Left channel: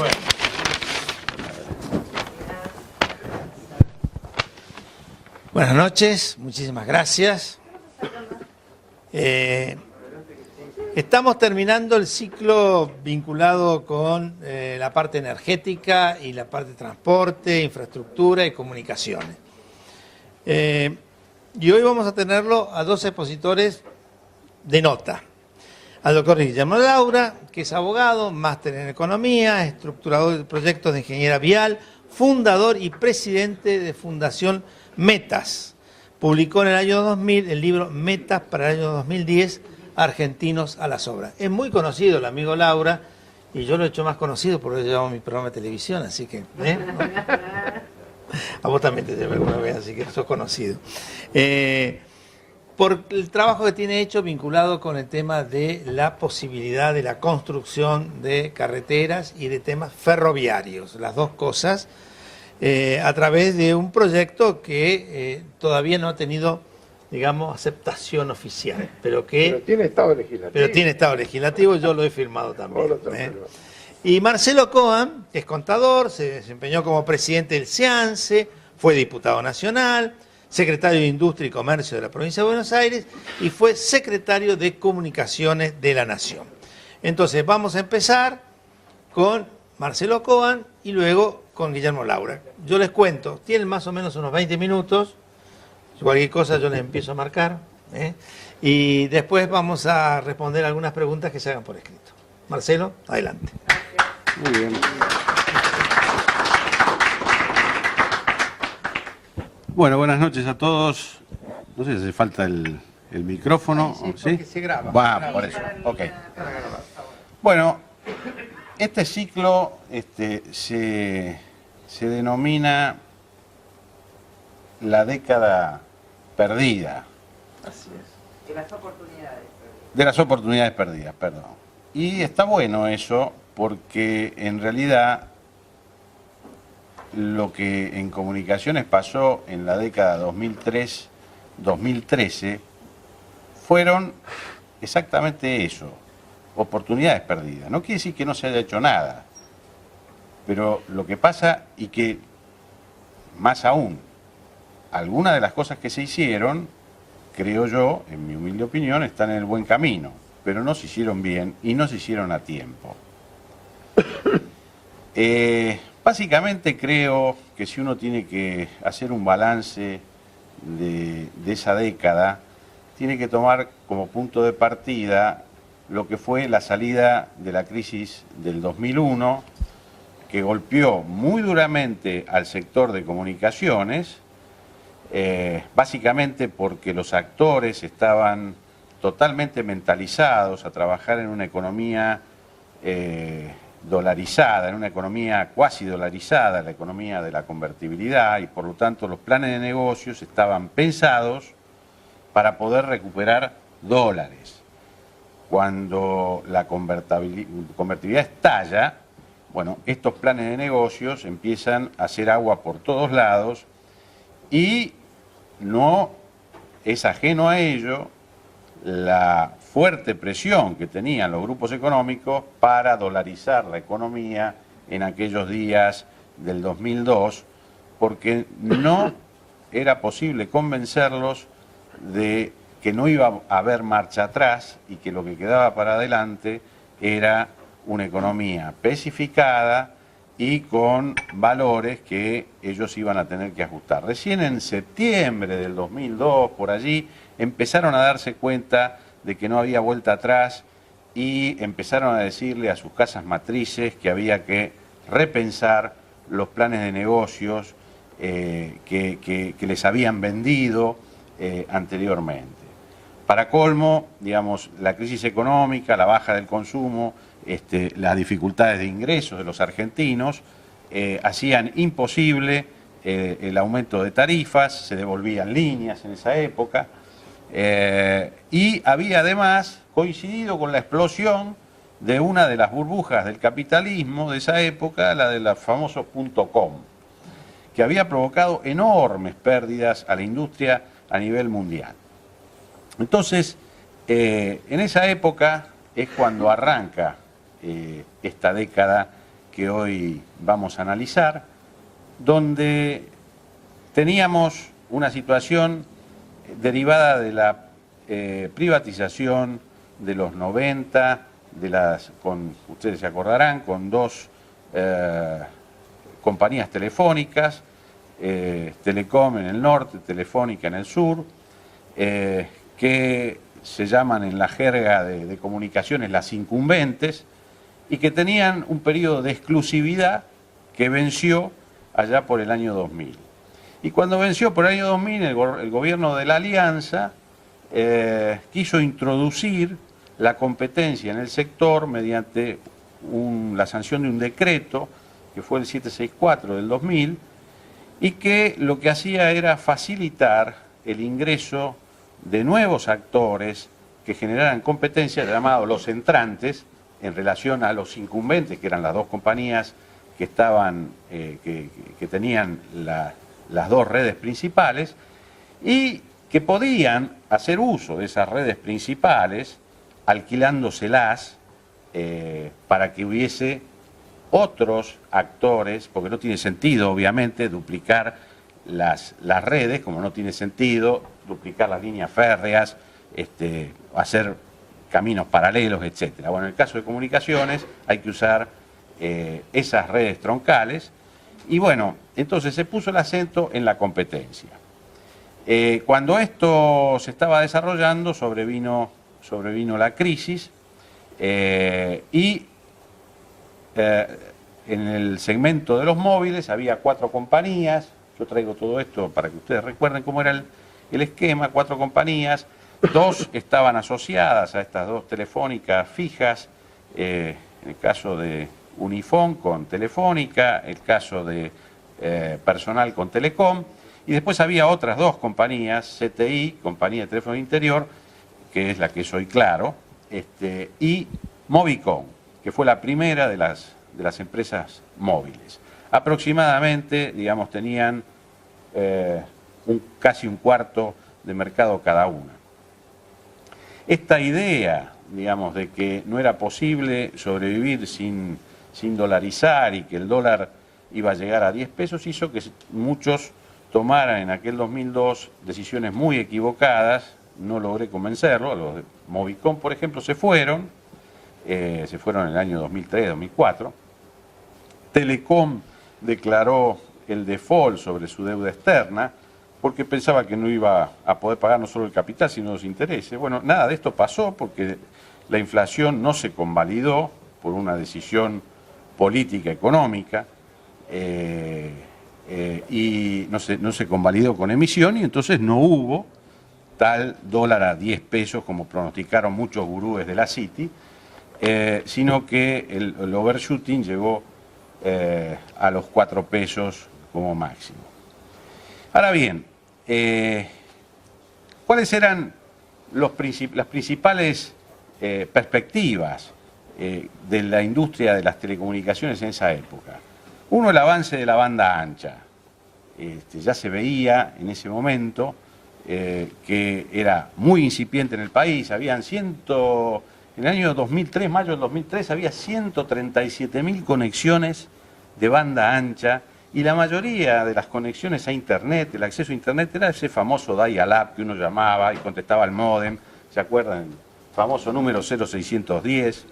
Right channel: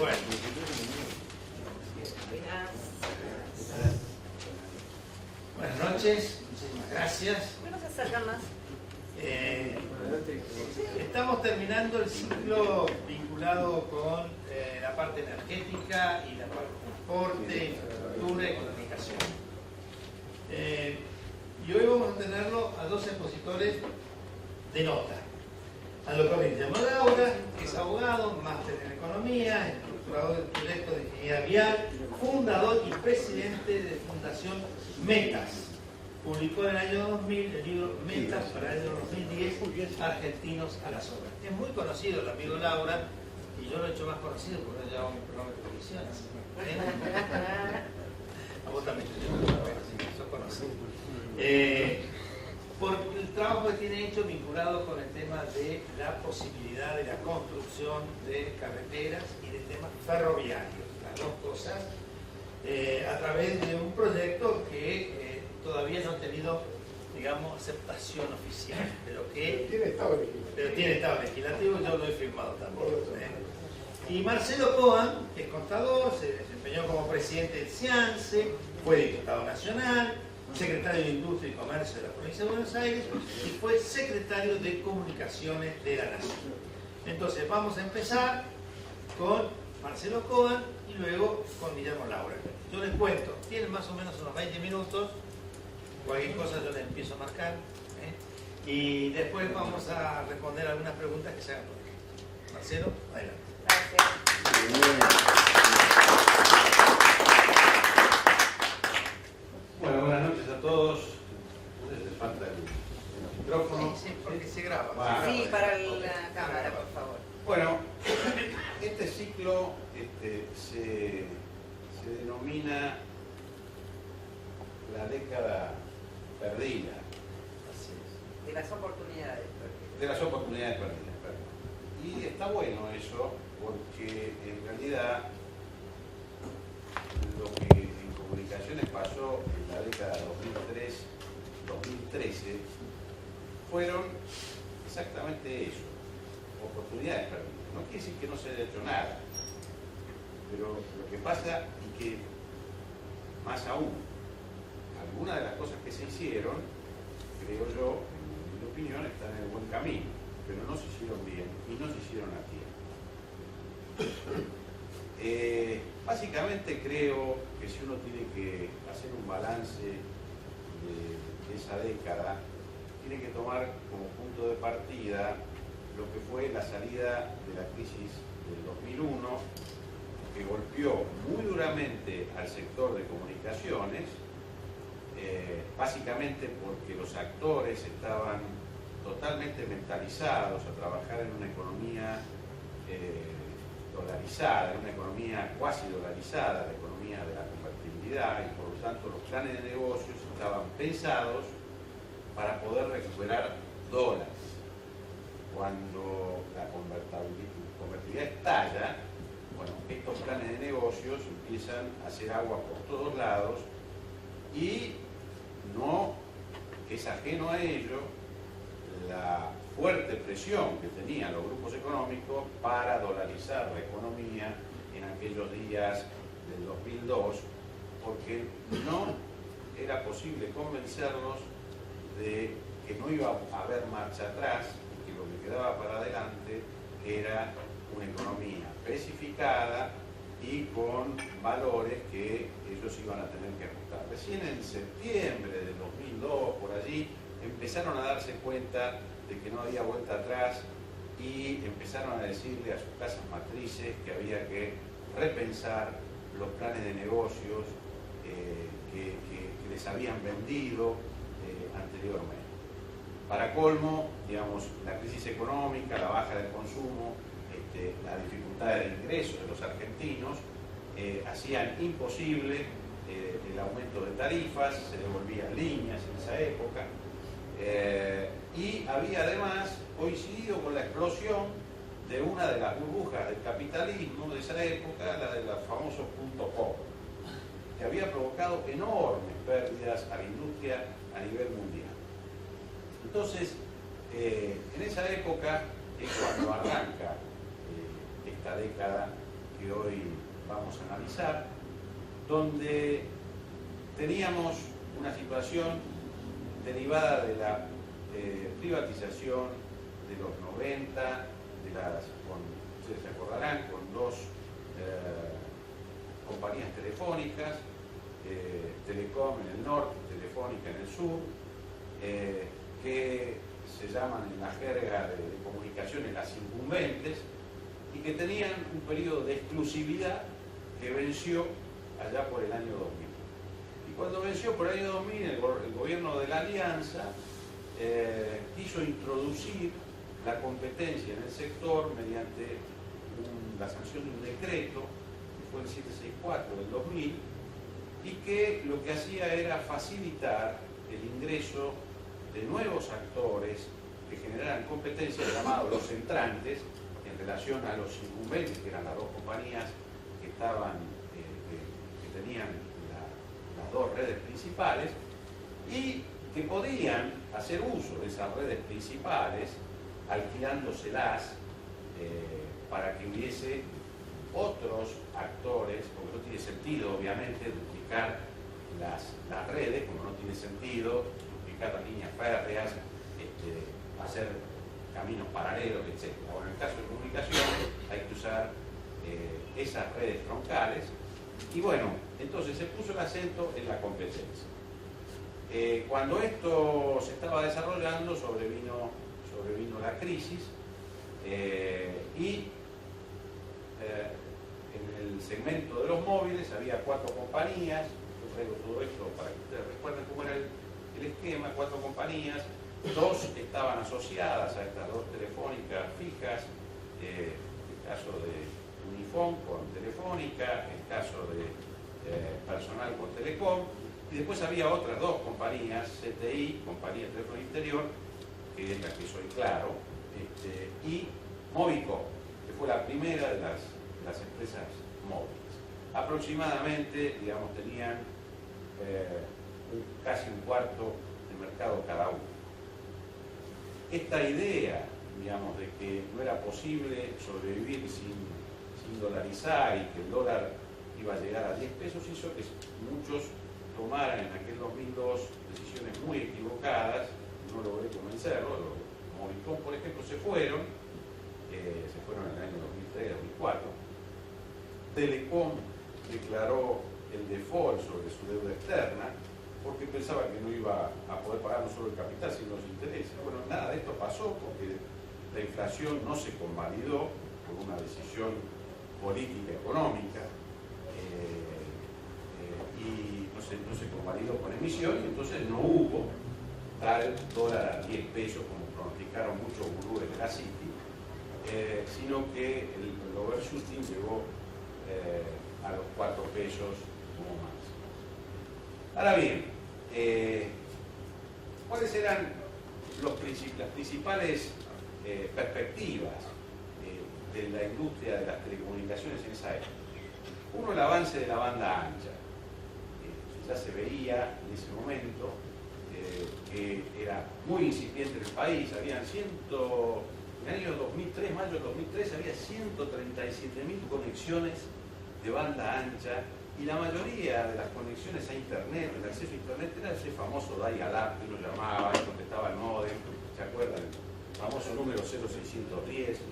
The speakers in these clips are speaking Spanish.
Bueno. Buenas noches, muchísimas gracias. Estamos terminando el ciclo vinculado con la parte energética y la parte de transporte, infraestructura y comunicaciones. Y hoy vamos a tenerlo a dos expositores de nota. Al doctor Guillermo Laura, que es abogado, máster en economía, estructurador de proyectos de ingeniería vial, fundador y presidente de Fundación Metas. Publicó en el año 2000 el libro Metas para el año 2010, Argentinos a las Obras. Es muy conocido el amigo Laura, y yo lo he hecho más conocido porque yo llevo mi programa de televisión, así que... A vos también te llevo alguna vez, así que sos conocido. Por el trabajo que tiene hecho vinculado con el tema de la posibilidad de la construcción de carreteras y de temas ferroviarios, las dos cosas, a través de un proyecto que todavía no ha tenido, digamos, aceptación oficial, pero tiene estado legislativo. Pero tiene estado legislativo, yo lo he firmado también. Y Marcelo Coan es contador, se desempeñó como presidente del SEANSE, fue diputado nacional, secretario de Industria y Comercio de la provincia de Buenos Aires y fue secretario de Comunicaciones de la Nación. Entonces vamos a empezar con Marcelo Coan y luego con Guillermo Laura. Yo les cuento, tienen más o menos unos 20 minutos, cualquier cosa yo les empiezo a marcar, y después vamos a responder algunas preguntas que se hagan por escrito. Marcelo, adelante. Muy bien. Bueno, buenas noches a todos. No sé si hace falta el micrófono. Sí, se graba. Va, por eso. Ok. Bueno, este ciclo se denomina la década perdida. Así es. De las oportunidades perdidas. De las oportunidades perdidas, perdón. Y está bueno eso porque en realidad lo que en comunicaciones pasó en la década 2003-2013 fueron exactamente eso, oportunidades perdidas. No quiere decir que no se haya hecho nada, pero lo que pasa y que, más aún, algunas de las cosas que se hicieron, creo yo, en mi humilde opinión, están en el buen camino, pero no se hicieron bien y no se hicieron a tiempo. Básicamente creo que si uno tiene que hacer un balance de esa década, tiene que tomar como punto de partida lo que fue la salida de la crisis del 2001, que golpeó muy duramente al sector de comunicaciones, básicamente porque los actores estaban totalmente mentalizados a trabajar en una economía dolarizada, en una economía cuasi dolarizada, la economía de la convertibilidad, y por lo tanto los planes de negocios estaban pensados para poder recuperar dólares. Cuando la convertibilidad estalla, bueno, estos planes de negocios empiezan a hacer agua por todos lados y no es ajeno a ello la fuerte presión que tenían los grupos económicos para dolarizar la economía en aquellos días del 2002, porque no era posible convencerlos de que no iba a haber marcha atrás y que lo que quedaba para adelante era una economía especificada y con valores que ellos iban a tener que ajustar. Recién en septiembre del 2002, por allí, empezaron a darse cuenta de que no había vuelta atrás y empezaron a decirle a sus casas matrices que había que repensar los planes de negocios que les habían vendido anteriormente. Para colmo, digamos, la crisis económica, la baja del consumo, las dificultades de ingresos de los argentinos hacían imposible el aumento de tarifas, se devolvían líneas en esa época. Y había además coincidido con la explosión de una de las burbujas del capitalismo de esa época, la de los famosos .com, que había provocado enormes pérdidas a la industria a nivel mundial. Entonces, en esa época es cuando arranca esta década que hoy vamos a analizar, donde teníamos una situación derivada de la privatización de los 90, ustedes se acordarán, con dos compañías telefónicas, Telecom en el norte, Telefónica en el sur, que se llaman en la jerga de comunicaciones las incumbentes, y que tenían un periodo de exclusividad que venció allá por el año 2000. Y cuando venció por el año 2000, el gobierno de la Alianza quiso introducir la competencia en el sector mediante la sanción de un decreto, que fue el 764 del 2000, y que lo que hacía era facilitar el ingreso de nuevos actores que generaran competencia, llamados los entrantes, en relación a los incumbentes, que eran las dos compañías que estaban, que tenían las dos redes principales, y que podían hacer uso de esas redes principales, alquilándoselas para que hubiese otros actores, porque no tiene sentido, obviamente, duplicar las redes, como no tiene sentido duplicar las líneas férreas, hacer caminos paralelos, etc. Bueno, en el caso de comunicaciones hay que usar esas redes troncales, y bueno, entonces se puso el acento en la competencia. Cuando esto se estaba desarrollando, sobrevino la crisis, y en el segmento de los móviles había 4 compañías. Yo traigo todo esto para que ustedes recuerden cómo era el esquema. 4 compañías, 2 estaban asociadas a estas dos telefónicas fijas, en el caso de Unifón con Telefónica, el caso de Personal con Telecom, y después había otras 2 compañías, CTI, Compañía de Teléfono Interior, que es la que soy claro, y Movicom, que fue la primera de las empresas móviles. Aproximadamente, digamos, tenían casi un cuarto de mercado cada una. Esta idea, digamos, de que no era posible sobrevivir sin dolarizar y que el dólar iba a llegar a 10 pesos, hizo que muchos tomaran en aquel 2002 decisiones muy equivocadas. No logré convencerlo. Los de Movicom, por ejemplo, se fueron en el año 2003, 2004. Telecom declaró el default sobre su deuda externa porque pensaba que no iba a poder pagar no solo el capital, sino los intereses. Bueno, nada de esto pasó porque la inflación no se convalidó por una decisión política económica, y no se convalidó con emisión, y entonces no hubo tal dólar a 10 pesos como pronosticaron muchos gurúes de la City, sino que el overshooting llegó a los 4 pesos como máximo. Ahora bien, ¿cuáles eran las principales perspectivas de la industria de las telecomunicaciones en esa época? Uno, el avance de la banda ancha. Ya se veía en ese momento que era muy incipiente en el país. En el año 2003, mayo del 2003, había 137.000 conexiones de banda ancha, y la mayoría de las conexiones a Internet, el acceso a Internet, era ese famoso dial-up que uno llamaba y contestaba al módem. ¿Se acuerdan? El famoso número 0610.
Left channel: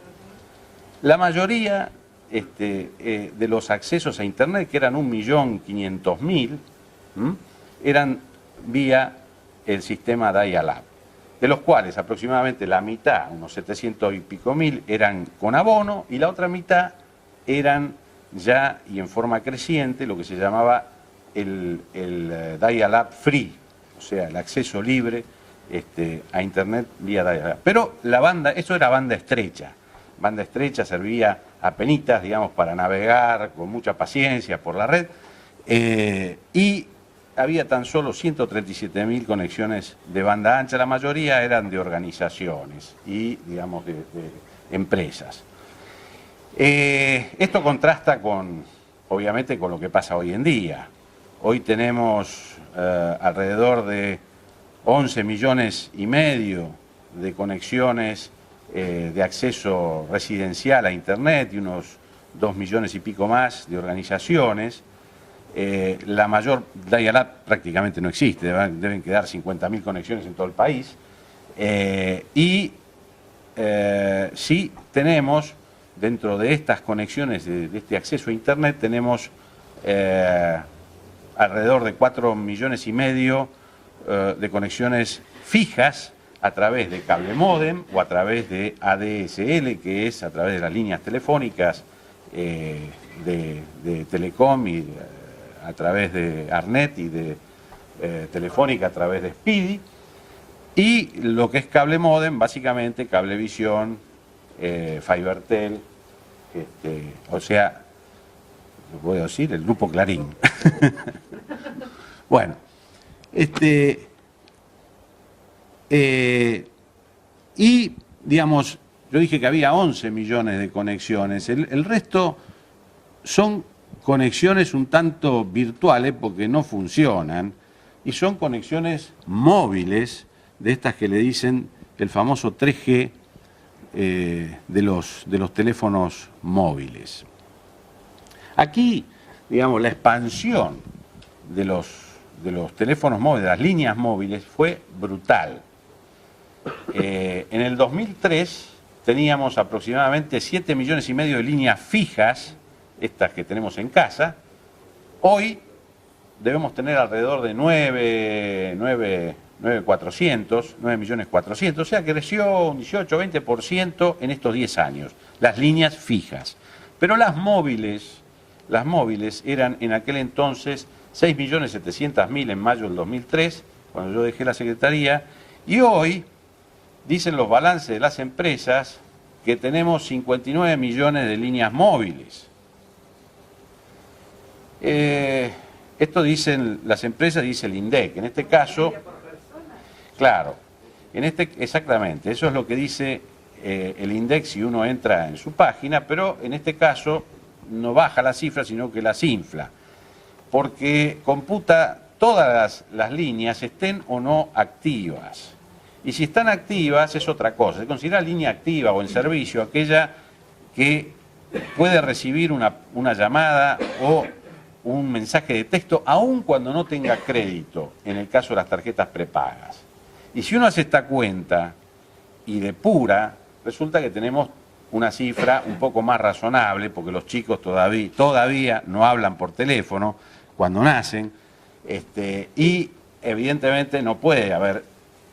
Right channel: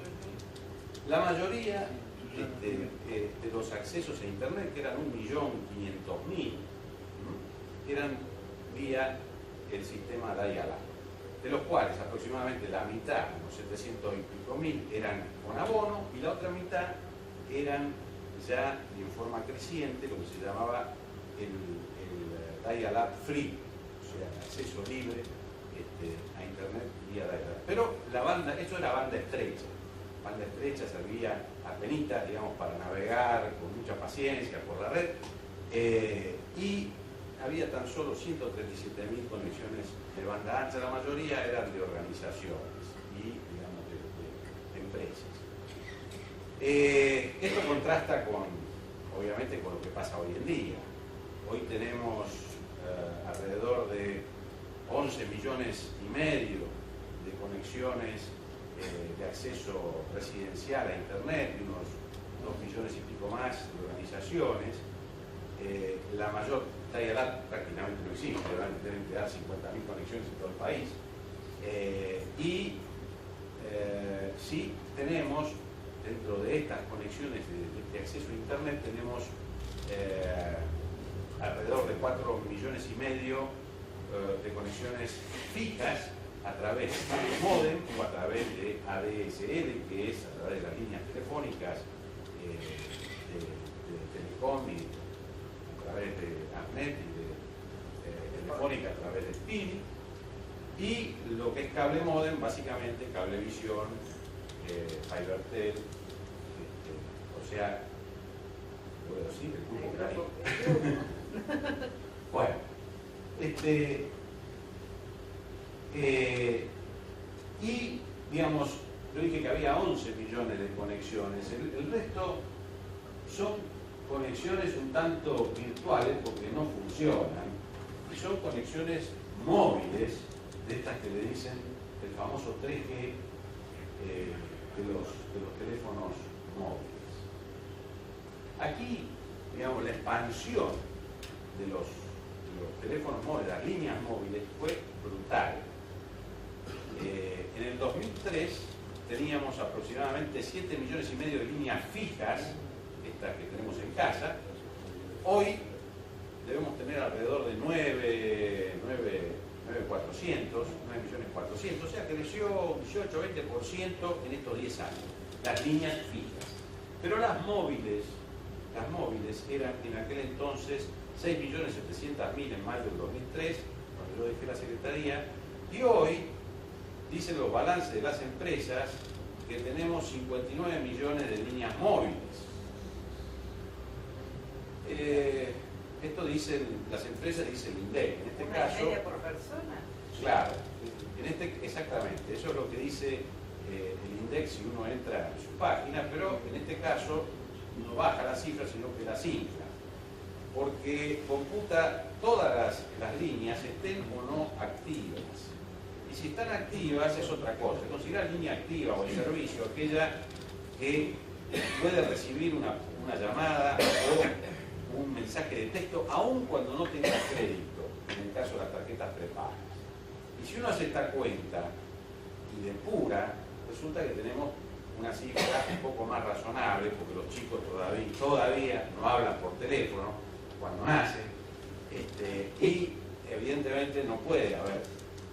La mayoría de los accesos a Internet, que eran 1.500.000, eran vía el sistema dial-up, de los cuales aproximadamente la mitad, unos 700 y pico mil, eran con abono, y la otra mitad eran ya, y en forma creciente, lo que se llamaba el dial-up free, o sea, el acceso libre a Internet vía dial-up. Pero eso era banda estrecha. Banda estrecha servía apenitas, digamos, para navegar con mucha paciencia por la red, y había tan solo 137.000 conexiones de banda ancha. La mayoría eran de organizaciones y, digamos, de empresas. Esto contrasta obviamente, con lo que pasa hoy en día. Hoy tenemos alrededor de 11 millones y medio de conexiones de acceso residencial a Internet, y unos 2 millones y pico más de organizaciones. La mayor, Dial-Up prácticamente no existe, deben quedar 50.000 conexiones en todo el país. Sí tenemos, dentro de estas conexiones, de este acceso a Internet, tenemos alrededor de 4,5 millones de conexiones fijas a través de cable módem o a través de ADSL, que es a través de las líneas telefónicas de Telecom y a través de Arnet y de Telefónica a través de Speedy. Y lo que es cable módem, básicamente Cablevisión, Fibertel, o sea, lo puedo decir, el grupo Clarín. Bueno, y digamos, yo dije que había 11 millones de conexiones, el resto son conexiones un tanto virtuales porque no funcionan y son conexiones móviles de estas que le dicen el famoso 3G de los teléfonos móviles. Aquí, digamos, la expansión de los teléfonos móviles, de las líneas móviles, fue brutal. En el 2003 teníamos aproximadamente 7,5 millones de líneas fijas, estas que tenemos en casa. Hoy debemos tener alrededor de 9.400.000, o sea que creció un 18-20% en estos 10 años, las líneas fijas. Pero las móviles eran en aquel entonces 6.700.000 en mayo del 2003, cuando yo dejé la Secretaría, y hoy dicen los balances de las empresas que tenemos 59 millones de líneas móviles. Esto dicen las empresas, dice el INDEC. En este caso, claro, exactamente, eso es lo que dice el INDEC si uno entra en su página, pero en este caso no baja la cifra, sino que las infla, porque computa todas las líneas, estén o no activas. Y si están activas es otra cosa. Se considera línea activa o en servicio aquella que puede recibir una llamada o un mensaje de texto, aun cuando no tenga crédito, en el caso de las tarjetas prepagas. Y si uno hace esta cuenta y depura, resulta que tenemos una cifra un poco más razonable, porque los chicos todavía no hablan por teléfono cuando nacen, y evidentemente no puede haber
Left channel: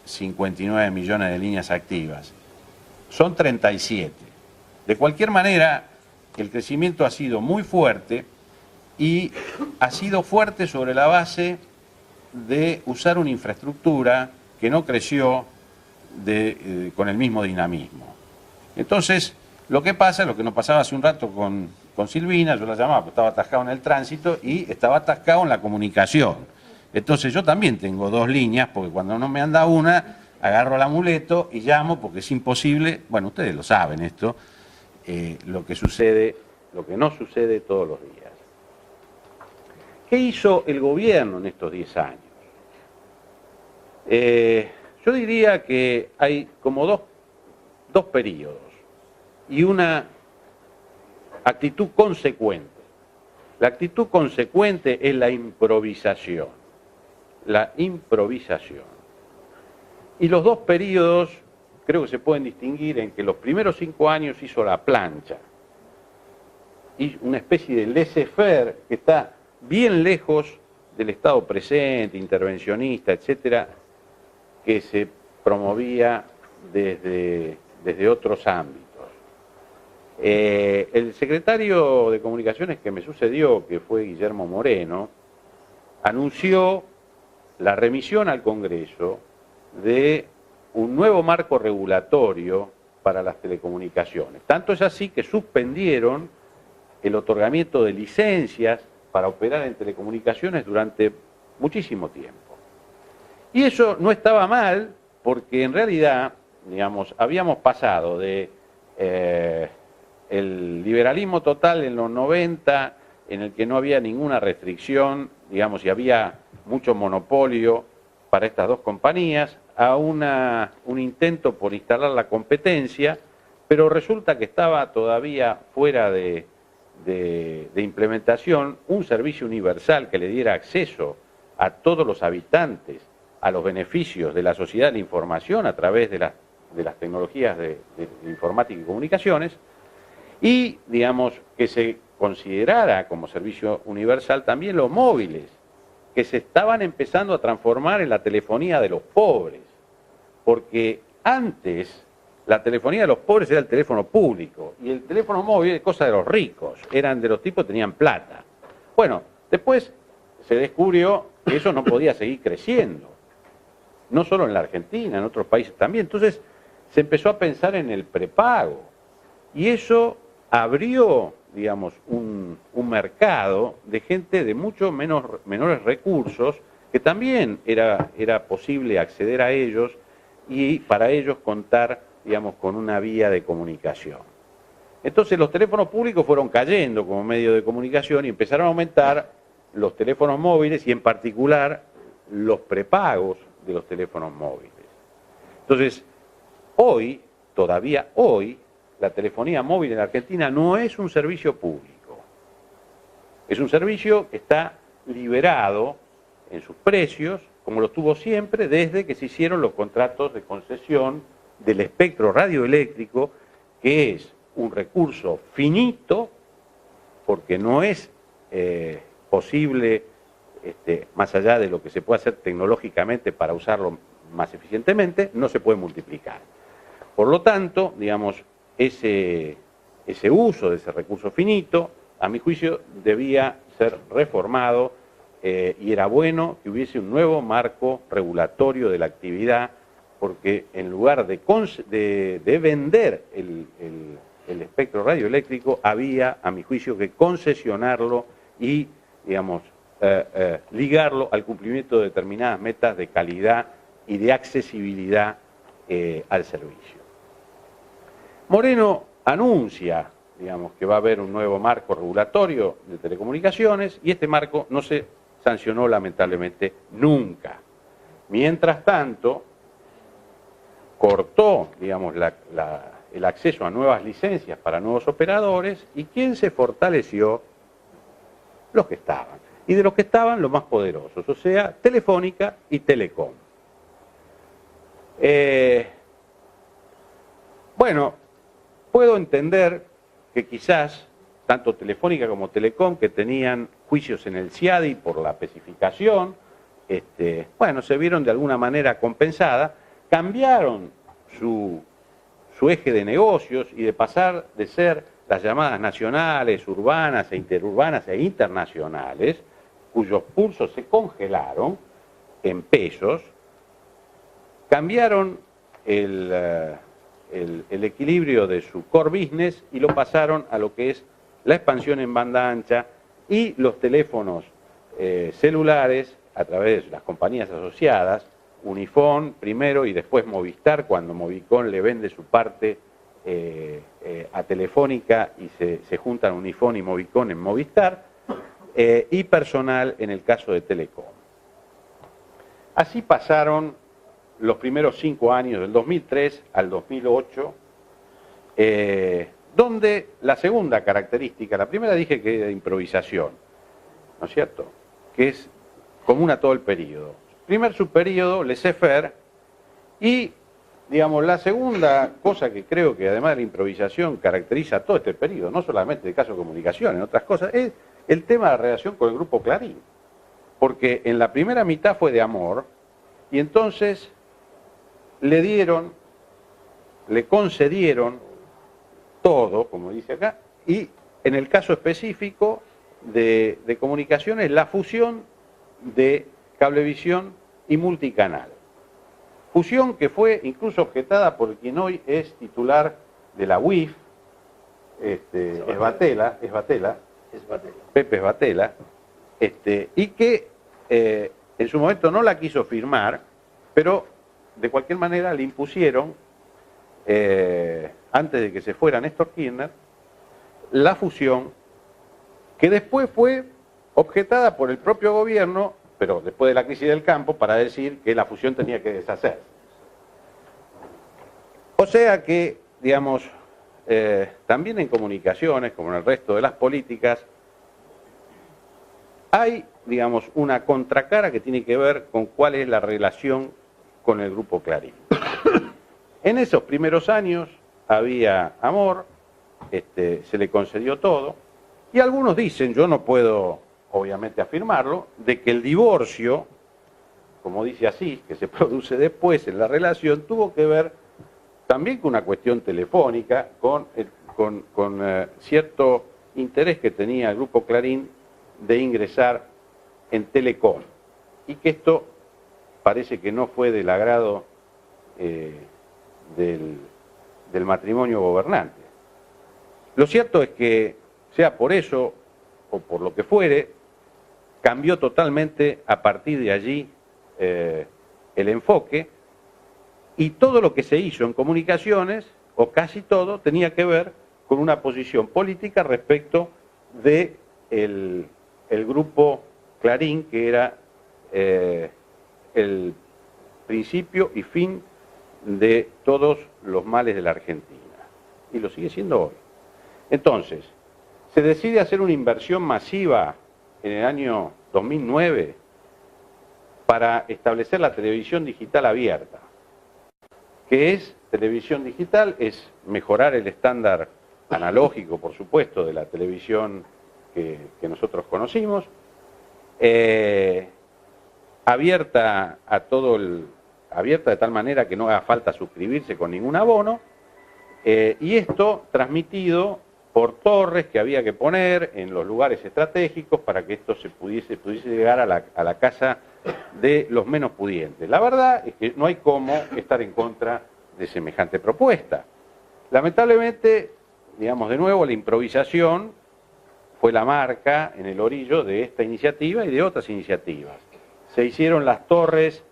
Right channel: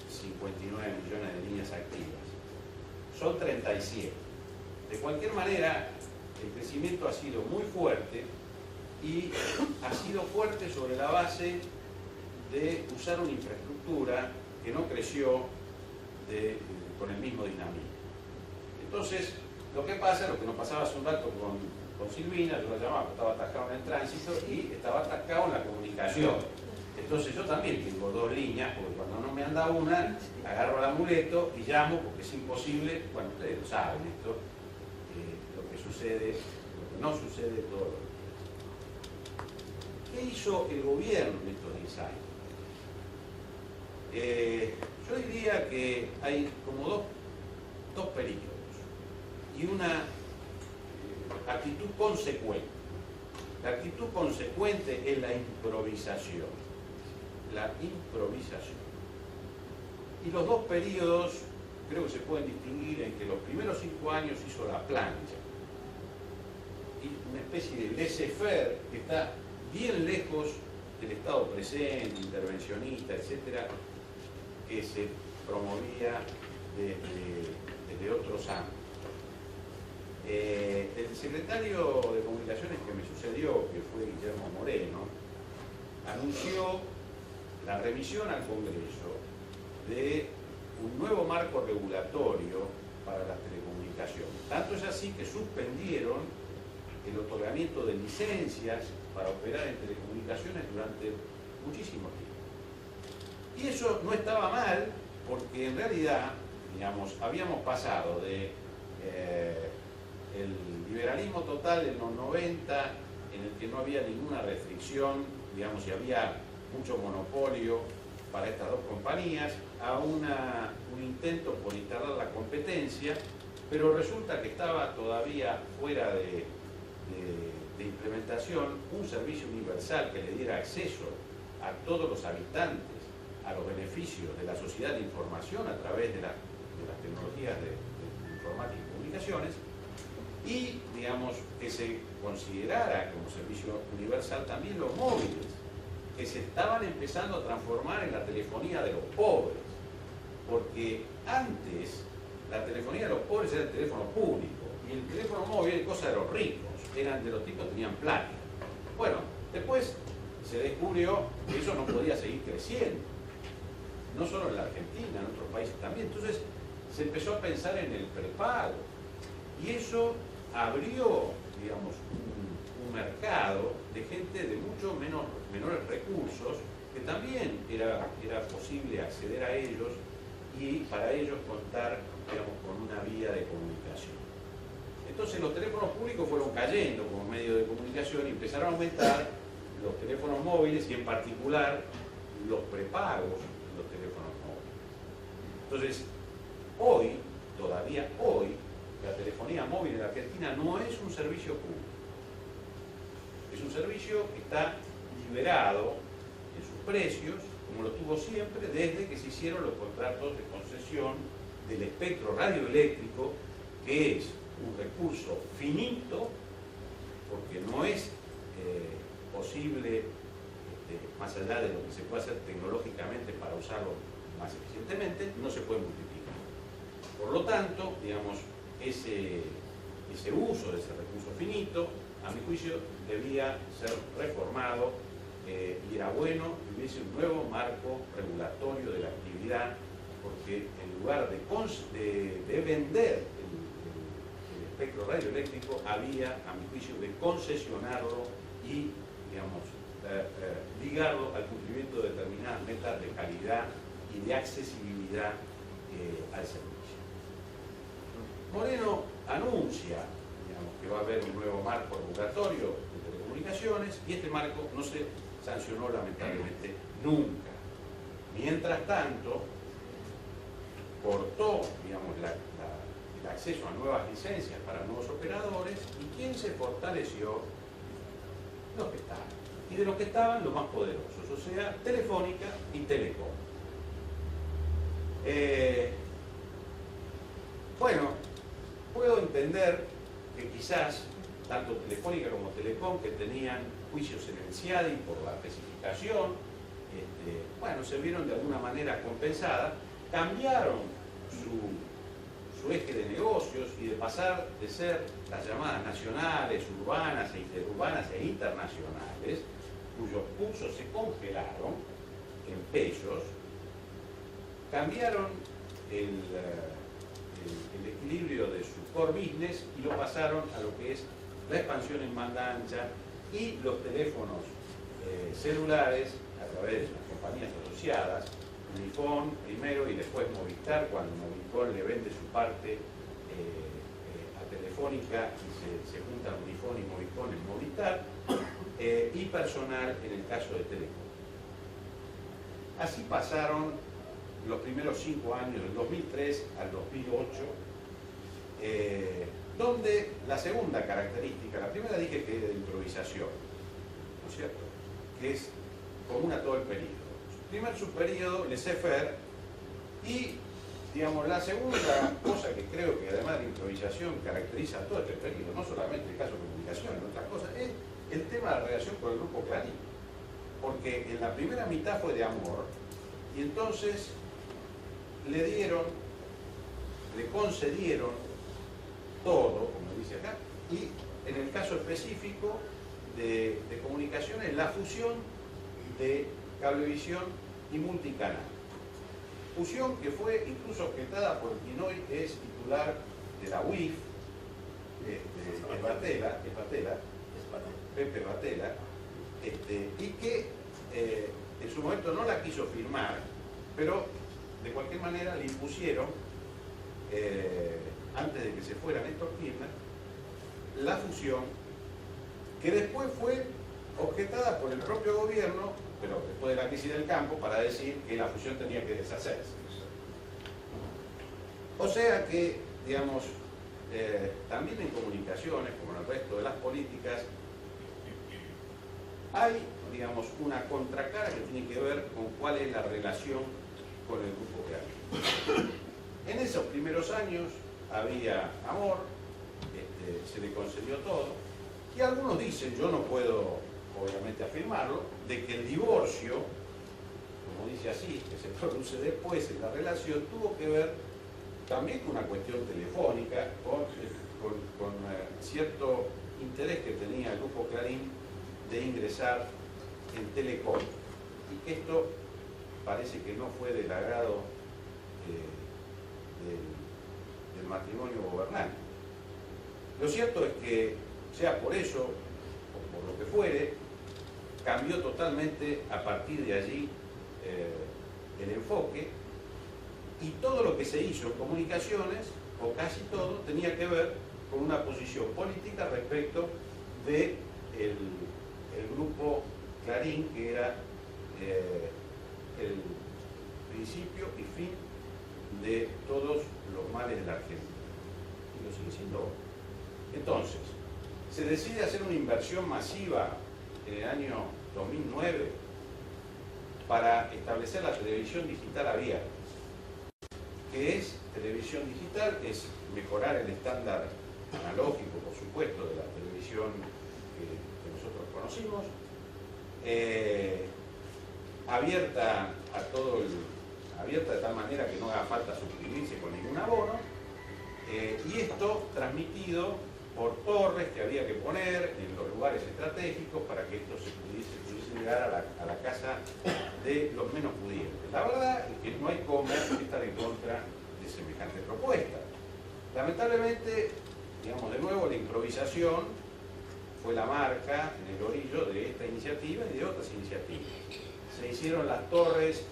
59 millones de líneas activas. Son 37. De cualquier manera, el crecimiento ha sido muy fuerte y ha sido fuerte sobre la base de usar una infraestructura que no creció con el mismo dinamismo. Entonces, lo que pasa es lo que nos pasaba hace un rato con Silvina, yo la llamaba porque estaba atascado en el tránsito y estaba atascado en la comunicación. Entonces yo también tengo 2 líneas, porque cuando no me anda una, agarro el amuleto y llamo porque es imposible, bueno, ustedes lo saben esto, lo que no sucede todos los días. ¿Qué hizo el gobierno en estos 10 años? Yo diría que hay como dos periodos y una actitud consecuente. La actitud consecuente es la improvisación. La improvisación. Y los 2 periodos creo que se pueden distinguir en que los primeros 5 años hizo la plancha. Y una especie de laissez-faire que está bien lejos del Estado presente, intervencionista, etcétera, que se promovía desde otros ámbitos. El secretario de Comunicaciones que me sucedió, que fue Guillermo Moreno, anunció la remisión al Congreso de un nuevo marco regulatorio para las telecomunicaciones. Tanto es así que suspendieron el otorgamiento de licencias para operar en telecomunicaciones durante muchísimo tiempo. Y eso no estaba mal, porque en realidad, digamos, habíamos pasado de el liberalismo total en los 90, en el que no había ninguna restricción, digamos, y había mucho monopolio para estas 2 compañías, a un intento por instalar la competencia, pero resulta que estaba todavía fuera de de implementación un servicio universal que le diera acceso a todos los habitantes a los beneficios de la sociedad de la información a través de las tecnologías de informática y comunicaciones, y, digamos, que se considerara como servicio universal también los móviles, que se estaban empezando a transformar en la telefonía de los pobres, porque antes la telefonía de los pobres era el teléfono público y el teléfono móvil es cosa de los ricos, eran de los tipos que tenían plata. Bueno, después se descubrió que eso no podía seguir creciendo, no solo en la Argentina, en otros países también. Entonces se empezó a pensar en el prepago y eso abrió, digamos, un mercado de gente de mucho menores recursos que también era posible acceder a ellos y para ellos contar, digamos, con una vía de comunicación. Entonces los teléfonos públicos fueron cayendo como medio de comunicación y empezaron a aumentar los teléfonos móviles y en particular los prepagos de los teléfonos móviles. Entonces, hoy, todavía hoy, la telefonía móvil en Argentina no es un servicio público. Es un servicio que está liberado en sus precios, como lo tuvo siempre desde que se hicieron los contratos de concesión del espectro radioeléctrico, que es un recurso finito, porque no es posible, más allá de lo que se puede hacer tecnológicamente para usarlo más eficientemente, no se puede multiplicar. Por lo tanto, digamos, ese uso de ese recurso finito, a mi juicio, debía ser reformado y era bueno que hubiese un nuevo marco regulatorio de la actividad, porque en lugar de vender el espectro radioeléctrico, había, a mi juicio, que concesionarlo y, digamos, ligarlo al cumplimiento de determinadas metas de calidad y de accesibilidad al servicio. Moreno anuncia, digamos, que va a haber un nuevo marco regulatorio de telecomunicaciones y este marco no se sancionó lamentablemente nunca. Mientras tanto, cortó, digamos, el acceso a nuevas licencias para nuevos operadores y ¿quién se fortaleció? Los que estaban. Y de los que estaban, los más poderosos, o sea, Telefónica y Telecom. Bueno, puedo entender que quizás tanto Telefónica como Telecom, que tenían juicios en el CIADI por la especificación, bueno, se vieron de alguna manera compensadas, cambiaron su eje de negocios y de pasar de ser las llamadas nacionales, urbanas e interurbanas e internacionales, cuyos pulsos se congelaron en pesos, cambiaron el equilibrio de su core business y lo pasaron a lo que es la expansión en banda ancha y los teléfonos celulares a través de las compañías asociadas, Unifón primero y después Movistar, cuando Movicon le vende su parte a Telefónica y se juntan Unifón y Movicon en Movistar, y personal en el caso de Telecom. Así pasaron los primeros 5 años, del 2003 al 2008, donde la segunda característica, la primera dije que era de improvisación, ¿no es cierto?, que es común a todo el periodo. Primer subperiodo, laissez-faire, y, digamos, la segunda cosa que creo que además de la improvisación caracteriza todo este periodo, no solamente el caso de comunicación, en otras cosas, es el tema de la relación con el Grupo Clarín. Porque en la primera mitad fue de amor, y entonces le concedieron todo, como dice acá, y en el caso específico de comunicaciones, la fusión de Cablevisión y Multicanal. Fusión que fue incluso objetada por quien hoy es titular de la UIF, Esbatela, Pepe Esbatela, y que en su momento no la quiso firmar, pero de cualquier manera le impusieron, antes de que se fuera Néstor Kirchner, la fusión, que después fue objetada por el propio gobierno, pero después de la crisis del campo, para decir que la fusión tenía que deshacerse. O sea que, digamos, también en comunicaciones, como en el resto de las políticas, hay, digamos, una contracara que tiene que ver con cuál es la relación con el Grupo Clarín. En esos primeros años había amor, se le concedió todo, y algunos dicen, yo no puedo obviamente afirmarlo, de que el divorcio, como dice así, que se produce después en la relación, tuvo que ver también con una cuestión telefónica, con cierto interés que tenía el Grupo Clarín de ingresar en Telecom, y que esto parece que no fue del agrado del matrimonio gobernante. Lo cierto es que, sea por eso o por lo que fuere, cambió totalmente a partir de allí el enfoque, y todo lo que se hizo en comunicaciones, o casi todo, tenía que ver con una posición política respecto de el Grupo Clarín, que era el principio y fin de todos los males de la Argentina, y lo sigue siendo hoy. Entonces, se decide hacer una inversión masiva en el año 2009 para establecer la televisión digital abierta. ¿Qué es televisión digital? Es mejorar el estándar analógico, por supuesto, de la televisión que nosotros conocimos, abierta de tal manera que no haga falta suscribirse con ningún abono, y esto transmitido por torres que había que poner en los lugares estratégicos para que esto se pudiese llegar a la casa de los menos pudientes. La verdad es que no hay cómo estar en contra de semejante propuesta. Lamentablemente, digamos de nuevo, la improvisación fue la marca en el orillo de esta iniciativa y de otras iniciativas. Se hicieron las torres,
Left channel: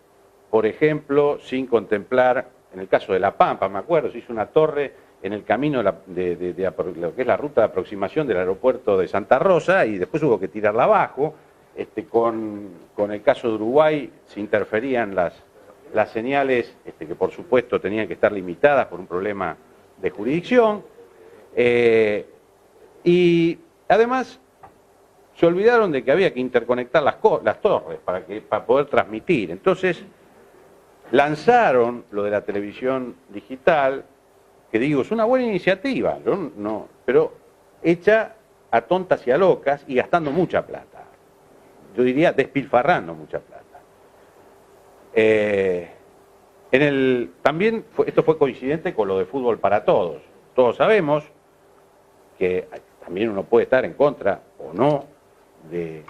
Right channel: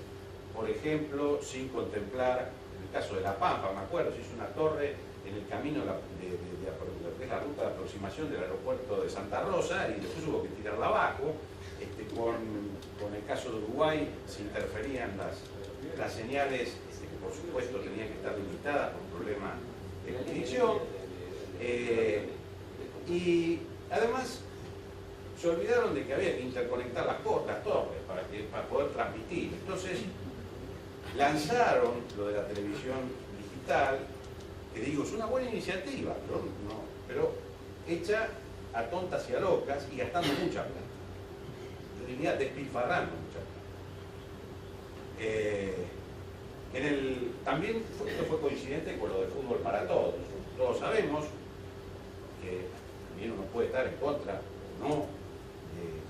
por ejemplo, sin contemplar, en el caso de La Pampa, me acuerdo, se hizo una torre en el camino de lo que es la ruta de aproximación del aeropuerto de Santa Rosa, y después hubo que tirarla abajo. Con el caso de Uruguay se interferían las señales, que por supuesto tenían que estar limitadas por un problema de jurisdicción, y además se olvidaron de que había que interconectar las torres para poder transmitir. Entonces lanzaron lo de la televisión digital, que digo, es una buena iniciativa, pero hecha a tontas y a locas y gastando mucha plata. Yo diría despilfarrando mucha plata. También esto fue coincidente con lo de Fútbol para Todos. Todos sabemos que también uno puede estar en contra o no de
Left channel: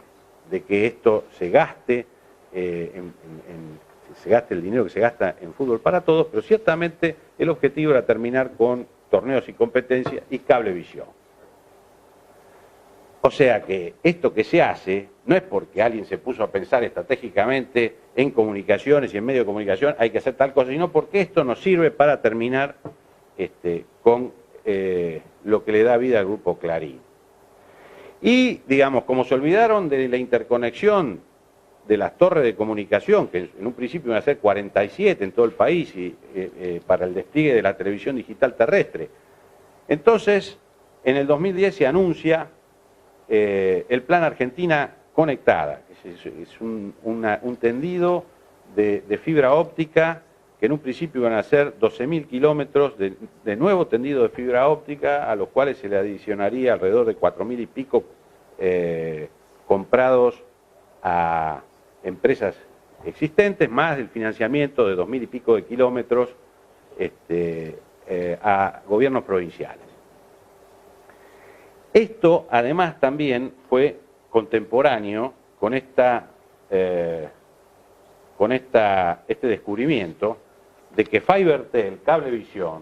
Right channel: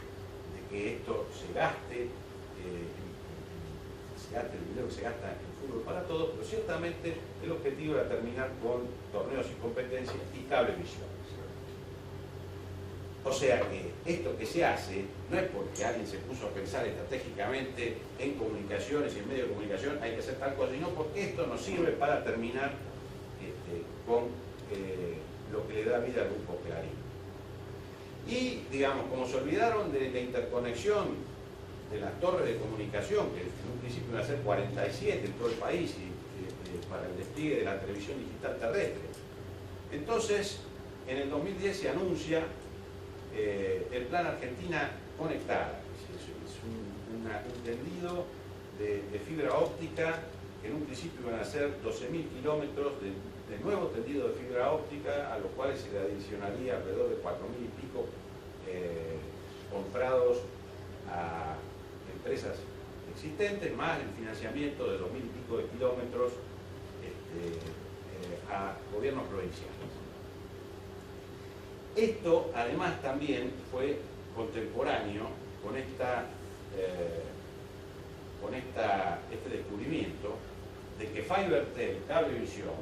que esto se gaste, se gaste el dinero que se gasta en Fútbol para Todos, pero ciertamente el objetivo era terminar con torneos y competencias y cablevisión. O sea que esto que se hace no es porque alguien se puso a pensar estratégicamente en comunicaciones y en medios de comunicación hay que hacer tal cosa, sino porque esto nos sirve para terminar con lo que le da vida al Grupo Clarín. Y, digamos, como se olvidaron de la interconexión de las torres de comunicación, que en un principio iban a ser 47 en todo el país y para el despliegue de la televisión digital terrestre. Entonces, en el 2010 se anuncia el Plan Argentina Conectada. Es un tendido de fibra óptica que en un principio iban a ser 12.000 kilómetros de nuevo tendido de fibra óptica, a los cuales se le adicionaría alrededor de 4.000 y pico comprados a empresas existentes, más el financiamiento de 2.000 y pico de kilómetros a gobiernos provinciales. Esto además también fue contemporáneo con este descubrimiento de que FiberTel, Cablevisión,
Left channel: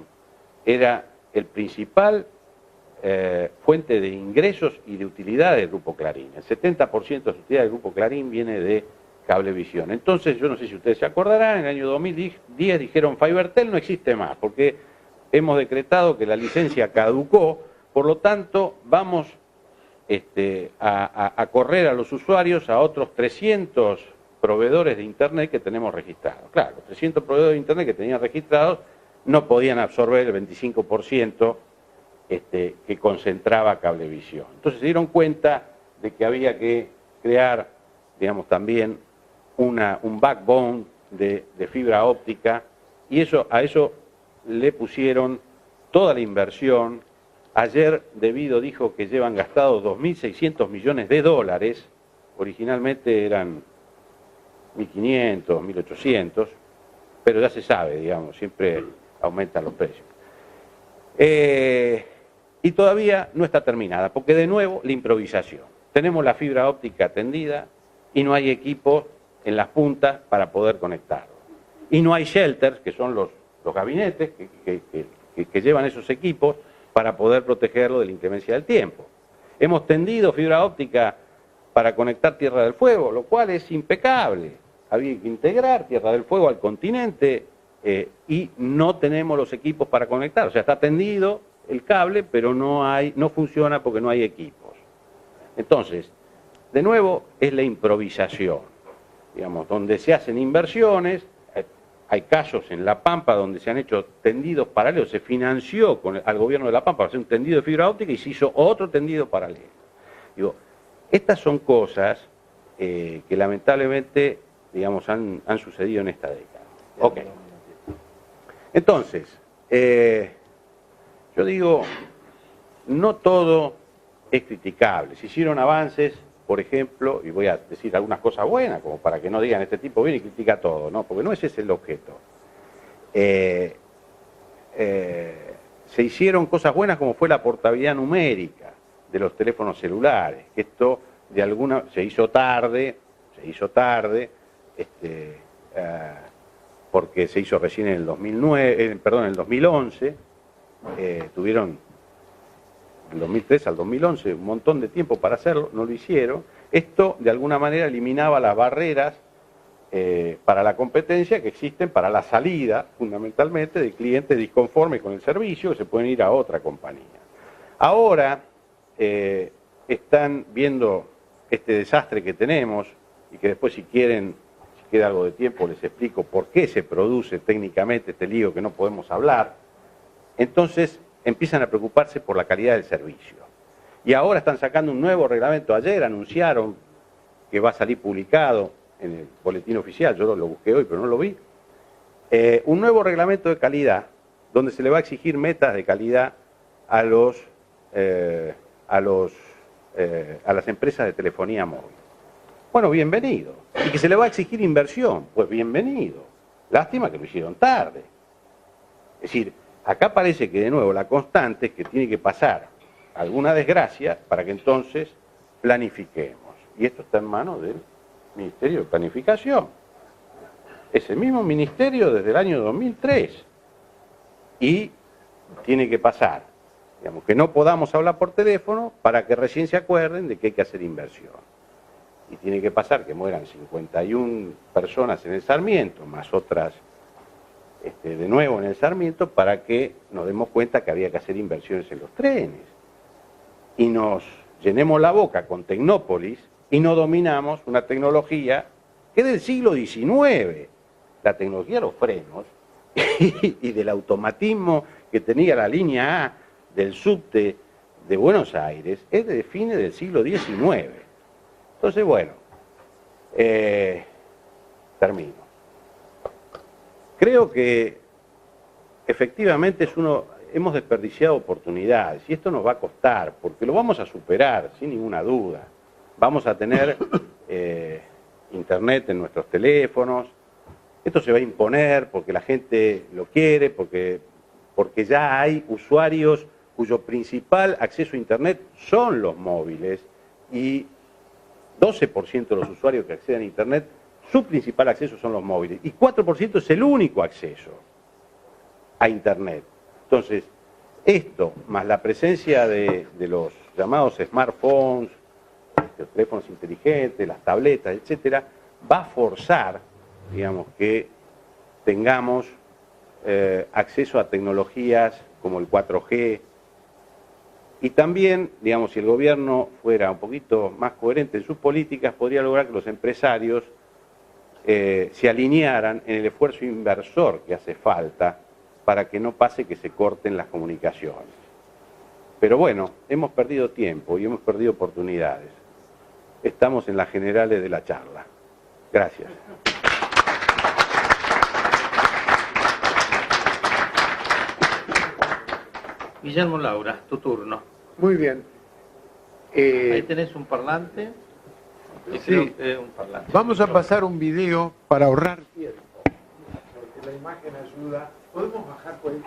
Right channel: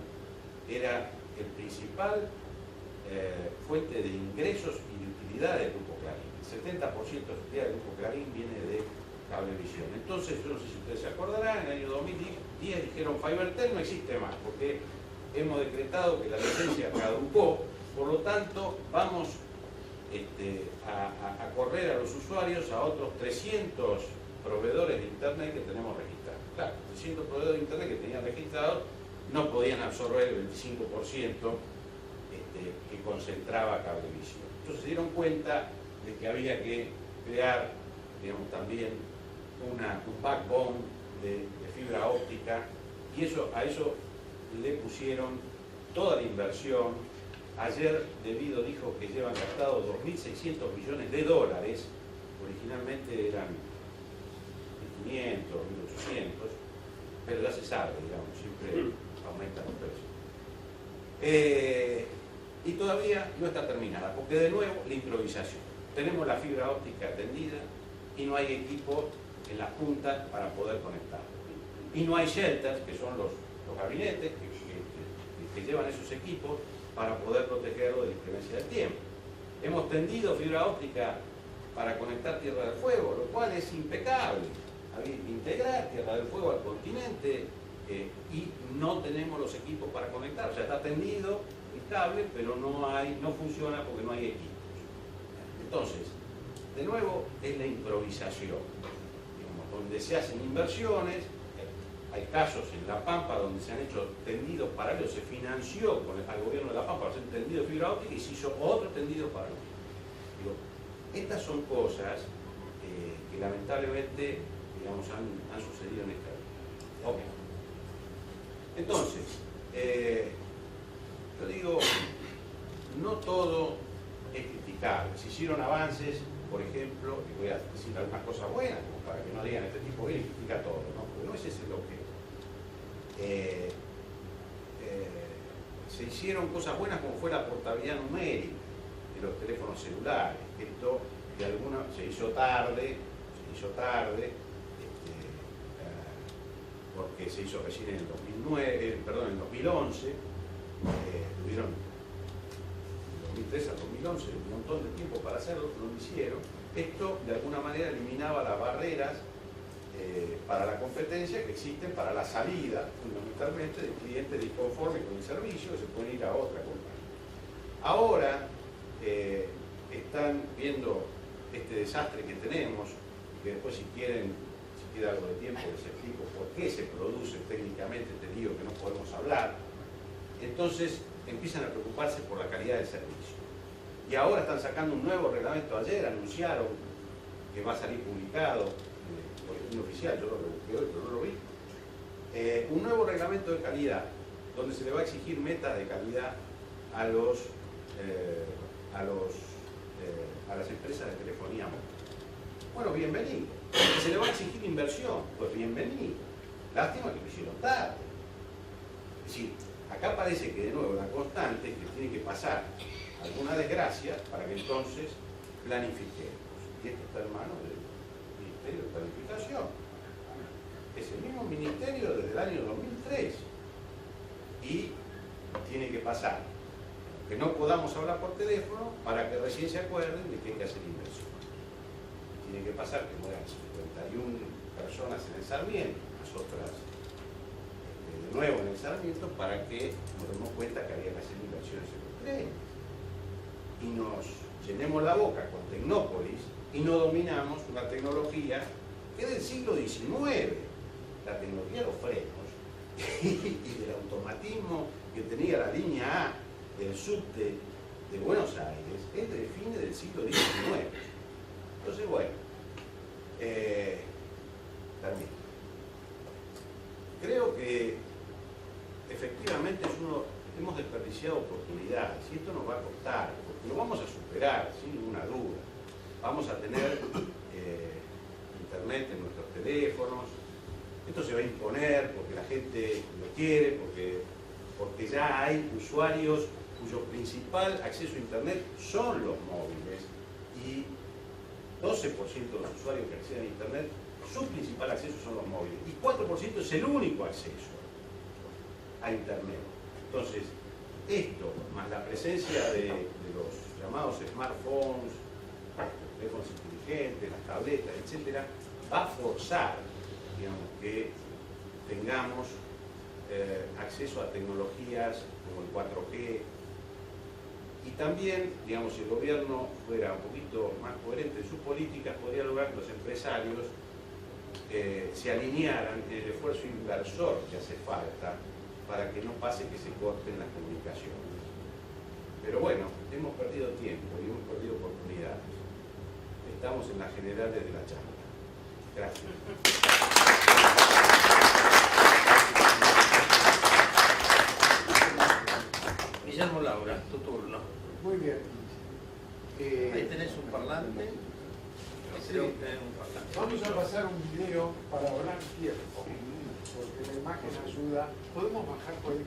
era el principal fuente de ingresos y de utilidad del Grupo Clarín. El 70% de la utilidad del Grupo Clarín viene de Cablevisión. Entonces, yo no sé si ustedes se acordarán, en el año 2010 dijeron FiberTel no existe más, porque hemos decretado que la licencia caducó, por lo tanto, vamos a correr a los usuarios a otros 300 proveedores de Internet que tenemos registrados. Claro, 300 proveedores de Internet que tenían registrados no podían absorber el 25% que concentraba Cablevisión. Entonces se dieron cuenta de que había que crear, digamos, también un backbone de fibra óptica, y a eso le pusieron toda la inversión. Ayer Debido dijo que llevan gastados 2.600 millones de dólares, originalmente eran 1.500, 1.800, pero ya se sabe, digamos, siempre aumentan los precios. Y todavía no está terminada, porque de nuevo la improvisación. Tenemos la fibra óptica tendida y no hay equipo en las puntas para poder conectarlo. Y no hay shelters, que son los gabinetes que llevan esos equipos para poder protegerlo de la inclemencia del tiempo. Hemos tendido fibra óptica para conectar Tierra del Fuego, lo cual es impecable. Había que integrar Tierra del Fuego al continente y no tenemos los equipos para conectar. O sea, está tendido el cable, pero no funciona porque no hay equipos. Entonces, de nuevo, es la improvisación, digamos, donde se hacen inversiones. Hay casos en La Pampa donde se han hecho tendidos paralelos, se financió al gobierno de La Pampa para hacer un tendido de fibra óptica y se hizo otro tendido paralelo. Digo, estas son cosas que lamentablemente, digamos, han sucedido en esta década. Ok. Entonces, yo digo, no todo es criticable. Se hicieron avances, por ejemplo, y voy a decir algunas cosas buenas, como para que no digan este tipo viene y critica todo, ¿no? Porque no ese es el objeto. Se hicieron cosas buenas como fue la portabilidad numérica de los teléfonos celulares. Esto se hizo tarde, porque se hizo recién en el 2011, tuvieron del 2003 al 2011 un montón de tiempo para hacerlo, no lo hicieron. Esto de alguna manera eliminaba las barreras para la competencia que existen para la salida fundamentalmente de clientes disconformes con el servicio que se pueden ir a otra compañía. Ahora están viendo este desastre que tenemos y que después si quieren, si queda algo de tiempo, les explico por qué se produce técnicamente este lío que no podemos hablar. Entonces empiezan a preocuparse por la calidad del servicio. Y ahora están sacando un nuevo reglamento. Ayer anunciaron que va a salir publicado en el boletín oficial, yo lo busqué hoy pero no lo vi, un nuevo reglamento de calidad donde se le va a exigir metas de calidad a las empresas de telefonía móvil. Bueno, bienvenido. Y que se le va a exigir inversión, pues bienvenido. Lástima que lo hicieron tarde. Es decir, acá parece que de nuevo la constante es que tiene que pasar alguna desgracia para que entonces planifiquemos. Y esto está en manos del Ministerio de Planificación. Es el mismo ministerio desde el año 2003. Y tiene que pasar. Digamos, que no podamos hablar por teléfono para que recién se acuerden de que hay que hacer inversión. Y tiene que pasar que mueran 51 personas en el Sarmiento, más otras de nuevo en el Sarmiento, para que nos demos cuenta que había que hacer inversiones en los trenes. Y nos llenemos la boca con Tecnópolis y no dominamos una tecnología que es del siglo XIX. La tecnología de los frenos y del automatismo que tenía la línea A del subte de Buenos Aires es de fines del siglo XIX. Entonces, bueno, termino. Creo que efectivamente hemos desperdiciado oportunidades y esto nos va a costar, porque lo vamos a superar sin ninguna duda. Vamos a tener internet en nuestros teléfonos, esto se va a imponer porque la gente lo quiere, porque ya hay usuarios cuyo principal acceso a internet son los móviles y 12% de los usuarios que acceden a internet, su principal acceso son los móviles y 4% es el único acceso a internet. Entonces, esto, más la presencia de los llamados smartphones, los teléfonos inteligentes, las tabletas, etcétera, va a forzar, digamos, que tengamos acceso a tecnologías como el 4G. Y también, digamos, si el gobierno fuera un poquito más coherente en sus políticas, podría lograr que los empresarios se alinearan en el esfuerzo inversor que hace falta para que no pase que se corten las comunicaciones. Pero bueno, hemos perdido tiempo y hemos perdido oportunidades. Estamos en las generales de la charla. Gracias. Guillermo Laura, tu turno. Muy bien. Ahí tenés un parlante. Sí. Un parlante. Vamos a pasar un video para ahorrar tiempo, porque la imagen ayuda. ¿Podemos bajar por ahí?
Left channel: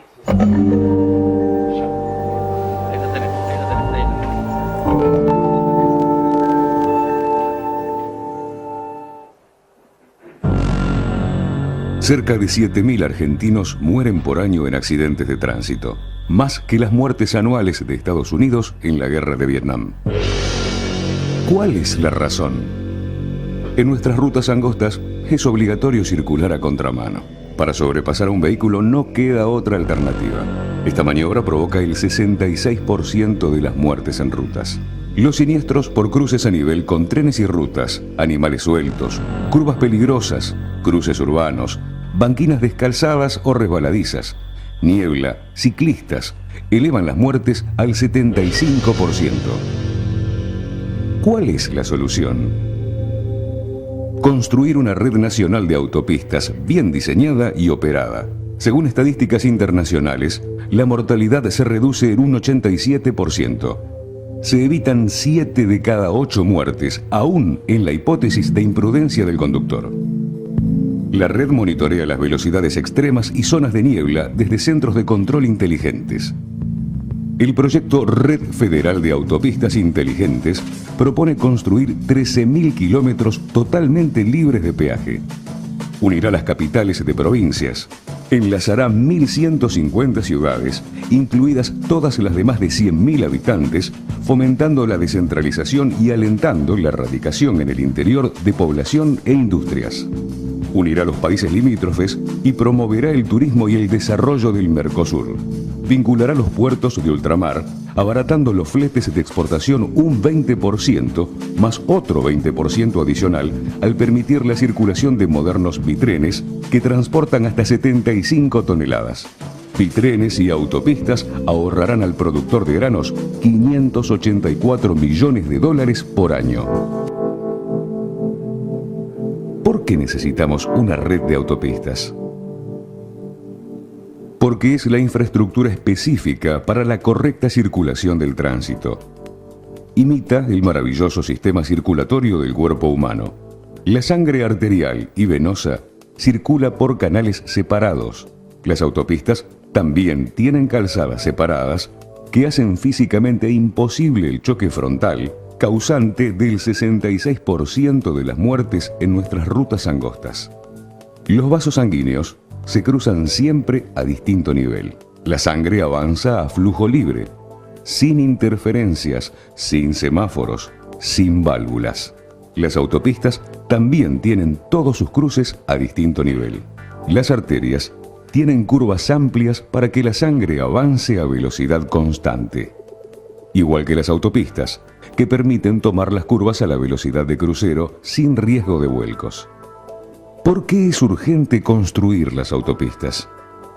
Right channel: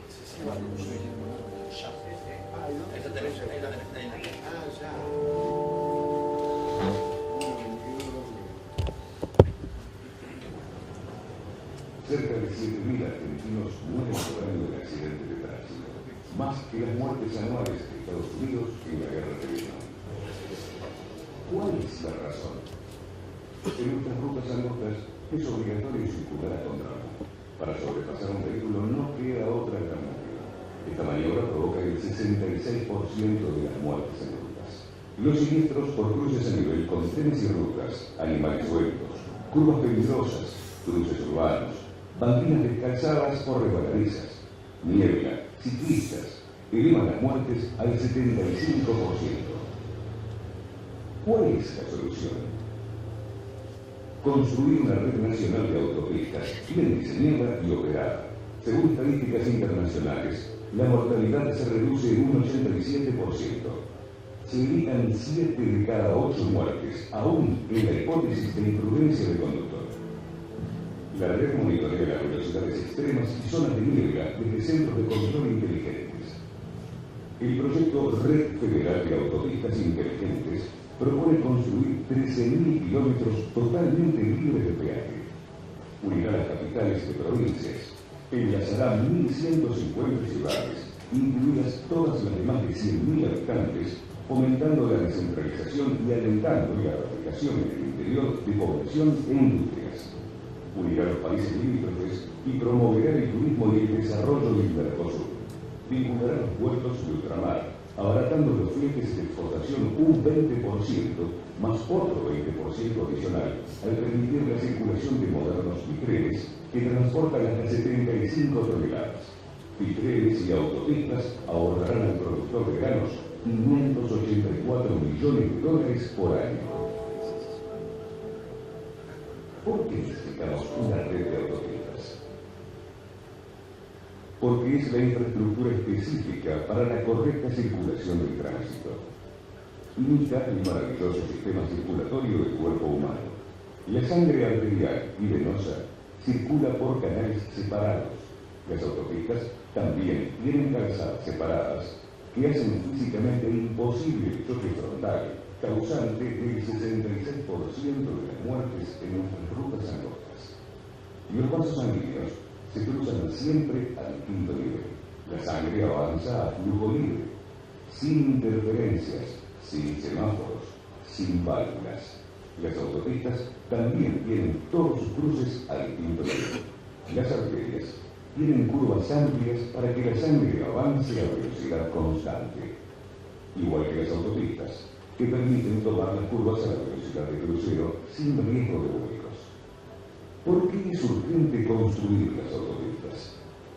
Ahí lo tenés, ahí lo tenés, ahí lo tenés. Cerca de 7.000 argentinos mueren por año en accidentes de tránsito, más que las muertes anuales de Estados Unidos en la guerra de Vietnam. ¿Cuál es la razón? En nuestras rutas angostas es obligatorio circular a contramano. Para sobrepasar a un vehículo no queda otra alternativa. Esta maniobra provoca el 66% de las muertes en rutas. Los siniestros por cruces a nivel con trenes y rutas, animales sueltos, curvas peligrosas, cruces urbanos, banquinas descalzadas o resbaladizas, niebla, ciclistas, elevan las muertes al 75%. ¿Cuál es la solución? Construir una red nacional de autopistas bien diseñada y operada. Según estadísticas internacionales, la mortalidad se reduce en un 87%. Se evitan 7 de cada 8 muertes, aún en la hipótesis de imprudencia del conductor. La red monitorea las velocidades extremas y zonas de niebla desde centros de control inteligentes. El proyecto Red Federal de Autopistas Inteligentes propone construir 13.000 kilómetros totalmente libres de peaje. Unirá las capitales de provincias. Enlazará 1.150 ciudades, incluidas todas las de más de 100.000 habitantes, fomentando la descentralización y alentando la erradicación en el interior de población e industrias. Unirá los países limítrofes y promoverá el turismo y el desarrollo del Mercosur. Vinculará los puertos de ultramar, abaratando los fletes de exportación un 20%, más otro 20% adicional, al permitir la circulación de modernos bitrenes que transportan hasta 75 toneladas. Bitrenes y autopistas ahorrarán al productor de granos 584 millones de dólares por año. ¿Por qué necesitamos una red de autopistas? Porque es la infraestructura específica para la correcta circulación del tránsito. Imita el maravilloso sistema circulatorio del cuerpo humano. La sangre arterial y venosa circula por canales separados. Las autopistas también tienen calzadas separadas que hacen físicamente imposible el choque frontal, causante del 66% de las muertes en nuestras rutas angostas. Los vasos sanguíneos se cruzan siempre a distinto nivel. La sangre avanza a flujo libre, sin interferencias, sin semáforos, sin válvulas. Las autopistas también tienen todos sus cruces a distinto nivel. Las arterias tienen curvas amplias para que la sangre avance a velocidad constante. Igual que las autopistas, que permiten tomar las curvas a la velocidad de crucero sin riesgo de vuelcos. ¿Por qué es urgente construir las autopistas?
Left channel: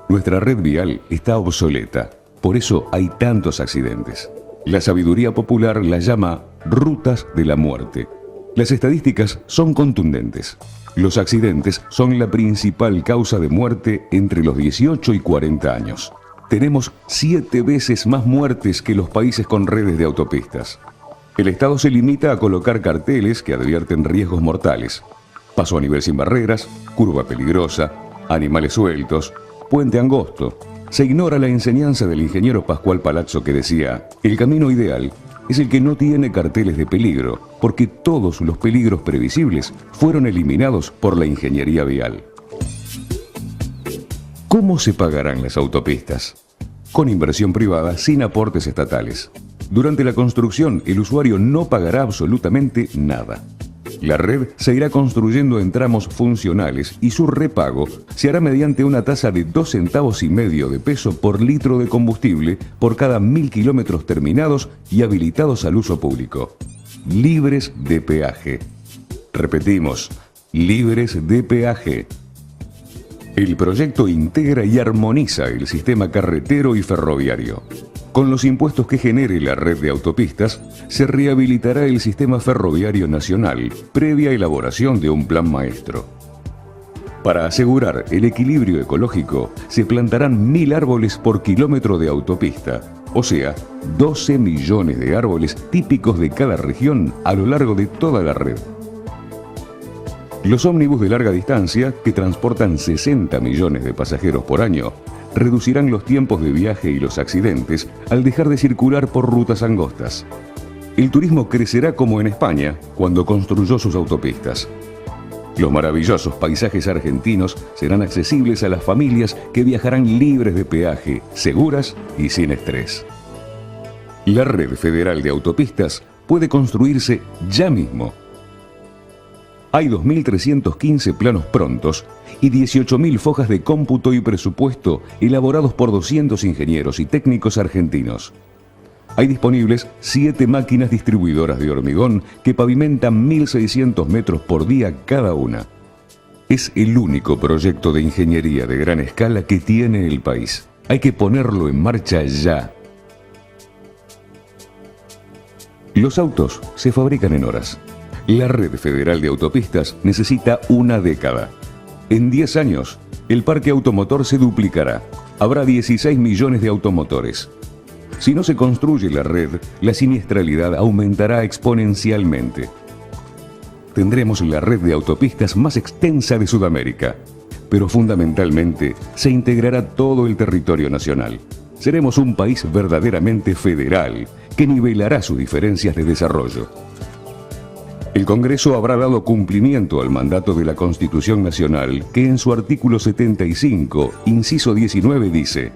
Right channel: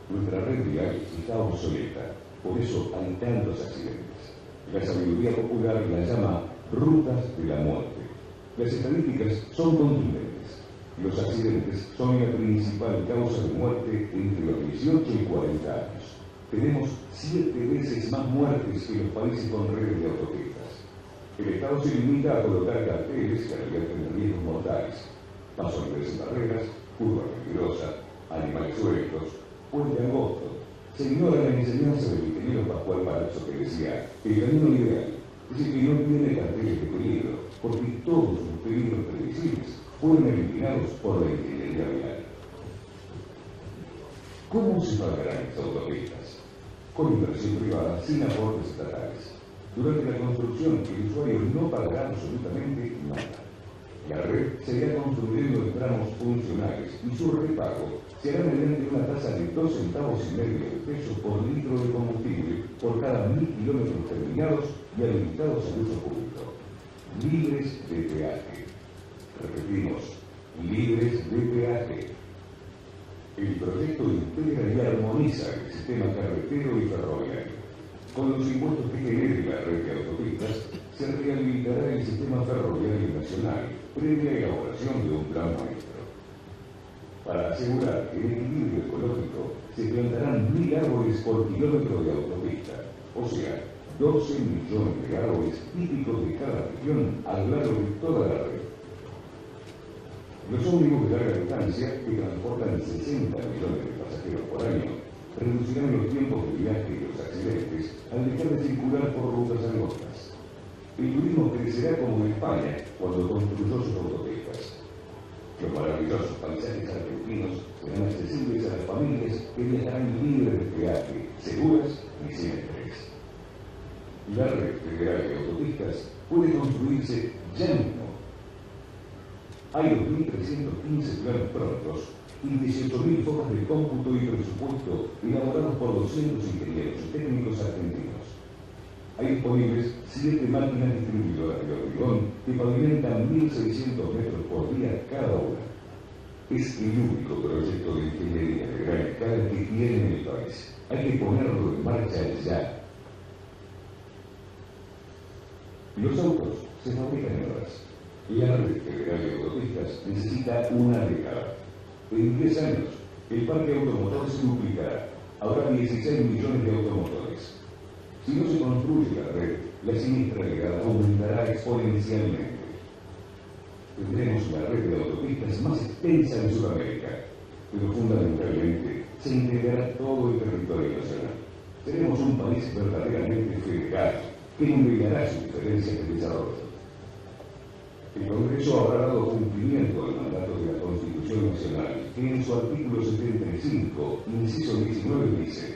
Nuestra red vial está obsoleta, por eso hay tantos accidentes. La sabiduría popular la llama rutas de la muerte. Las estadísticas son contundentes. Los accidentes son la principal causa de muerte entre los 18 y 40 años. Tenemos 7 veces más muertes que los países con redes de autopistas. El Estado se limita a colocar carteles que advierten riesgos mortales. Paso a nivel sin barreras, curva peligrosa, animales sueltos, puente angosto. Se ignora la enseñanza del ingeniero Pascual Palazzo que decía: el camino ideal es el que no tiene carteles de peligro, porque todos los peligros previsibles fueron eliminados por la ingeniería vial. ¿Cómo se pagarán las autopistas? Con inversión privada sin aportes estatales. Durante la construcción, el usuario no pagará absolutamente nada. La red se irá construyendo en tramos funcionales y su repago se hará mediante una tasa de 2,5 centavos de peso por litro de combustible por cada 1.000 kilómetros terminados y habilitados al uso público. Libres de peaje. Repetimos, libres de peaje. El proyecto integra y armoniza el sistema carretero y ferroviario. Con los impuestos que genere la red de autopistas, se rehabilitará el sistema ferroviario nacional, previa elaboración de un plan maestro. Para asegurar el equilibrio ecológico, se plantarán 1000 árboles por kilómetro de autopista, o sea, 12 millones de árboles típicos de cada región a lo largo de toda la red. Los ómnibus de larga distancia, que transportan 60 millones de pasajeros por año, reducirán los tiempos de viaje y los accidentes al dejar de circular por rutas angostas. El turismo crecerá como en España cuando construyó sus autopistas. Los maravillosos paisajes argentinos serán accesibles a las familias que viajarán libres de peaje, seguras y sin estrés. La red federal de autopistas puede construirse ya mismo. Hay 2.315 planos prontos y 18.000 fojas de cómputo y presupuesto elaborados por 200 ingenieros y técnicos argentinos. Hay disponibles 7 máquinas distribuidoras de hormigón que pavimentan 1.600 metros por día cada una. Es el único proyecto de ingeniería de gran escala que tiene el país. Hay que ponerlo en marcha ya. Los autos se fabrican en horas. La red federal de autopistas necesita una década. En 10 años, el parque automotor se duplicará. Habrá 16 millones de automotores. Si no se construye la red, la siniestralidad aumentará exponencialmente. Tendremos la red de autopistas más extensa de Sudamérica, pero fundamentalmente se integrará todo el territorio nacional. Seremos un país verdaderamente federal, que nivelará sus diferencias de desarrollo. El Congreso habrá dado cumplimiento al mandato de la Constitución Nacional, que en su artículo 75, inciso 19, dice:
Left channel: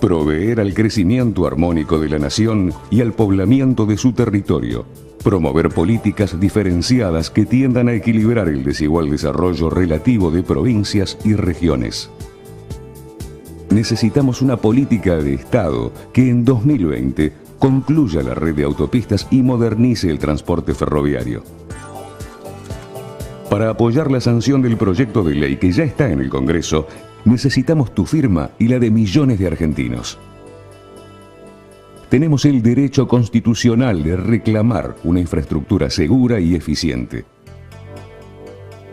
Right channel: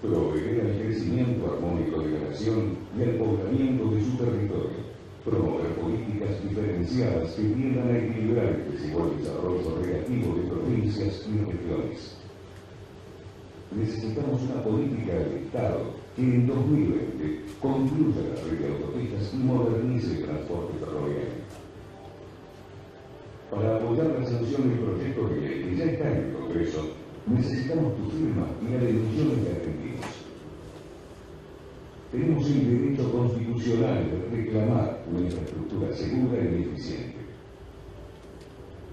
proveer al crecimiento armónico de la nación y al poblamiento de su territorio, promover políticas diferenciadas que tiendan a equilibrar el desigual desarrollo relativo de provincias y regiones. Necesitamos una política de Estado que en 2020 concluya la red de autopistas y modernice el transporte ferroviario. Para apoyar la sanción del proyecto de ley que ya está en el Congreso, necesitamos tu firma y la de millones de argentinos. Tenemos el derecho constitucional de reclamar una infraestructura segura y eficiente.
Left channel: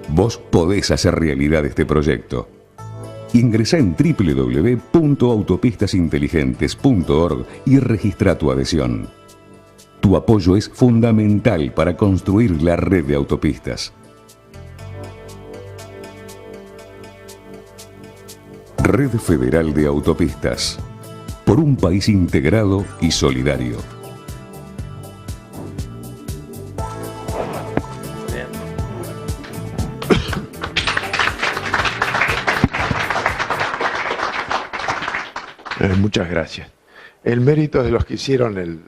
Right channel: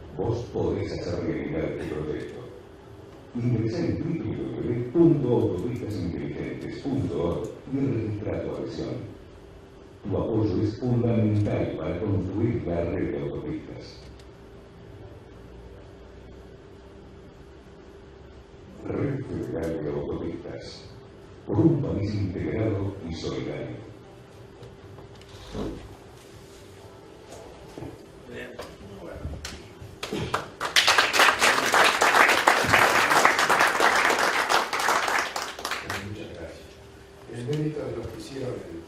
Vos podés hacer realidad este proyecto. Ingresá en www.autopistasinteligentes.org y registra tu adhesión. Tu apoyo es fundamental para construir la red de autopistas. Red Federal de Autopistas. Por un país integrado y solidario. Muchas gracias. El mérito es de los que hicieron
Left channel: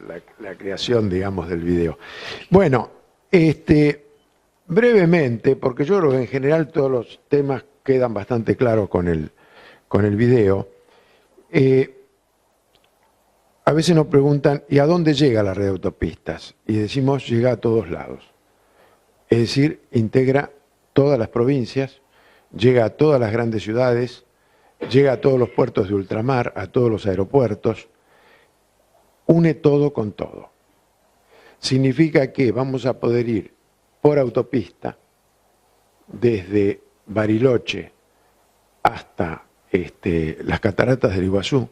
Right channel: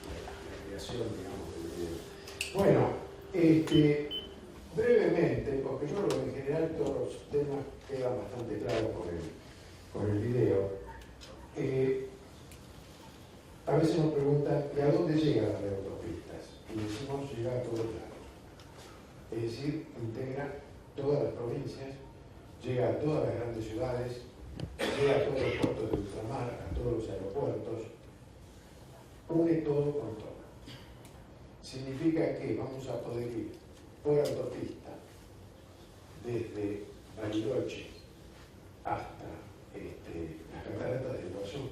la creación, digamos, del video. Bueno, brevemente, porque yo creo que en general todos los temas quedan bastante claros con el video. A veces nos preguntan, ¿y a dónde llega la red de autopistas? Y decimos, llega a todos lados. Es decir, integra todas las provincias, llega a todas las grandes ciudades, llega a todos los puertos de ultramar, a todos los aeropuertos, une todo con todo. Significa que vamos a poder ir por autopista desde Bariloche hasta las cataratas del Iguazú,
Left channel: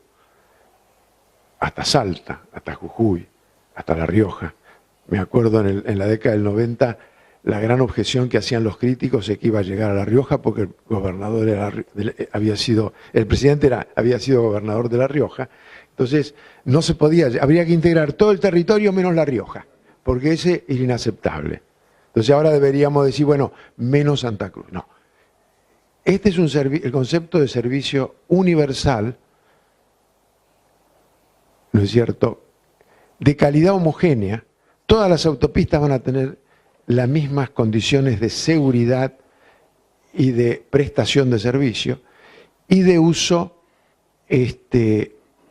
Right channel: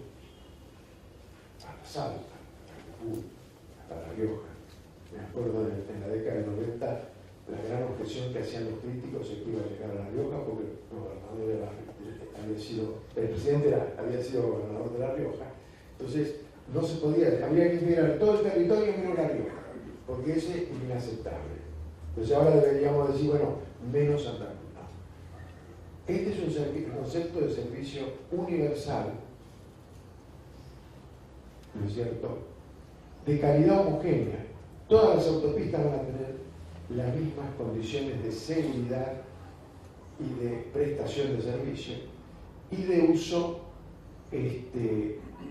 hasta Salta, hasta Jujuy, hasta La Rioja. Me acuerdo en la década del 90, la gran objeción que hacían los críticos es que iba a llegar a La Rioja porque el gobernador el presidente había sido gobernador de La Rioja. Entonces, no se podía, habría que integrar todo el territorio menos La Rioja, porque ese es inaceptable. Entonces ahora deberíamos decir, bueno, menos Santa Cruz. No. Este es el concepto de servicio universal, ¿no es cierto?, de calidad homogénea. Todas las autopistas van a tener las mismas condiciones de seguridad y de prestación de servicio y de uso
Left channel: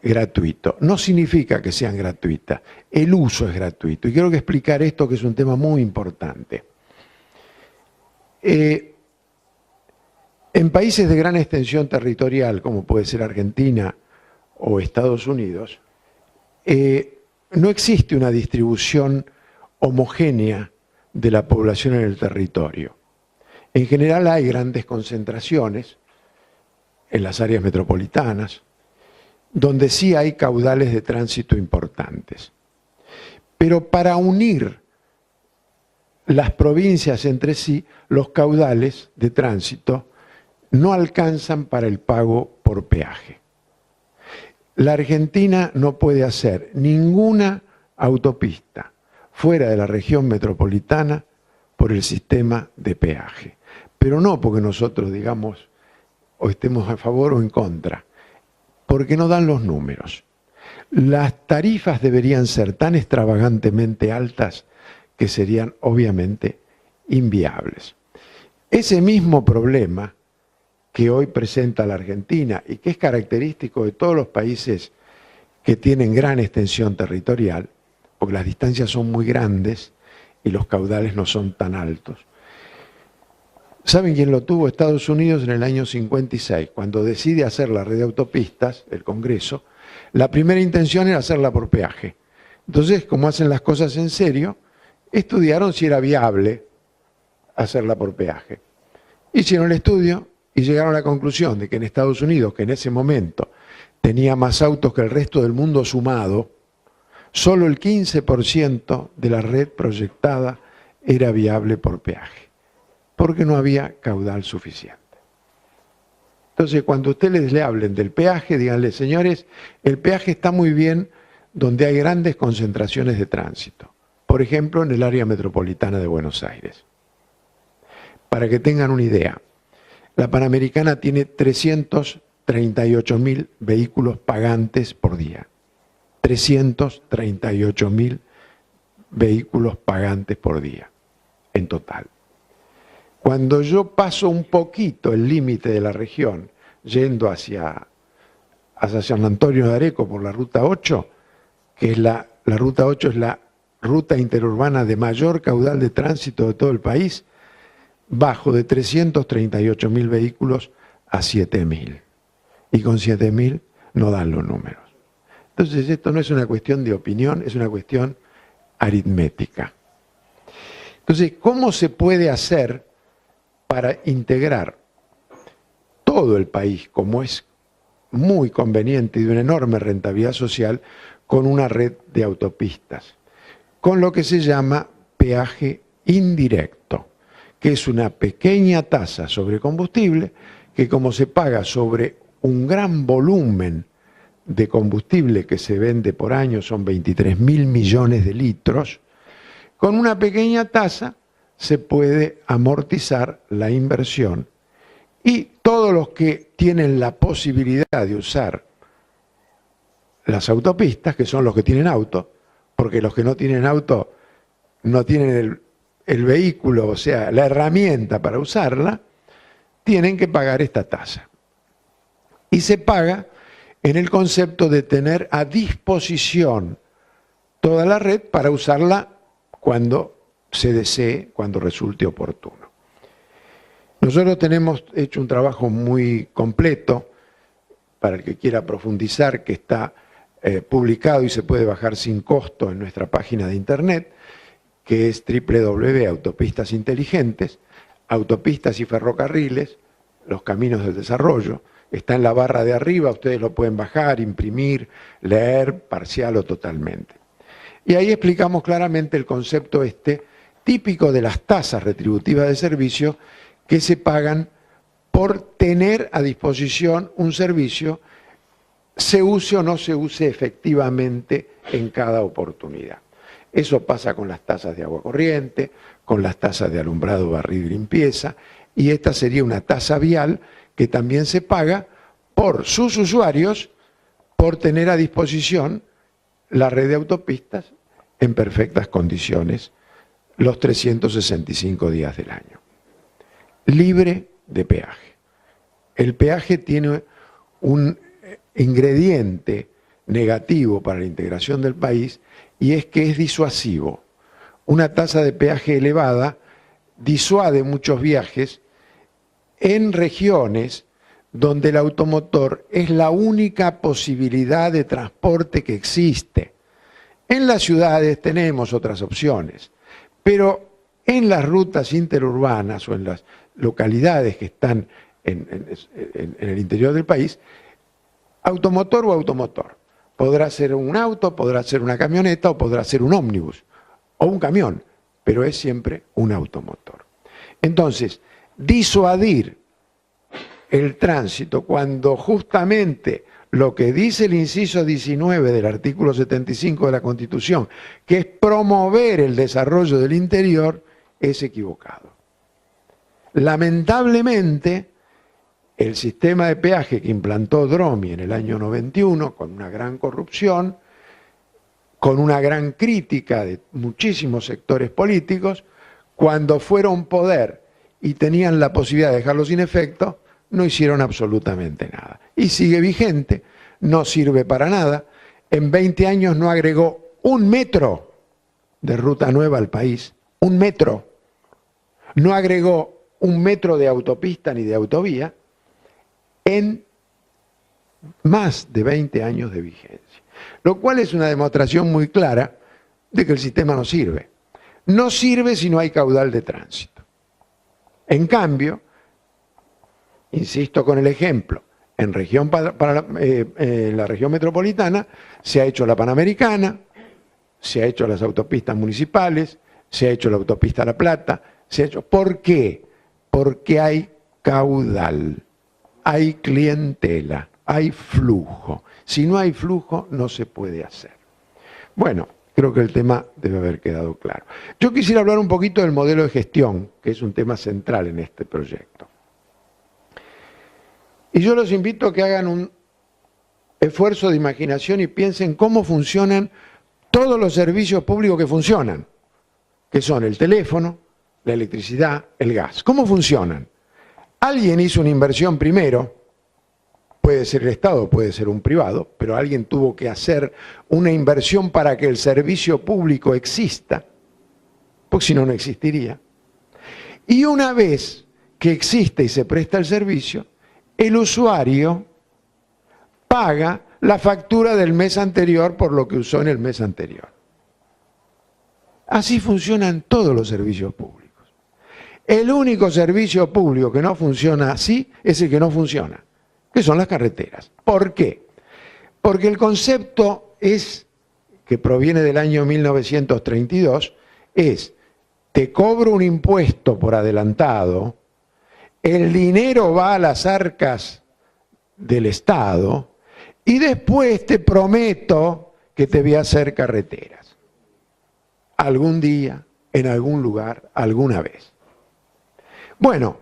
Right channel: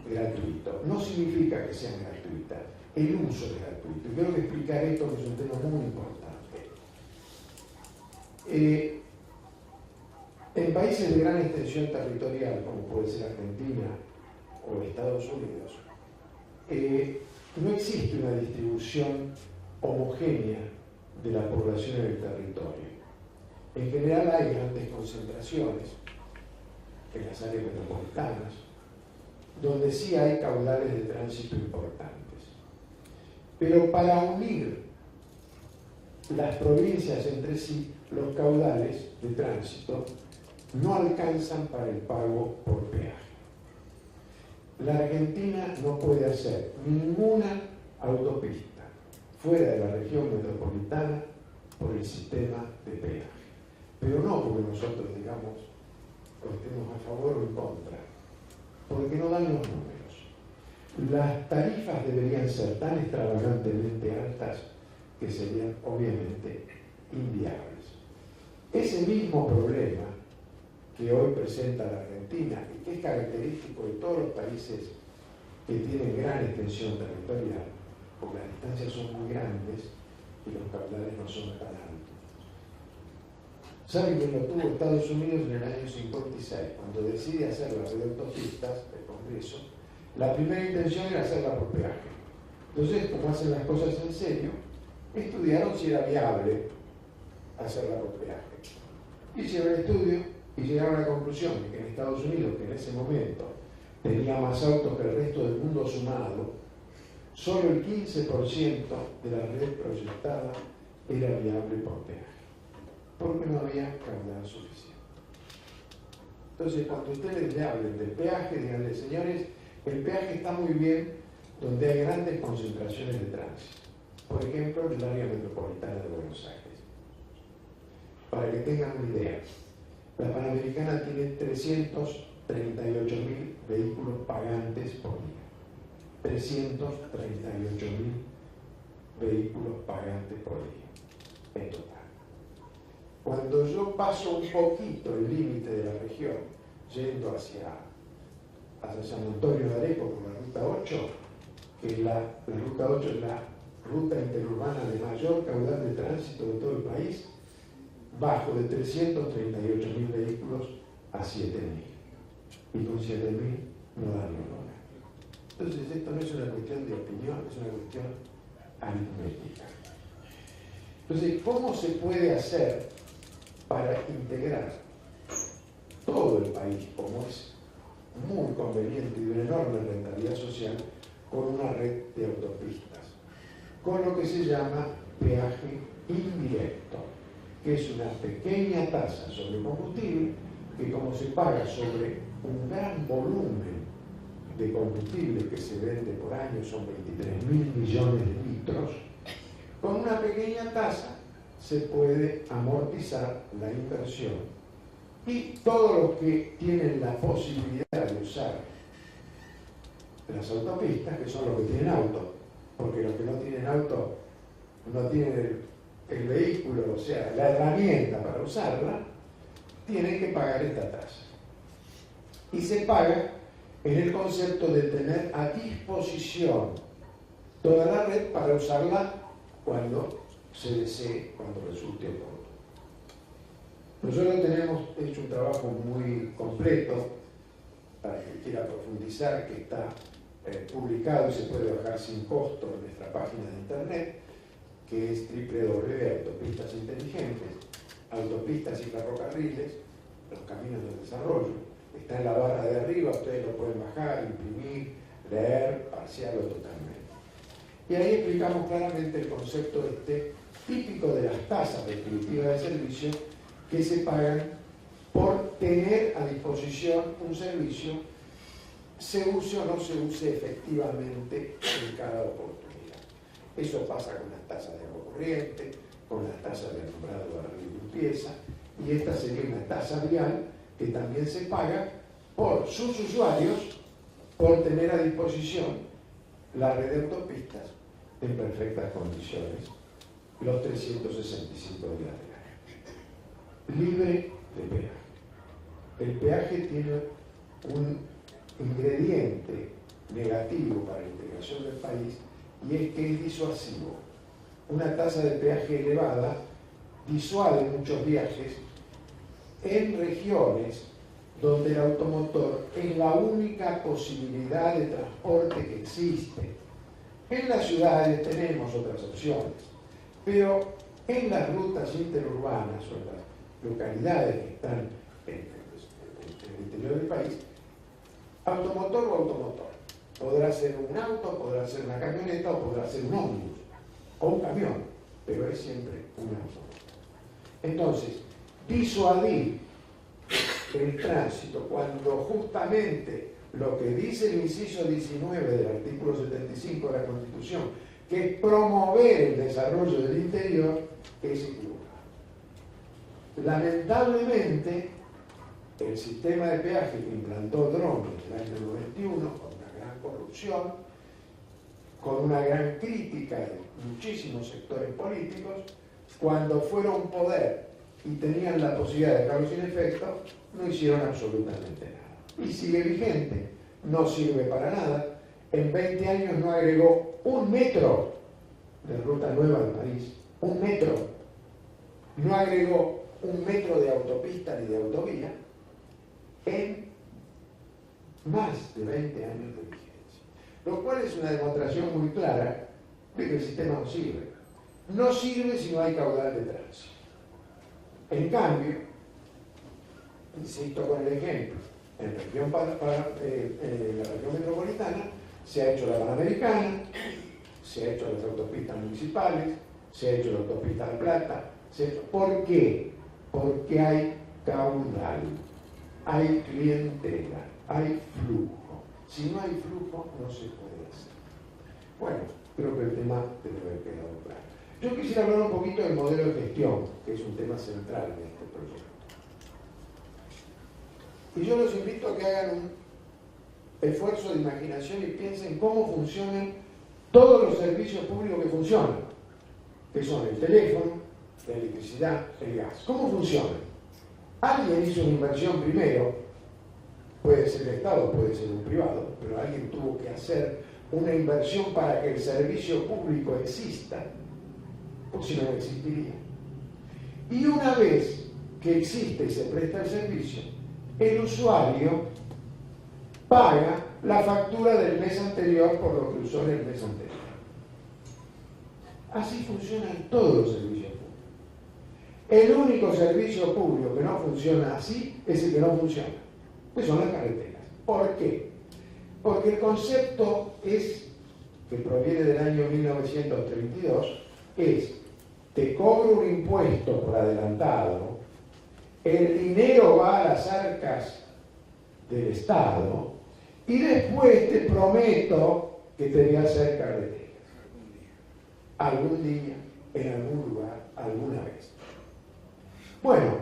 gratuito. No significa que sean gratuitas, el uso es gratuito. Y quiero explicar esto, que es un tema muy importante. En países de gran extensión territorial, como puede ser Argentina o Estados Unidos, no existe una distribución homogénea de la población en el territorio. En general hay grandes concentraciones en las áreas metropolitanas, donde sí hay caudales de tránsito importantes. Pero para unir las provincias entre sí, los caudales de tránsito no alcanzan para el pago por peaje. La Argentina no puede hacer ninguna autopista fuera de la región metropolitana por el sistema de peaje. Pero no porque nosotros digamos o estemos a favor o en contra, porque no dan los números. Las tarifas deberían ser tan extravagantemente altas que serían obviamente inviables. Ese mismo problema que hoy presenta la Argentina y que es característico de todos los países que tienen gran extensión territorial, porque las distancias son muy grandes y los caudales no son tan altos. ¿Saben quién lo tuvo? Estados Unidos en el año 56, cuando decide hacer la red de autopistas, el Congreso. La primera intención era hacerla por peaje. Entonces, como hacen las cosas en serio, estudiaron si era viable hacerla por peaje. Hicieron el estudio y llegaron a la conclusión de que en Estados Unidos, que en ese momento tenía más autos que el resto del mundo sumado, solo el 15% de la red proyectada era viable por peaje, porque no había caudal suficiente. Entonces, cuando ustedes le hablen del peaje, díganle, señores, el peaje está muy bien donde hay grandes concentraciones de tránsito. Por ejemplo, en el área metropolitana de Buenos Aires. Para que tengan una idea, la Panamericana tiene 338.000 vehículos pagantes por día. 338.000 vehículos pagantes por día, en total. Cuando yo paso un poquito el límite de la región, yendo hacia San Antonio de Areco por la Ruta 8, que es la Ruta 8 es la ruta interurbana de mayor caudal de tránsito de todo el país, bajo de 338.000 vehículos a 7.000. Y con 7.000 no dan los números. Entonces esto no es una cuestión de opinión, es una cuestión aritmética. Entonces, ¿cómo se puede hacer para integrar todo el país, como es muy conveniente y de una enorme rentabilidad social, con una red de autopistas? Con lo que se llama peaje indirecto, que es una pequeña tasa sobre combustible que, como se paga sobre un gran volumen de combustible que se vende por año, son 23.000 millones de litros, con una pequeña tasa se puede amortizar la inversión y todos los que tienen la posibilidad de usar las autopistas, que son los que tienen auto, porque los que no tienen auto no tienen el vehículo, o sea, la herramienta para usarla, tienen que pagar esta tasa. Y se paga en el concepto de tener a disposición toda la red para usarla cuando se desee, cuando resulte oportuno. Nosotros tenemos hecho un trabajo muy completo, para el que quiera profundizar, que está publicado y se puede bajar sin costo en nuestra página de internet, que es www.autopistas inteligentes, autopistas y ferrocarriles, los caminos del desarrollo. Está en la barra de arriba, ustedes lo pueden bajar, imprimir, leer, parcial o totalmente. Y ahí explicamos claramente el concepto típico de las tasas retributivas de servicio que se pagan por tener a disposición un servicio, se use o no se use efectivamente en cada oportunidad. Eso pasa con las tasas de agua corriente, con las tasas de alumbrado, barrido y limpieza, y esta sería una tasa vial que también se paga por sus usuarios por tener a disposición la red de autopistas en perfectas condiciones los 365 días del año. Libre de peaje. El peaje tiene un ingrediente negativo para la integración del país y es que es disuasivo. Una tasa de peaje elevada disuade muchos viajes en regiones donde el automotor es la única posibilidad de transporte que existe. En las ciudades tenemos otras opciones, pero en las rutas interurbanas o en las localidades que están en el interior del país, automotor o automotor. Podrá ser un auto, podrá ser una camioneta o podrá ser un ómnibus o un camión, pero es siempre un automotor. Entonces, disuadir el tránsito cuando justamente lo que dice el inciso 19 del artículo 75 de la Constitución, que es promover el desarrollo del interior, es equivocado. Lamentablemente, el sistema de peaje que implantó Dromi en el año 91, con una gran corrupción, con una gran crítica de muchísimos sectores políticos, cuando fueron poder y tenían la posibilidad de dejarlo sin efecto, no hicieron absolutamente nada. Y sigue vigente, no sirve para nada. En 20 años no agregó un metro de ruta nueva al país, un metro. No agregó un metro de autopista ni de autovía en más de 20 años de vigencia. Lo cual es una demostración muy clara de que el sistema no sirve. No sirve si no hay caudal de tránsito. En cambio, insisto con el ejemplo, en la región metropolitana se ha hecho la Panamericana, se ha hecho las autopistas municipales, se ha hecho la autopista La Plata, se ha hecho... ¿Por qué? Porque hay caudal, hay clientela, hay flujo. Si no hay flujo, no se puede hacer. Bueno, creo que el tema debe haber quedado claro. Yo quisiera hablar un poquito del modelo de gestión, que es un tema central en este proyecto. Y yo los invito a que hagan un esfuerzo de imaginación y piensen cómo funcionan todos los servicios públicos que funcionan, que son el teléfono, la electricidad, el gas. ¿Cómo funcionan? Alguien hizo una inversión primero, puede ser el Estado, puede ser un privado, pero alguien tuvo que hacer una inversión para que el servicio público exista, porque si no, no existiría. Y una vez que existe y se presta el servicio, el usuario paga la factura del mes anterior por lo que usó en el mes anterior. Así funcionan todos los servicios públicos. El único servicio público que no funciona así es el que no funciona, que son las carreteras. ¿Por qué? Porque el concepto que proviene del año 1932, te cobro un impuesto por adelantado, el dinero va a las arcas del Estado y después te prometo que te voy a hacer carreteras. Algún día, en algún lugar, alguna vez. Bueno,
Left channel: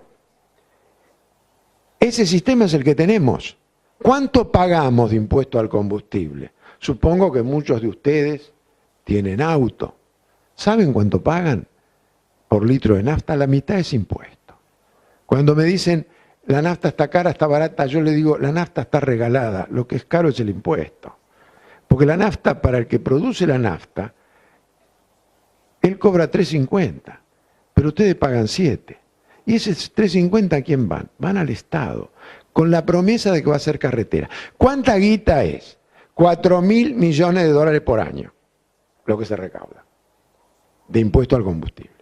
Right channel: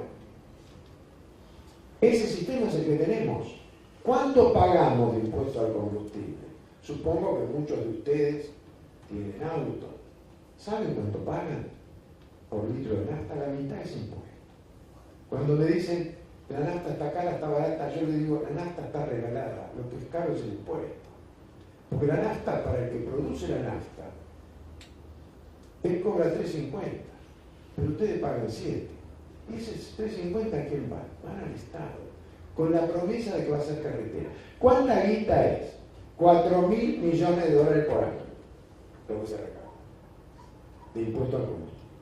ese sistema es el que tenemos. ¿Cuánto pagamos de impuesto al combustible? Supongo que muchos de ustedes tienen auto. ¿Saben cuánto pagan por litro de nafta? La mitad es impuesto. Cuando me dicen, la nafta está cara, está barata, yo le digo, la nafta está regalada, lo que es caro es el impuesto. Porque la nafta, para el que produce la nafta, él cobra 3.50, pero ustedes pagan 7. ¿Y ese 3.50 a quién van? Van al Estado, con la promesa de que va a ser carretera. ¿Cuánta guita es? 4.000 millones de dólares por año, lo que se recauda, de impuesto al combustible.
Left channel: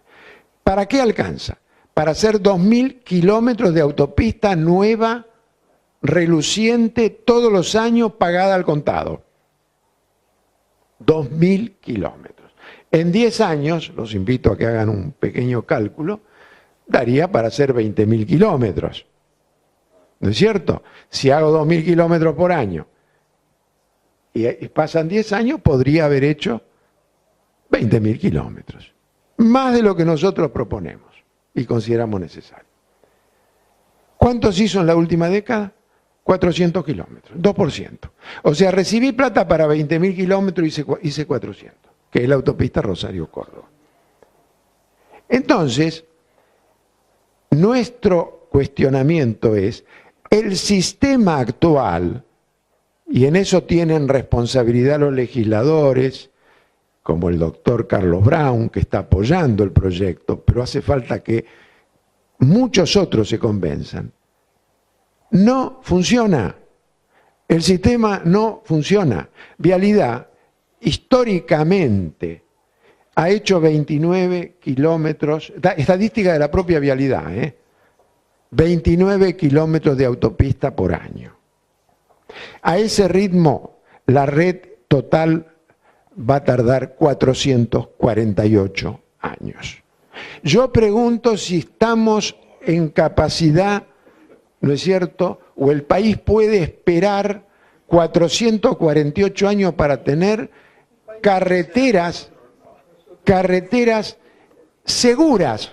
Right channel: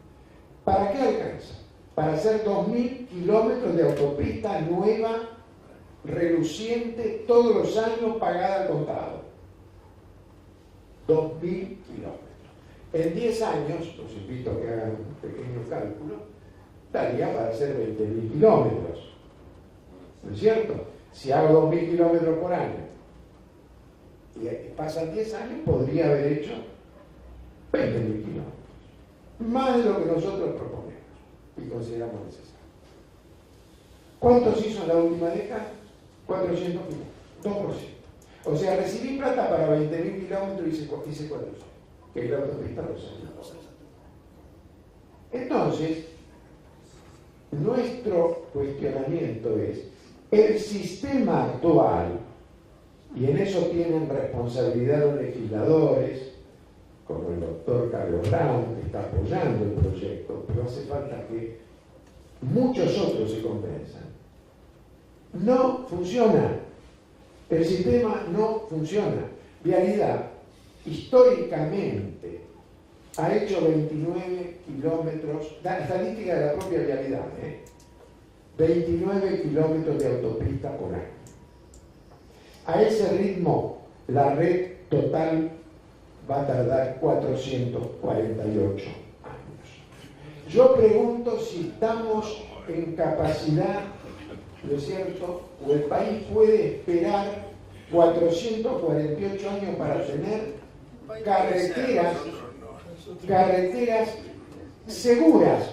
¿Para qué alcanza? Para hacer 2.000 kilómetros de autopista nueva, reluciente, todos los años pagada al contado. 2.000 kilómetros. En 10 años, los invito a que hagan un pequeño cálculo, daría para hacer 20.000 kilómetros. ¿No es cierto? Si hago 2.000 kilómetros por año y pasan 10 años, podría haber hecho 20.000 kilómetros. Más de lo que nosotros proponemos y consideramos necesario. ¿Cuántos hizo en la última década? 400 kilómetros, 2%. O sea, recibí plata para 20.000 kilómetros y hice 400, que es la autopista Rosario-Córdoba. Entonces, nuestro cuestionamiento es, el sistema actual, y en eso tienen responsabilidad los legisladores, como el doctor Carlos Brown, que está apoyando el proyecto, pero hace falta que muchos otros se convenzan. No funciona. El sistema no funciona. Vialidad históricamente ha hecho 29 kilómetros, estadística de la propia vialidad, 29 kilómetros de autopista por año. A ese ritmo, la red total va a tardar 448 años. Yo pregunto si estamos en capacidad, ¿no es cierto?, o el país puede esperar 448 años para tener carreteras seguras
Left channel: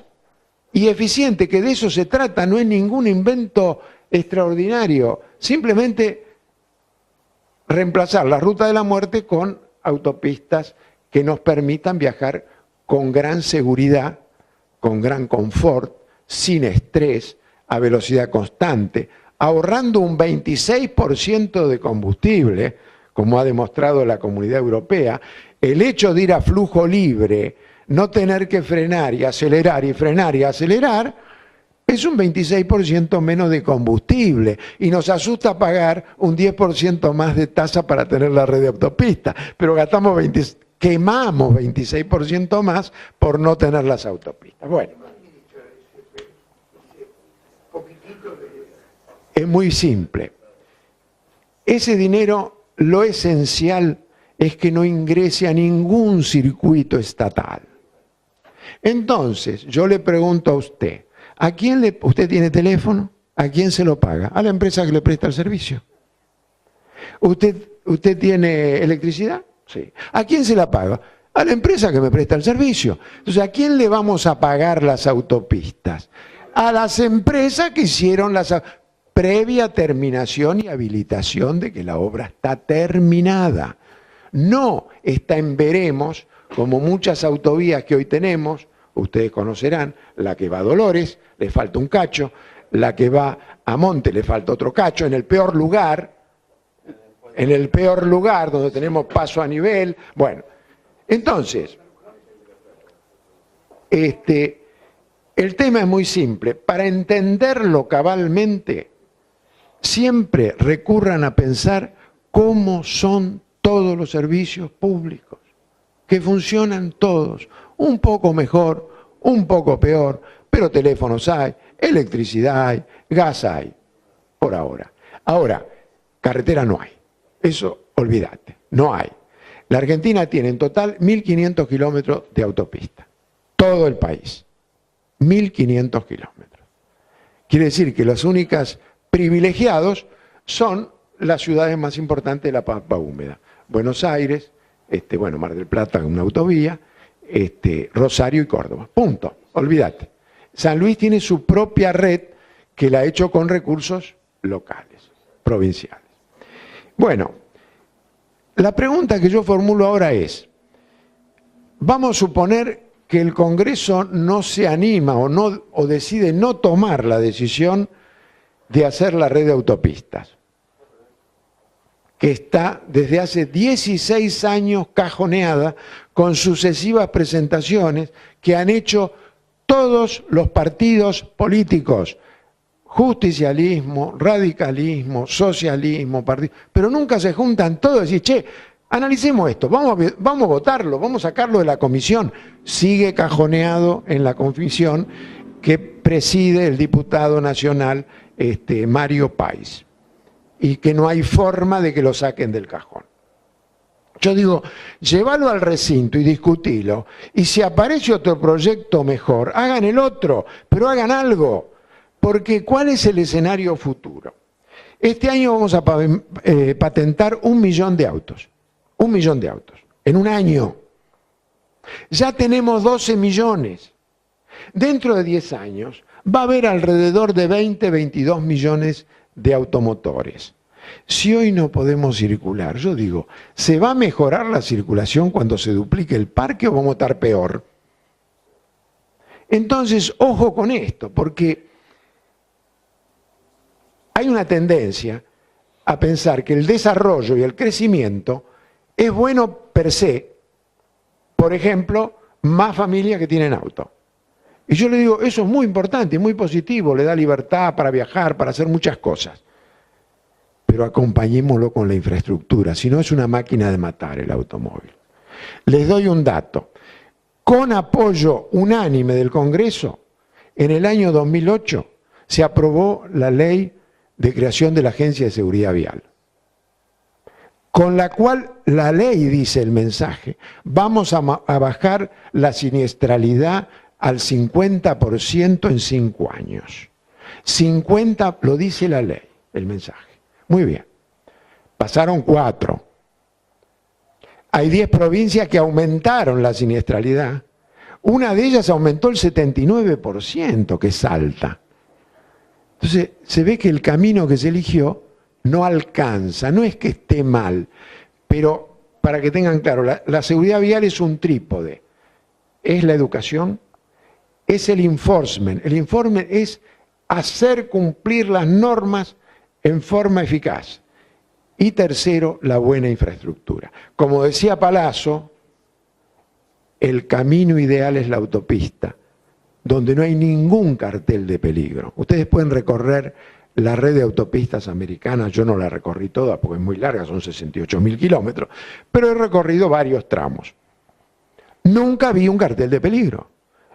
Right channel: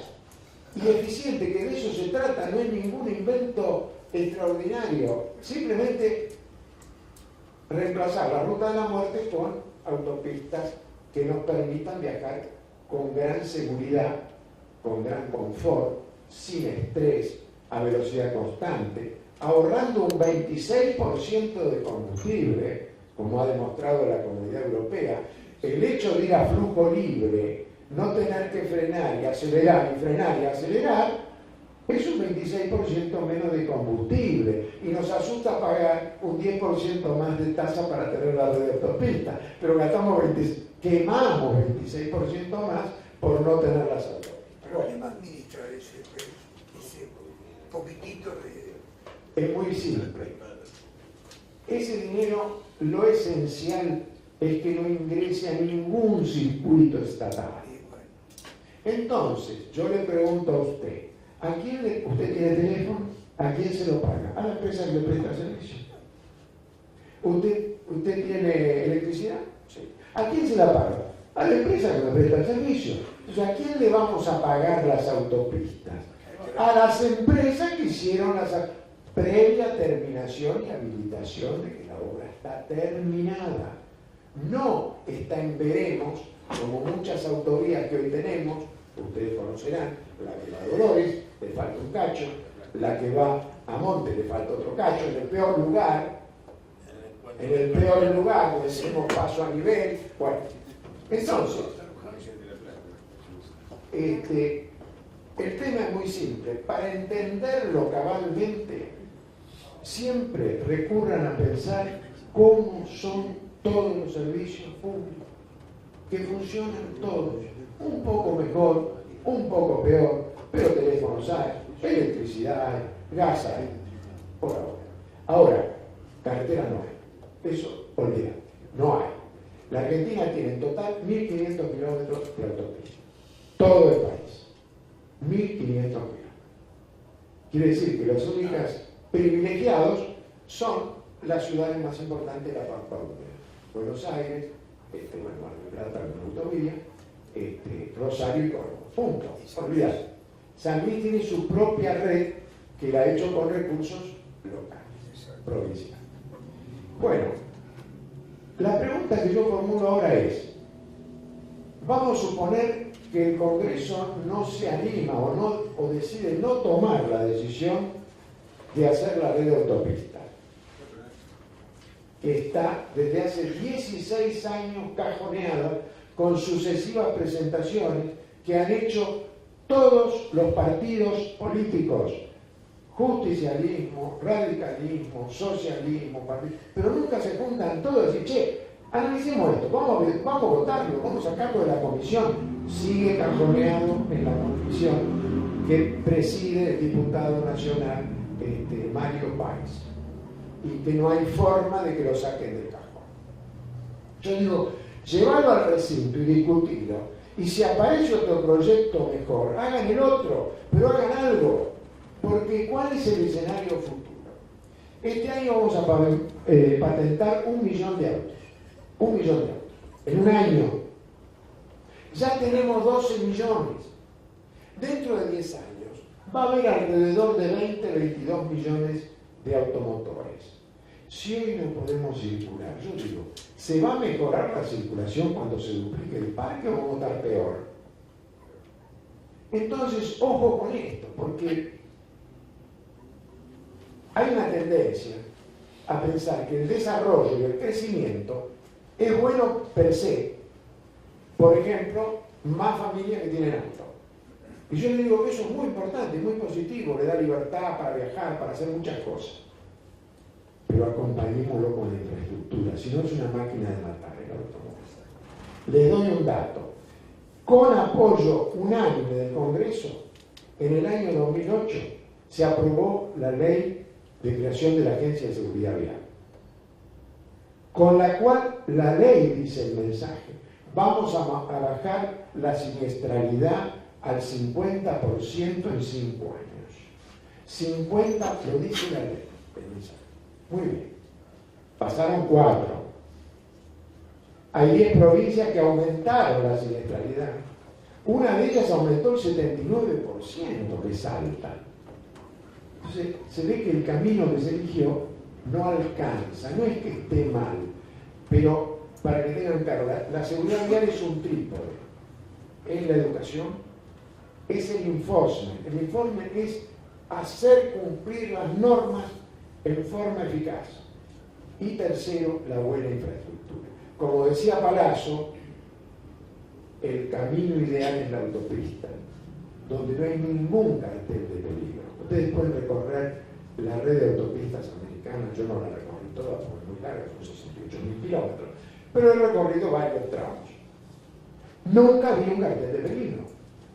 y eficientes, que de eso se trata, no es ningún invento extraordinario, simplemente reemplazar la ruta de la muerte con autopistas que nos permitan viajar con gran seguridad, con gran confort, sin estrés, a velocidad constante, ahorrando un 26% de combustible, como ha demostrado la Comunidad Europea. El hecho de ir a flujo libre, no tener que frenar y acelerar y frenar y acelerar, es un 26% menos de combustible y nos asusta pagar un 10% más de tasa para tener la red de autopistas, pero quemamos 26% más por no tener las autopistas. Bueno, es muy simple. Ese dinero, lo esencial es que no ingrese a ningún circuito estatal. Entonces, yo le pregunto a usted, ¿usted tiene teléfono? ¿A quién se lo paga? A la empresa que le presta el servicio. ¿Usted tiene electricidad? Sí. ¿A quién se la paga? A la empresa que me presta el servicio. Entonces, ¿a quién le vamos a pagar las autopistas? A las empresas que hicieron previa terminación y habilitación de que la obra está terminada. No está en veremos, como muchas autovías que hoy tenemos. Ustedes conocerán, la que va a Dolores, le falta un cacho, la que va a Monte, le falta otro cacho, en el peor lugar, donde tenemos paso a nivel. Bueno, entonces, el tema es muy simple. Para entenderlo cabalmente, siempre recurran a pensar cómo son todos los servicios públicos, que funcionan todos, un poco mejor, un poco peor, pero teléfonos hay, electricidad hay, gas hay, por ahora. Ahora, carretera no hay, eso olvídate, no hay. La Argentina tiene en total 1.500 kilómetros de autopista, todo el país, 1.500 kilómetros. Quiere decir que los únicos privilegiados son las ciudades más importantes de la Pampa Húmeda. Buenos Aires, Mar del Plata, una autovía, Rosario y Córdoba. Punto, olvídate. San Luis tiene su propia red que la ha hecho con recursos locales, provinciales. Bueno, la pregunta que yo formulo ahora es, vamos a suponer que el Congreso no se anima o decide no tomar la decisión de hacer la red de autopistas, que está desde hace 16 años cajoneada con sucesivas presentaciones que han hecho todos los partidos políticos, justicialismo, radicalismo, socialismo, pero nunca se juntan todos y dicen, che, analicemos esto, vamos a votarlo, vamos a sacarlo de la comisión. Sigue cajoneado en la comisión que preside el diputado nacional Mario País, y que no hay forma de que lo saquen del cajón. Yo digo, llévalo al recinto y discutirlo, y si aparece otro proyecto mejor, hagan el otro, pero hagan algo, porque ¿cuál es el escenario futuro? Este año vamos a patentar 1 millón de autos, 1 millón de autos, en un año. Ya tenemos 12 millones. Dentro de 10 años va a haber alrededor de 20, 22 millones de automotores. Si hoy no podemos circular, yo digo, ¿se va a mejorar la circulación cuando se duplique el parque o vamos a estar peor? Entonces, ojo con esto, porque hay una tendencia a pensar que el desarrollo y el crecimiento es bueno per se. Por ejemplo, más familias que tienen auto. Y yo le digo, eso es muy importante, muy positivo, le da libertad para viajar, para hacer muchas cosas. pero acompañémoslo con la infraestructura, si no es una máquina de matar el automóvil. Les doy un dato. Con apoyo unánime del Congreso, en el año 2008 se aprobó la ley de creación de la Agencia de Seguridad Vial, con la cual la ley, dice el mensaje, vamos a bajar la siniestralidad al 50% en 5 años. 50 lo dice la ley, el mensaje. Muy bien. Pasaron 4. Hay 10 provincias que aumentaron la siniestralidad. Una de ellas aumentó el 79%, que es Salta. Entonces, se ve que el camino que se eligió no alcanza, no es que esté mal, pero para que tengan claro, la seguridad vial es un trípode. Es la educación, es el enforcement. El enforcement es hacer cumplir las normas en forma eficaz. Y tercero, la buena infraestructura. Como decía Palazzo, el camino ideal es la autopista, donde no hay ningún cartel de peligro. Ustedes pueden recorrer la red de autopistas americanas, yo no la recorrí toda porque es muy larga, son 68.000 kilómetros, pero he recorrido varios tramos. Nunca vi un cartel de peligro.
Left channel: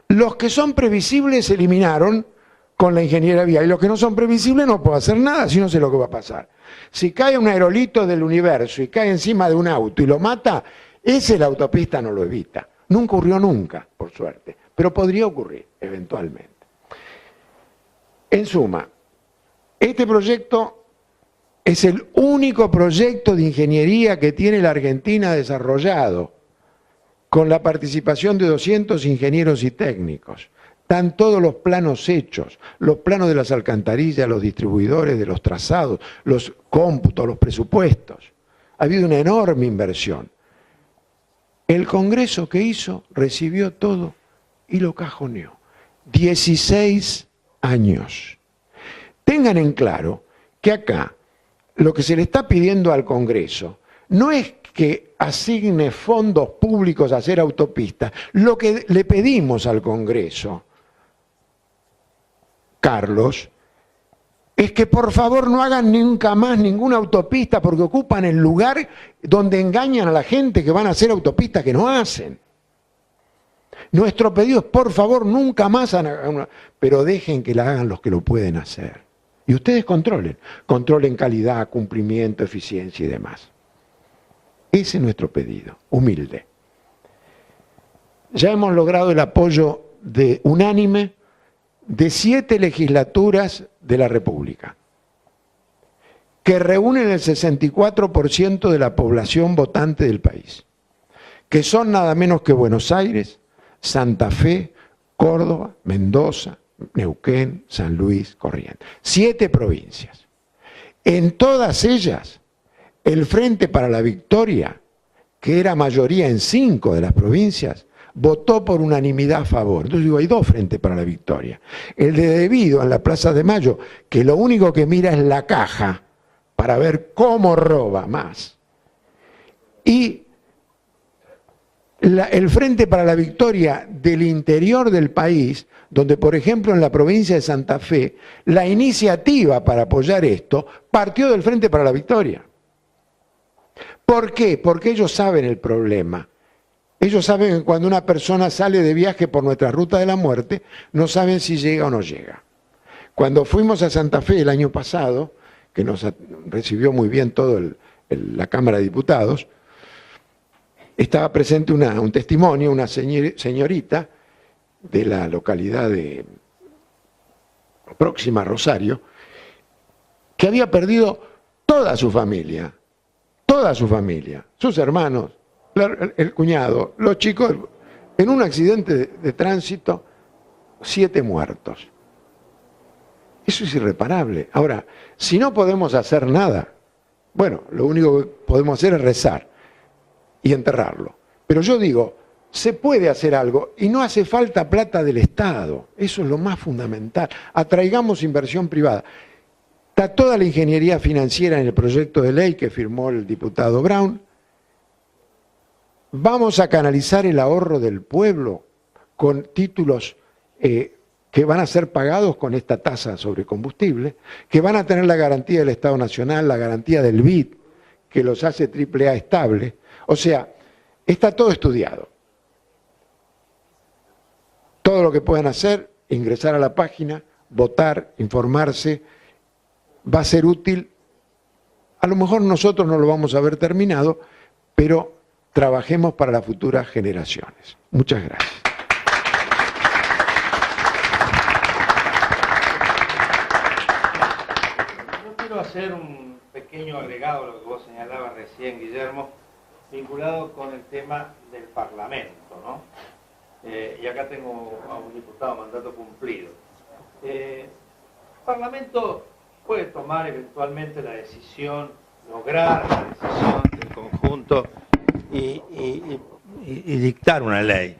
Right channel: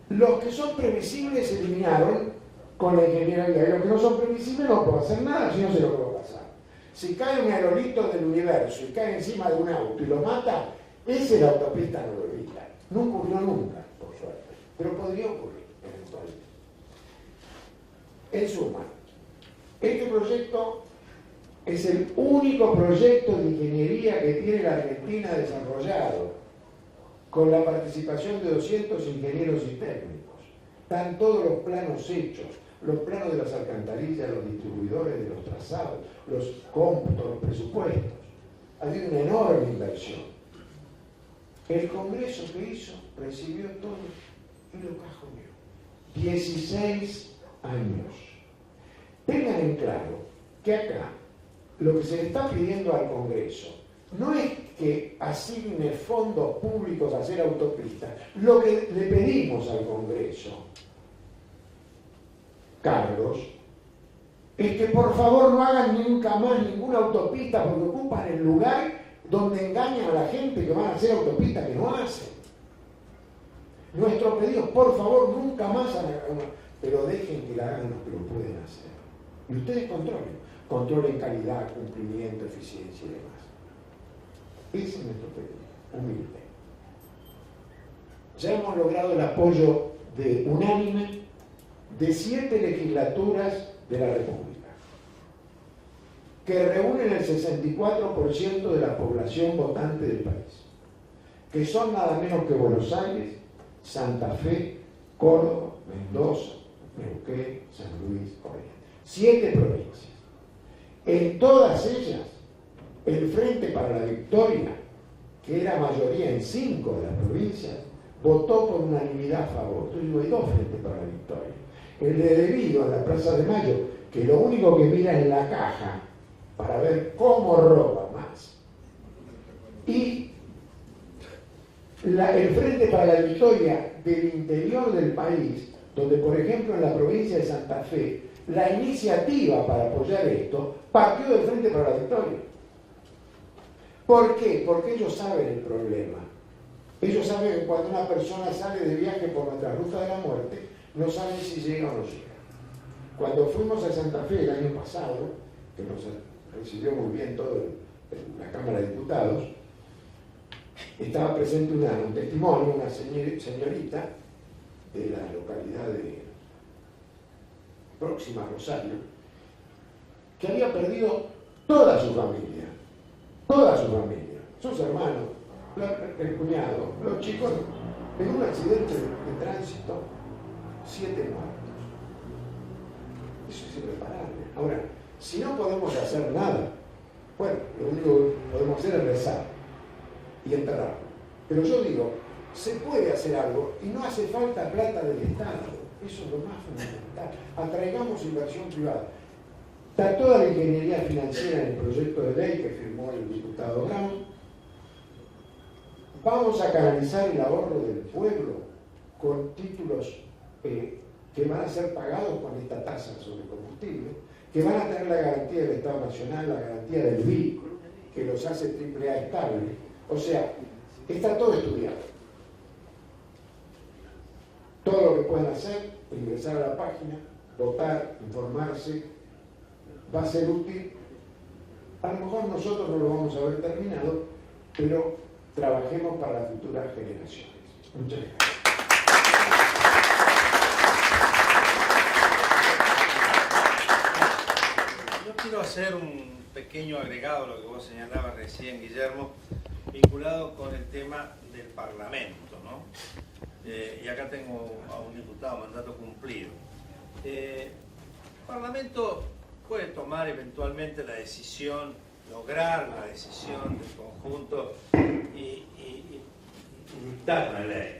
Los que son previsibles se eliminaron con la ingeniería vial, y los que no son previsibles no puedo hacer nada, si no sé lo que va a pasar. Si cae un aerolito del universo y cae encima de un auto y lo mata, ese la autopista no lo evita. No ocurrió nunca, por suerte, pero podría ocurrir eventualmente. En suma, este proyecto es el único proyecto de ingeniería que tiene la Argentina desarrollado, con la participación de 200 ingenieros y técnicos. Están todos los planos hechos, los planos de las alcantarillas, los distribuidores, de los trazados, los cómputos, los presupuestos. Ha habido una enorme inversión. El Congreso que hizo recibió todo y lo cajoneó. 16 años. Tengan en claro que acá lo que se le está pidiendo al Congreso no es que asigne fondos públicos a hacer autopistas. Lo que le pedimos al Congreso, Carlos, es que por favor no hagan nunca más ninguna autopista porque ocupan el lugar donde engañan a la gente que van a hacer autopistas que no hacen. Nuestro pedido es, por favor, nunca más hagan una, pero dejen que la hagan los que lo pueden hacer. Y ustedes controlen calidad, cumplimiento, eficiencia y demás. Ese es nuestro pedido, humilde. Ya hemos logrado el apoyo unánime de 7 legislaturas de la República, que reúnen el 64% de la población votante del país, que son nada menos que Buenos Aires, Santa Fe, Córdoba, Mendoza, Neuquén, San Luis, Corrientes. 7 provincias. En todas ellas, el Frente para la Victoria, que era mayoría en 5 de las provincias, votó por unanimidad a favor. Entonces digo, hay 2 Frentes para la Victoria. El de Devido en la Plaza de Mayo, que lo único que mira es la caja para ver cómo roba más. Y el Frente para la Victoria del interior del país, donde por ejemplo en la provincia de Santa Fe, la iniciativa para apoyar esto partió del Frente para la Victoria. ¿Por qué? Porque ellos saben el problema. Ellos saben que cuando una persona sale de viaje por nuestra ruta de la muerte, no saben si llega o no llega. Cuando fuimos a Santa Fe el año pasado, que nos recibió muy bien toda la Cámara de Diputados, estaba presente un testimonio, una señorita de la localidad de próxima a Rosario, que había perdido toda su familia, sus hermanos, el cuñado, los chicos, en un accidente de tránsito, 7 muertos. Eso es irreparable. Ahora, si no podemos hacer nada, bueno, lo único que podemos hacer es rezar y enterrarlo. Pero yo digo, se puede hacer algo y no hace falta plata del Estado. Eso es lo más fundamental. Atraigamos inversión privada. Está toda la ingeniería financiera en el proyecto de ley que firmó el diputado Brown. Vamos a canalizar el ahorro del pueblo con títulos que van a ser pagados con esta tasa sobre combustible, que van a tener la garantía del Estado Nacional, la garantía del BID, que los hace AAA estable. O sea, está todo estudiado. Todo lo que puedan hacer, ingresar a la página, votar, informarse, va a ser útil. A lo mejor nosotros no lo vamos a ver terminado, pero trabajemos para las futuras generaciones. Muchas gracias. Yo quiero hacer un pequeño agregado a lo que vos señalabas recién, Guillermo, vinculado con el tema del Parlamento, ¿no? Y acá tengo a un diputado mandato cumplido. El Parlamento puede tomar eventualmente la decisión, lograr la decisión del conjunto y dictar una ley.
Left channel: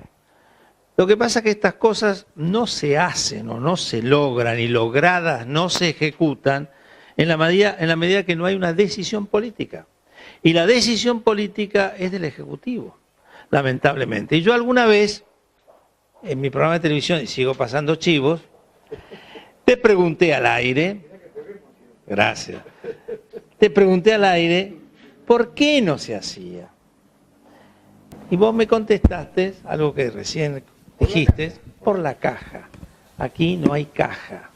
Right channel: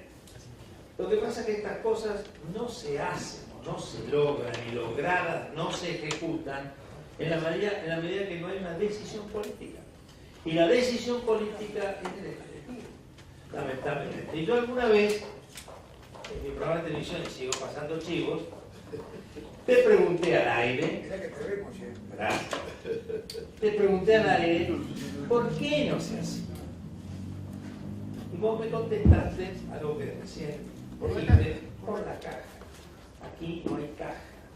Lo que pasa es que estas cosas no se hacen o no se logran, y logradas no se ejecutan en la medida que no hay una decisión política. Y la decisión política es del Ejecutivo, lamentablemente. Y yo alguna vez, en mi programa de televisión, y sigo pasando chivos, te pregunté al aire, gracias, te pregunté al aire, ¿por qué no se hacía? Y vos me contestaste, algo que recién dijiste, por la caja. Aquí no hay caja.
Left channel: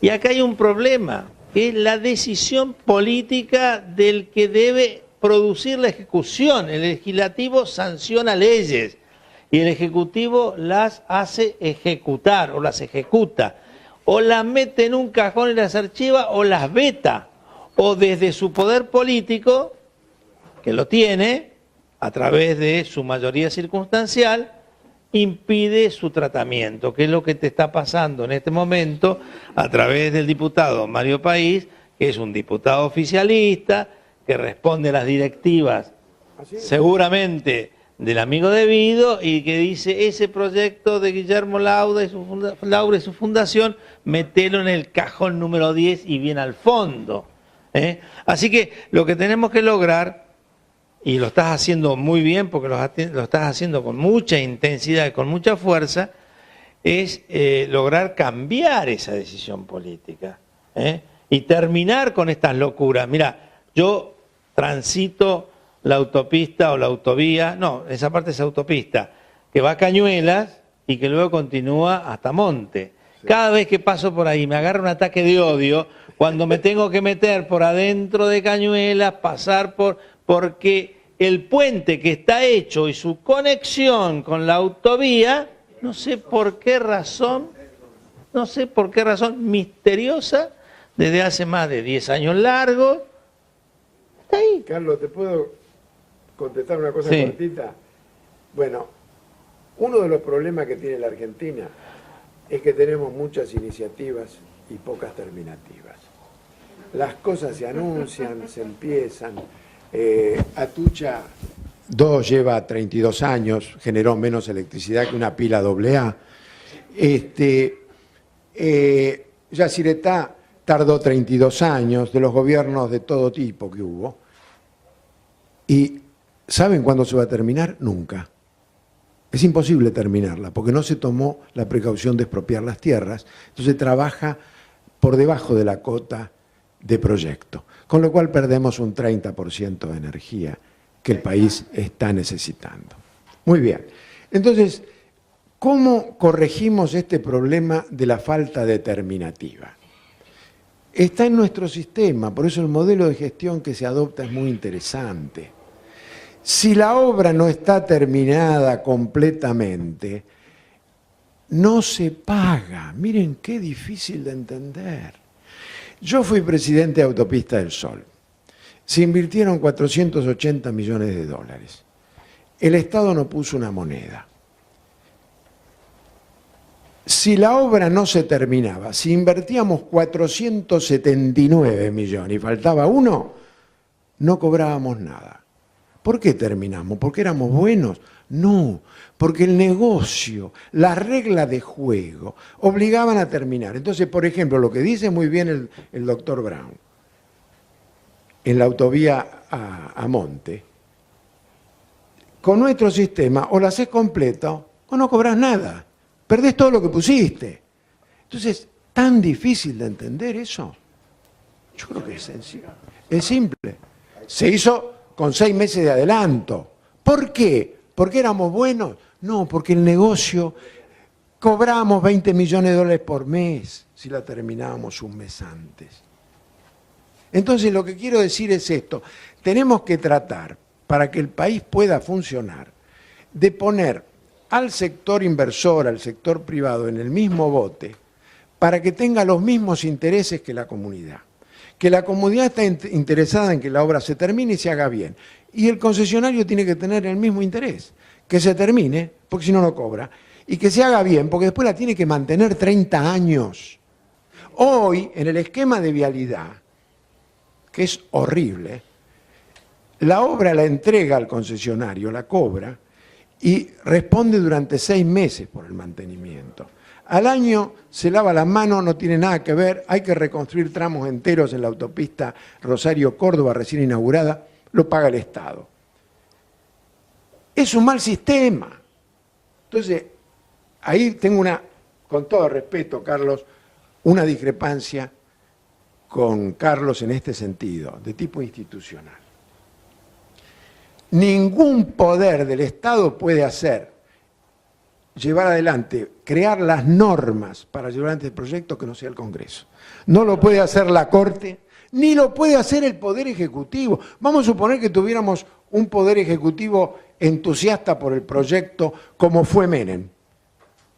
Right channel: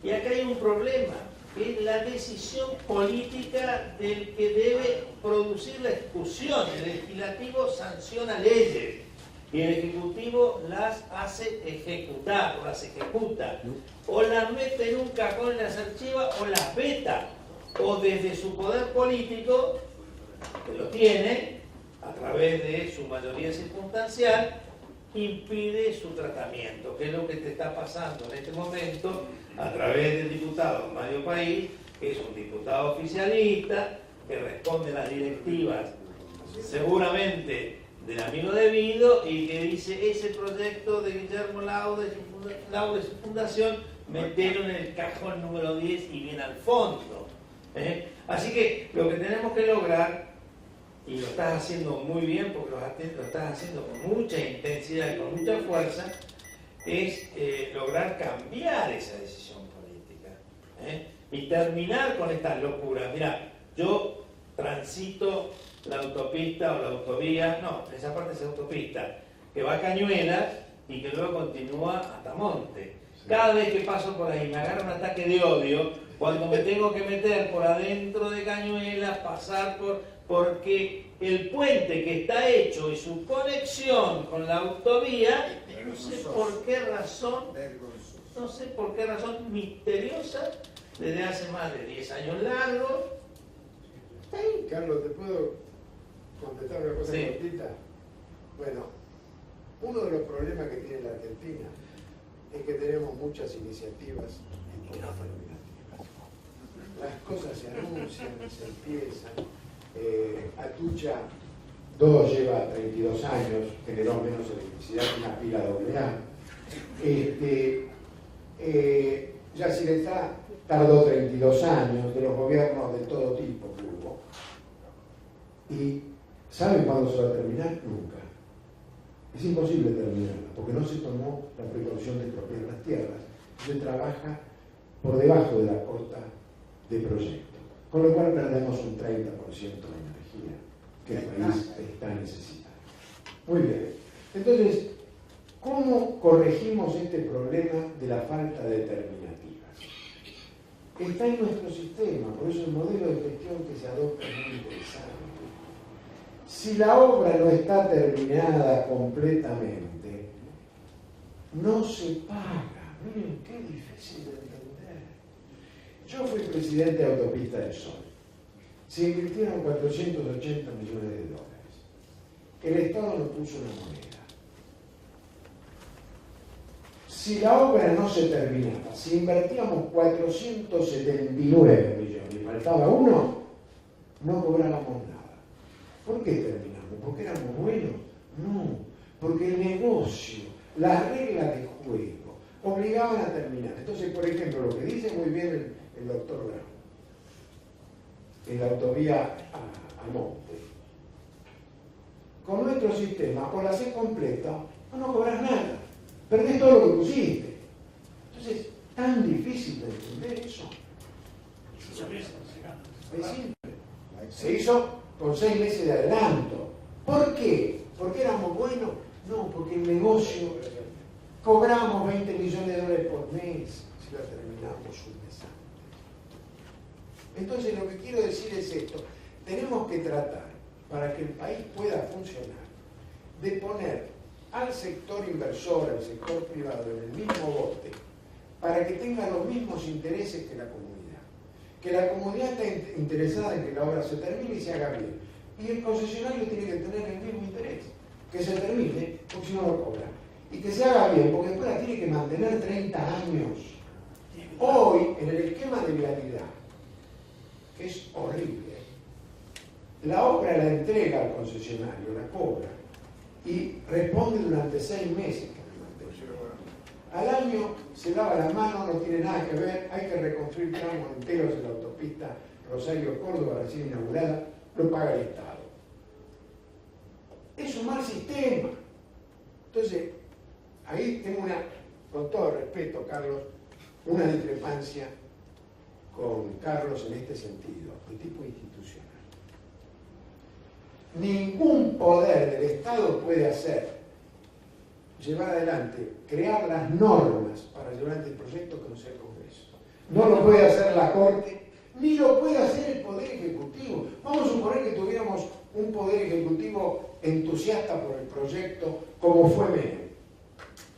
Y acá hay un problema, que es la decisión política del que debe producir la ejecución. El legislativo sanciona leyes y el ejecutivo las hace ejecutar o las ejecuta. O las mete en un cajón y las archiva o las veta. O desde su poder político, que lo tiene, a través de su mayoría circunstancial, impide su tratamiento, que es lo que te está pasando en este momento a través del diputado Mario País, que es un diputado oficialista, que responde a las directivas seguramente del amigo debido y que dice ese proyecto de Guillermo Laura y su fundación, metelo en el cajón número 10 y bien al fondo. Así que lo que tenemos que lograr, y lo estás haciendo muy bien porque lo estás haciendo con mucha intensidad y con mucha fuerza, es lograr cambiar esa decisión política y terminar con estas locuras. Mira, yo transito la autopista o la autovía, no, esa parte es autopista, que va a Cañuelas y que luego continúa hasta Monte. Cada vez que paso por ahí me agarra un ataque de odio cuando me tengo que meter por adentro de Cañuelas, pasar porque el puente que está hecho y su conexión con la autovía, no sé por qué razón misteriosa, desde hace más de 10 años largos, está ahí. Carlos, ¿te puedo contestar una cosa Sí. cortita? Bueno, uno de los problemas que tiene la Argentina es que tenemos muchas iniciativas y pocas terminativas. Las cosas se anuncian, se empiezan. Atucha 2 lleva 32 años, generó menos electricidad que una pila AA. Yacyretá tardó 32 años, de los gobiernos de todo tipo que hubo. ¿Y saben cuándo se va a terminar? Nunca. Es imposible terminarla, porque no se tomó la precaución de expropiar las tierras, entonces trabaja por debajo de la cota de proyecto, con lo cual perdemos un 30% de energía que el país está necesitando. Muy bien, entonces, ¿cómo corregimos este problema de la falta determinativa? Está en nuestro sistema, por eso el modelo de gestión que se adopta es muy interesante. Si la obra no está terminada completamente, no se paga. Miren qué difícil de entender. Yo fui presidente de Autopista del Sol. Se invirtieron 480 millones de dólares. El Estado no puso una moneda. Si la obra no se terminaba, si invertíamos 479 millones y faltaba uno, no cobrábamos nada. ¿Por qué terminamos? ¿Porque éramos buenos? No, porque el negocio, la regla de juego, obligaban a terminar. Entonces, por ejemplo, lo que dice muy bien el doctor Brown, en la autovía a Monte, con nuestro sistema o la haces completo o no cobras nada. Perdés todo lo que pusiste. Entonces, ¿tan difícil de entender eso? Yo creo que es sencillo. Es simple. Se hizo con 6 meses de adelanto. ¿Por qué? ¿Porque éramos buenos? No, porque el negocio cobramos 20 millones de dólares por mes si la terminábamos un mes antes. Entonces lo que quiero decir es esto. Tenemos que tratar, para que el país pueda funcionar, de poner al sector inversor, al sector privado en el mismo bote, para que tenga los mismos intereses que la comunidad. Que la comunidad está interesada en que la obra se termine y se haga bien. Y el concesionario tiene que tener el mismo interés. Que se termine, porque si no, no cobra. Y que se haga bien, porque después la tiene que mantener 30 años. Hoy, en el esquema de vialidad, que es horrible, la obra la entrega al concesionario, la cobra, y responde durante 6 meses por el mantenimiento. Al año se lava las manos, no tiene nada que ver, hay que reconstruir tramos enteros en la autopista Rosario-Córdoba recién inaugurada, lo paga el Estado. Es un mal sistema. Entonces, ahí tengo con todo respeto, Carlos, una discrepancia con Carlos en este sentido, de tipo institucional. Ningún poder del Estado puede llevar adelante, crear las normas para llevar adelante el proyecto que no sea el Congreso. No lo puede hacer la Corte, ni lo puede hacer el Poder Ejecutivo. Vamos a suponer que tuviéramos un Poder Ejecutivo entusiasta por el proyecto como fue Menem.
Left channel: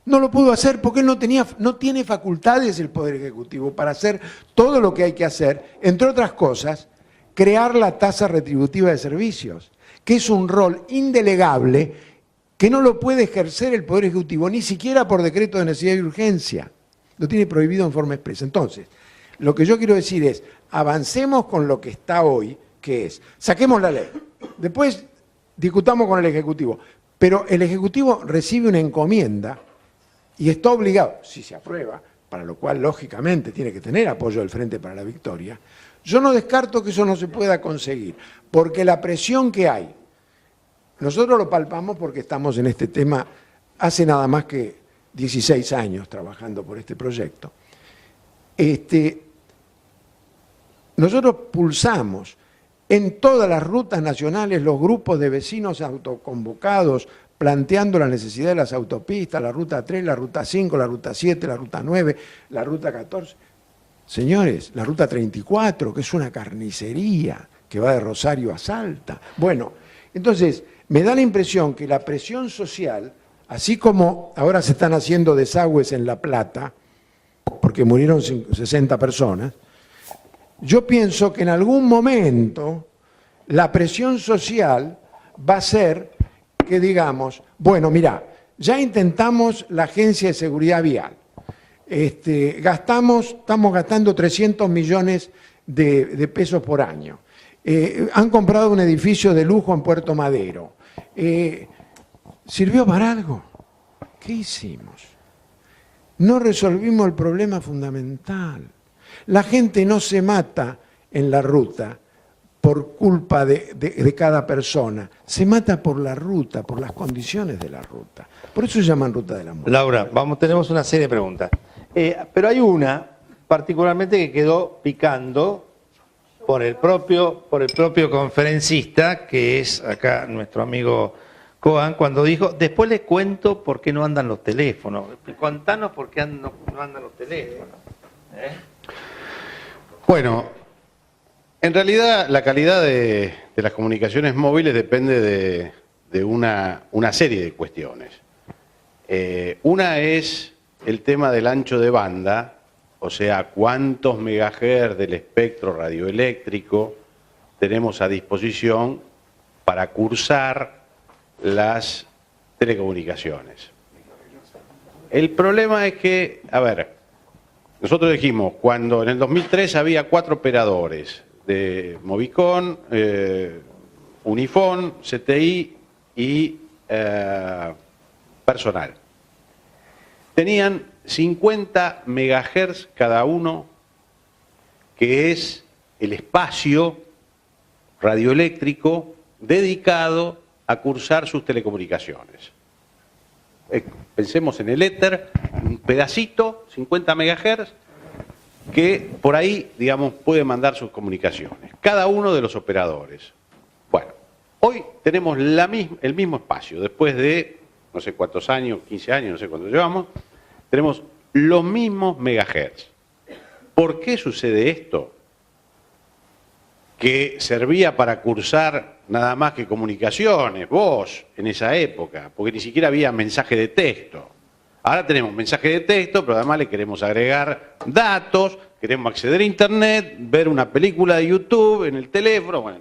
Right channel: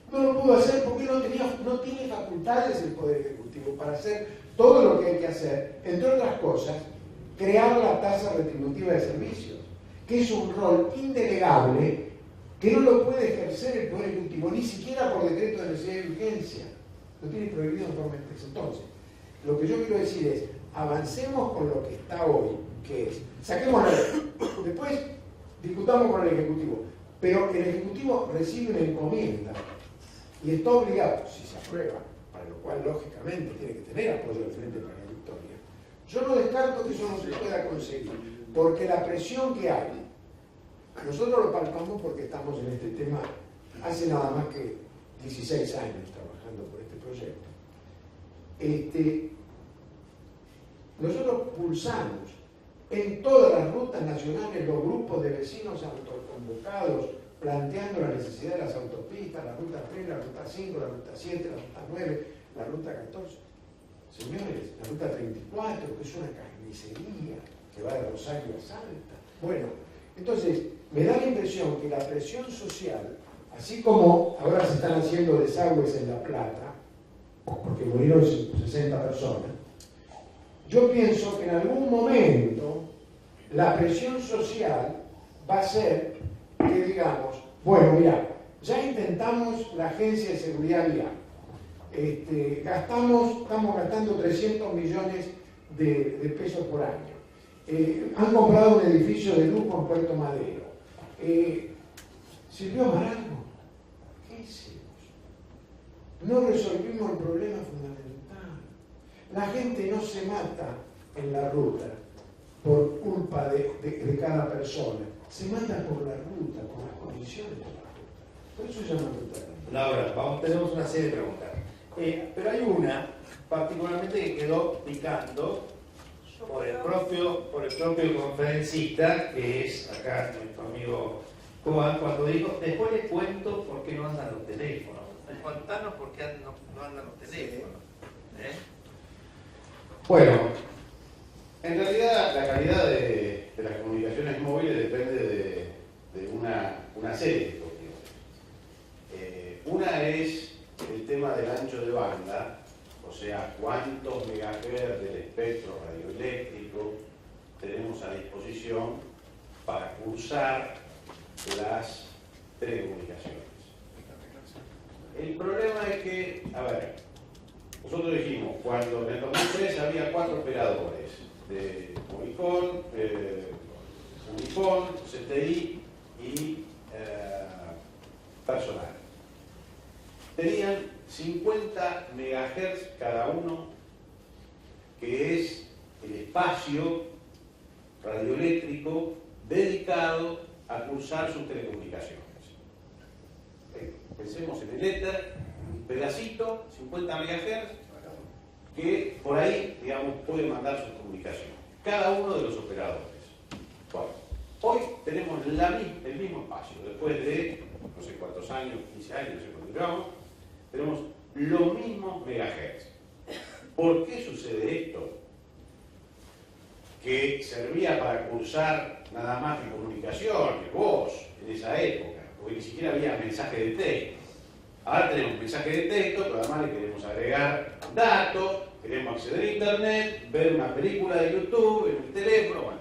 No lo pudo hacer porque él no tiene facultades el Poder Ejecutivo para hacer todo lo que hay que hacer, entre otras cosas, crear la tasa retributiva de servicios, que es un rol indelegable que no lo puede ejercer el Poder Ejecutivo, ni siquiera por decreto de necesidad y urgencia. Lo tiene prohibido en forma expresa. Entonces, lo que yo quiero decir es, avancemos con lo que está hoy, que es, saquemos la ley, después discutamos con el Ejecutivo, pero el Ejecutivo recibe una encomienda y está obligado, si se aprueba, para lo cual lógicamente tiene que tener apoyo del Frente para la Victoria, yo no descarto que eso no se pueda conseguir, porque la presión que hay, nosotros lo palpamos porque estamos en este tema hace nada más que 16 años trabajando por este proyecto. Nosotros pulsamos en todas las rutas nacionales los grupos de vecinos autoconvocados planteando la necesidad de las autopistas, la ruta 3, la ruta 5, la ruta 7, la ruta 9, la ruta 14. Señores, la ruta 34, que es una carnicería que va de Rosario a Salta. Bueno, entonces, me da la impresión que la presión social, así como ahora se están haciendo desagües en La Plata, porque murieron 60 personas, yo pienso que en algún momento la presión social va a ser que digamos, bueno, mira, ya intentamos la Agencia de Seguridad Vial, estamos gastando 300 millones de pesos por año, han comprado un edificio de lujo en Puerto Madero, ¿sirvió para algo? ¿Qué hicimos? No resolvimos el problema fundamental. La gente no se mata en la ruta por culpa de cada persona, se mata por la ruta, por las condiciones de la ruta. Por eso se llaman ruta de la muerte. Laura, tenemos una serie de preguntas. Pero hay una particularmente que quedó picando por el propio conferencista, que es acá nuestro amigo Coan, cuando dijo, después les cuento por qué no andan los teléfonos. Contanos por qué no andan los teléfonos. Bueno, en realidad la calidad de las comunicaciones móviles depende de una serie de cuestiones. Una es el tema del ancho de banda, o sea, cuántos megahertz del espectro radioeléctrico tenemos a disposición para cursar las telecomunicaciones. El problema es que, a ver, nosotros dijimos, cuando en el 2003 había 4 operadores de Movicon, Unifón, CTI y Personal. Tenían 50 megahertz cada uno, que es el espacio radioeléctrico dedicado a cursar sus telecomunicaciones. pensemos en el éter, un pedacito, 50 MHz, que por ahí, digamos, puede mandar sus comunicaciones. Cada uno de los operadores. Bueno, hoy tenemos el mismo espacio, después de no sé cuántos años, 15 años, no sé cuánto llevamos, tenemos los mismos megahertz. ¿Por qué sucede esto? Que servía para cursar nada más que comunicaciones, voz, en esa época, porque ni siquiera había mensaje de texto. Ahora tenemos mensaje de texto, pero además le queremos agregar datos, queremos acceder a internet, ver una película de YouTube en el teléfono, bueno,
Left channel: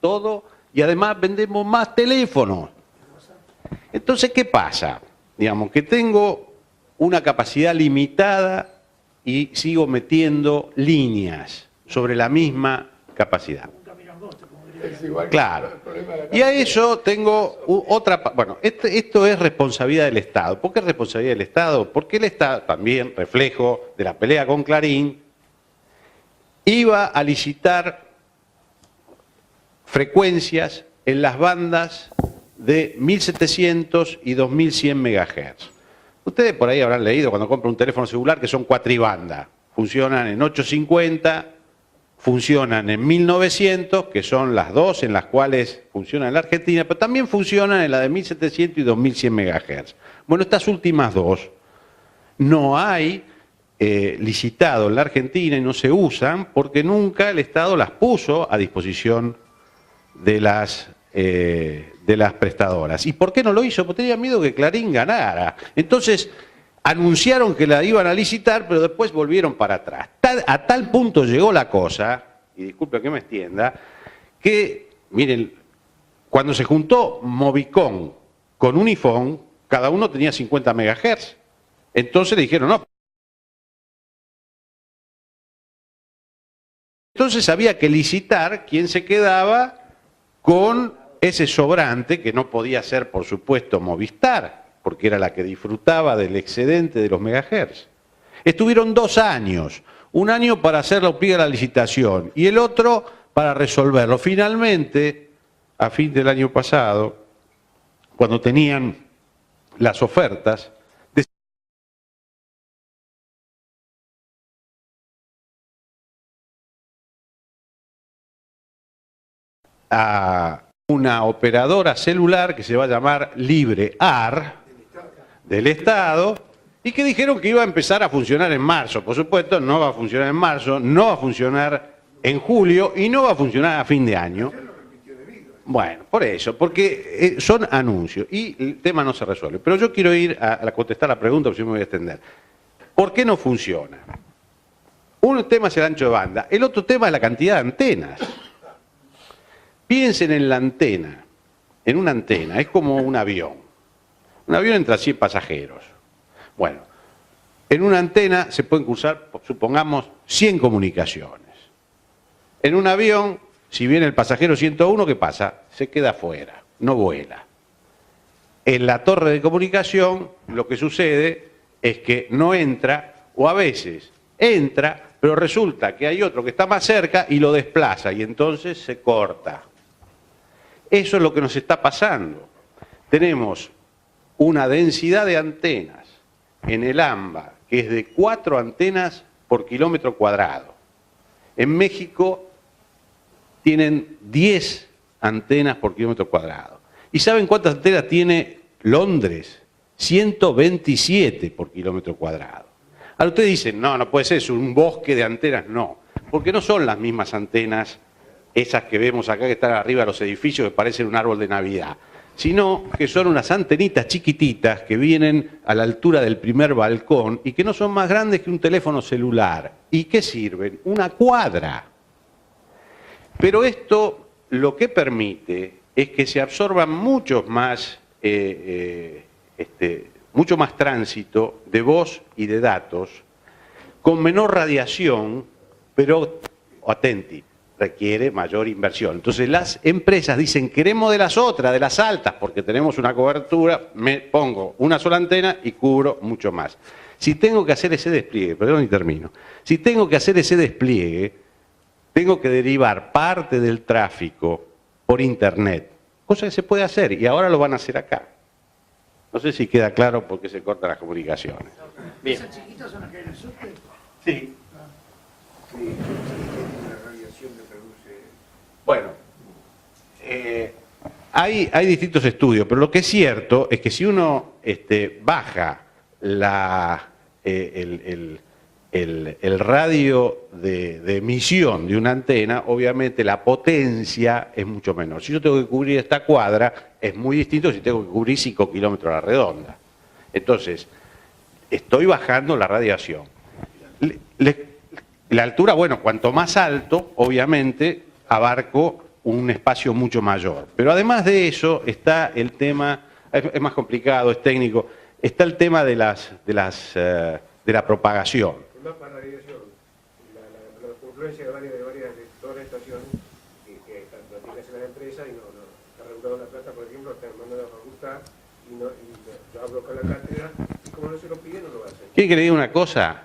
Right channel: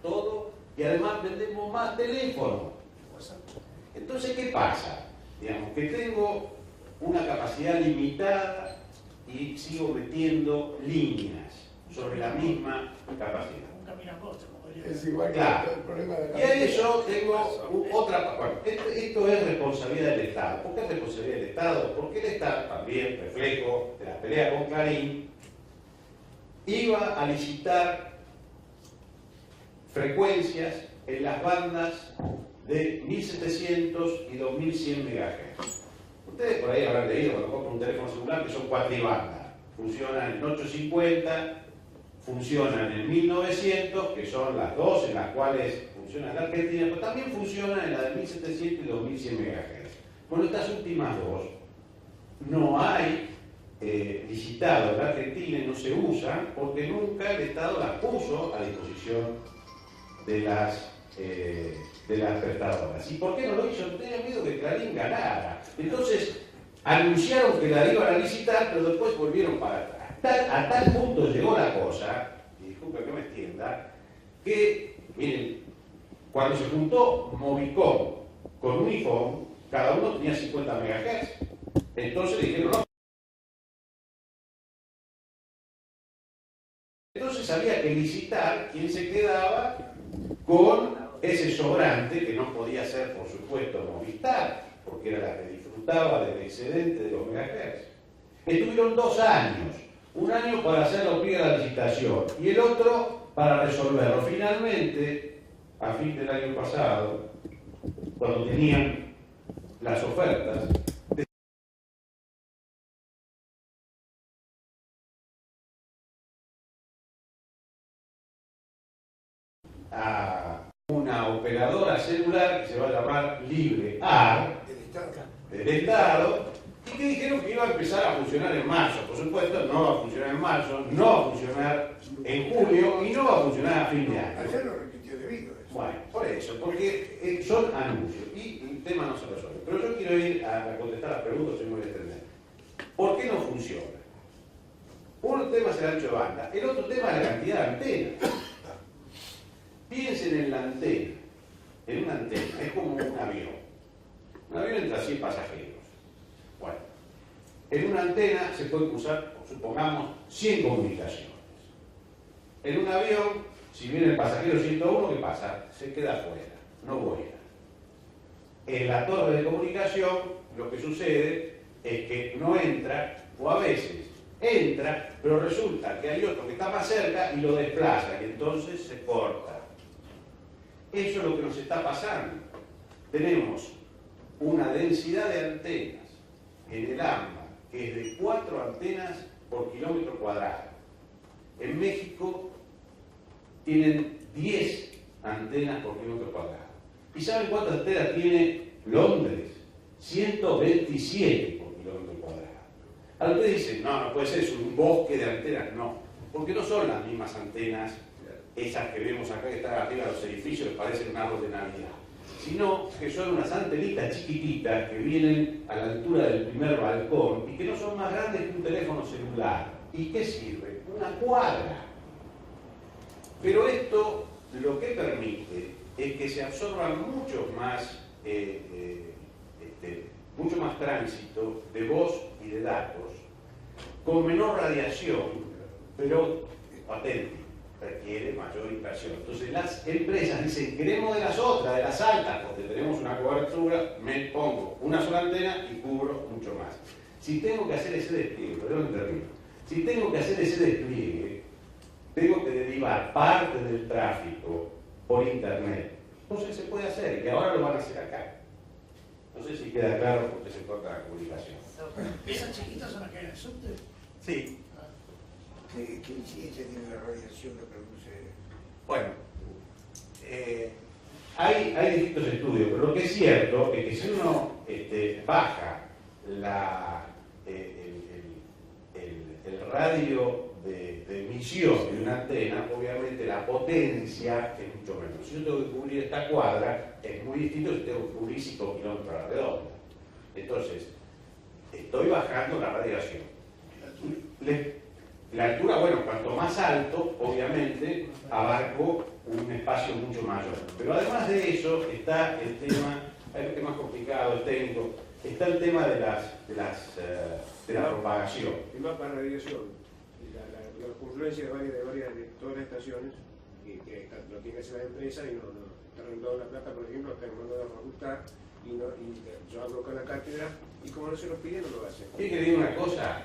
todo, y además vendemos más teléfonos. Entonces, ¿qué pasa? Digamos que tengo una capacidad limitada y sigo metiendo líneas sobre la misma capacidad. Claro. Y a eso tengo otra... Bueno, esto es responsabilidad del Estado. ¿Por qué es responsabilidad del Estado? Porque el Estado, también reflejo de la pelea con Clarín, iba a licitar frecuencias en las bandas de 1700 y 2100 MHz. Ustedes por ahí habrán leído cuando compran un teléfono celular que son cuatribanda. Funcionan en 850, funcionan en 1900, que son las dos en las cuales funcionan en la Argentina, pero también funcionan en la de 1700 y 2100 MHz. Bueno, estas últimas dos no hay licitado en la Argentina y no se usan porque nunca el Estado las puso a disposición de las prestadoras. ¿Y por qué no lo hizo? Porque tenía miedo que Clarín ganara. Entonces, anunciaron que la iban a licitar, pero después volvieron para atrás. A tal punto llegó la cosa, y disculpen que me extienda, que, miren, cuando se juntó Movicom con Unifón, cada uno tenía 50 MHz. Entonces le dijeron, no. Entonces había que licitar quién se quedaba con ese sobrante, que no podía ser, por supuesto, Movistar, porque era la que disfrutaba del excedente de los megahertz. Estuvieron 2 años, un año para hacer los pliegos de la licitación y el otro para resolverlo. Finalmente, a fin del año pasado, cuando tenían las ofertas, a una operadora celular que se va a llamar LibreAR del Estado y que dijeron que iba a empezar a funcionar en marzo. Por supuesto, no va a funcionar en marzo, no va a funcionar en julio y no va a funcionar a fin de año. Bueno, por eso, porque son anuncios y el tema no se resuelve. Pero yo quiero ir a contestar la pregunta, porque si me voy a extender. ¿Por qué no funciona? Un tema es el ancho de banda, el otro tema es la cantidad de antenas. Piensen en la antena, en una antena, es como un avión. Un avión entra 100 pasajeros. Bueno, en una antena se pueden cruzar, supongamos, 100 comunicaciones. En un avión, si viene el pasajero 101, ¿qué pasa? Se queda afuera, no vuela. En la torre de comunicación, lo que sucede es que no entra, o a veces entra, pero resulta que hay otro que está más cerca y lo desplaza, y entonces se corta. Eso es lo que nos está pasando. Tenemos una densidad de antenas en el AMBA, que es de 4 antenas por kilómetro cuadrado. En México tienen 10 antenas por kilómetro cuadrado. ¿Y saben cuántas antenas tiene Londres? 127 por kilómetro cuadrado. Ahora ustedes dicen, no, no puede ser, es un bosque de antenas. No, porque no son las mismas antenas esas que vemos acá que están arriba de los edificios que parecen un árbol de Navidad, sino que son unas antenitas chiquititas que vienen a la altura del primer balcón y que no son más grandes que un teléfono celular. ¿Y qué sirven? Una cuadra. Pero esto lo que permite es que se absorban mucho más tránsito de voz y de datos con menor radiación, pero, atenti, requiere mayor inversión. Entonces las empresas dicen, queremos de las otras, de las altas, porque tenemos una cobertura, me pongo una sola antena y cubro mucho más. Si tengo que hacer ese despliegue, perdón y termino, si tengo que hacer ese despliegue, tengo que derivar parte del tráfico por internet, cosa que se puede hacer y ahora lo van a hacer acá. No sé si queda claro por qué se cortan las comunicaciones. Bien. ¿Esas chiquitas son las que hay en el subte? Sí. Sí, la radiación que produce. Bueno, hay distintos estudios, pero lo que es cierto es que si uno baja el radio de emisión de una antena, obviamente la potencia es mucho menor. Si yo tengo que cubrir esta cuadra, es muy distinto si tengo que cubrir 5 kilómetros a la redonda. Entonces, estoy bajando la radiación. La altura, bueno, cuanto más alto, obviamente, abarco un espacio mucho mayor. Pero además de eso está el tema, es más complicado, es técnico, está el tema de la propagación. El mapa de radiación, la confluencia de todas las estaciones que platican en las empresas y no está regulado La Plata, por ejemplo, están mandando a ajustar y yo hablo con la cátedra y como no se lo piden, no lo hacen. ¿Quiere que le diga una cosa?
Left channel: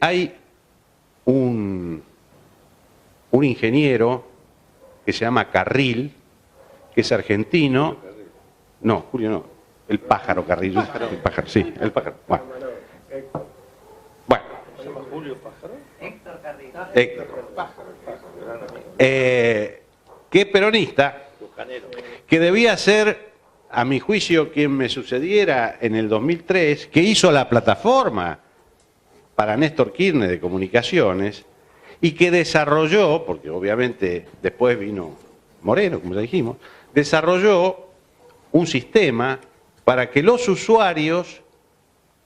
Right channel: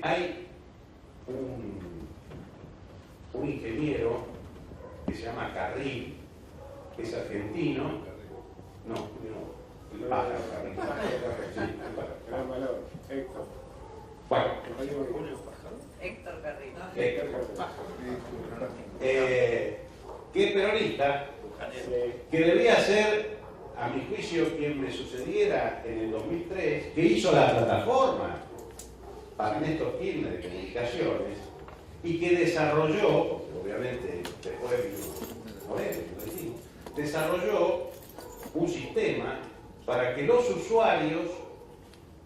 Hay un ingeniero que se llama Carril, que es argentino. No, Julio no. El pájaro Carril. El pájaro, sí, el pájaro. Bueno. Héctor Carrillo. Que es peronista, que debía ser, a mi juicio, quien me sucediera en el 2003, que hizo la plataforma para Néstor Kirchner de comunicaciones y que desarrolló, porque obviamente después vino Moreno, como ya dijimos, desarrolló un sistema para que los usuarios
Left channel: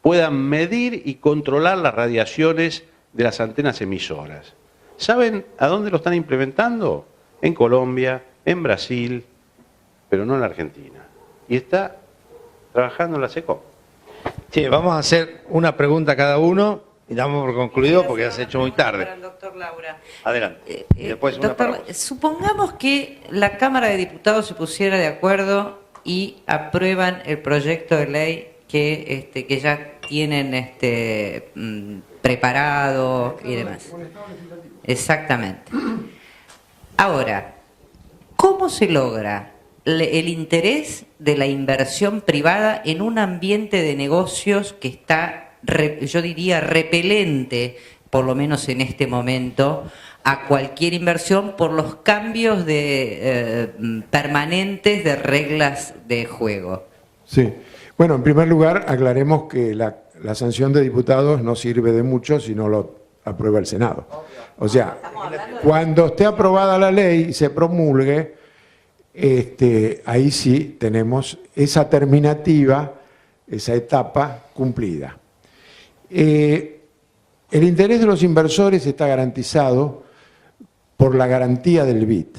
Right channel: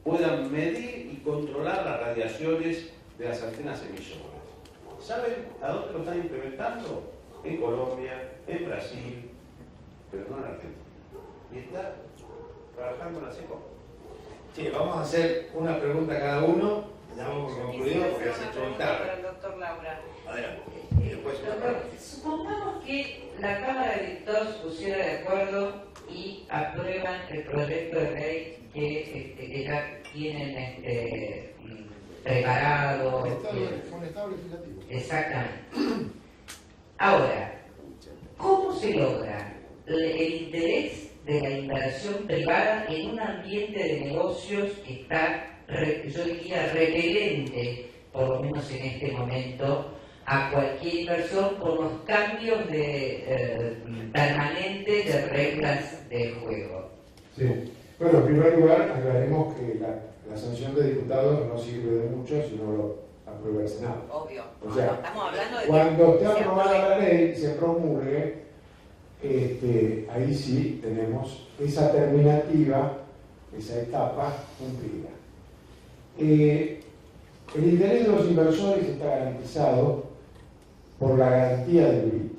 puedan medir y controlar las radiaciones de las antenas emisoras. ¿Saben a dónde lo están implementando? En Colombia, en Brasil, pero no en la Argentina. Y está trabajando en la SECO. Sí, vamos a hacer una pregunta a cada uno y damos por concluido porque ya se ha hecho muy tarde. Para el doctor Laura. Adelante. Y después una Doctor, para vos. supongamos que la Cámara de Diputados se pusiera de acuerdo y aprueban el proyecto de ley que ya tienen preparado y demás. Exactamente. Ahora, ¿cómo se logra el interés de la inversión privada en un ambiente de negocios que está, yo diría, repelente, por lo menos en este momento, a cualquier inversión por los cambios permanentes de reglas de juego? Sí. Bueno, en primer lugar, aclaremos que la sanción de diputados no sirve de mucho si no lo aprueba el Senado. O sea, cuando esté aprobada la ley y se promulgue, ahí sí tenemos esa terminativa, esa etapa cumplida. El interés de los inversores está garantizado por la garantía del BID.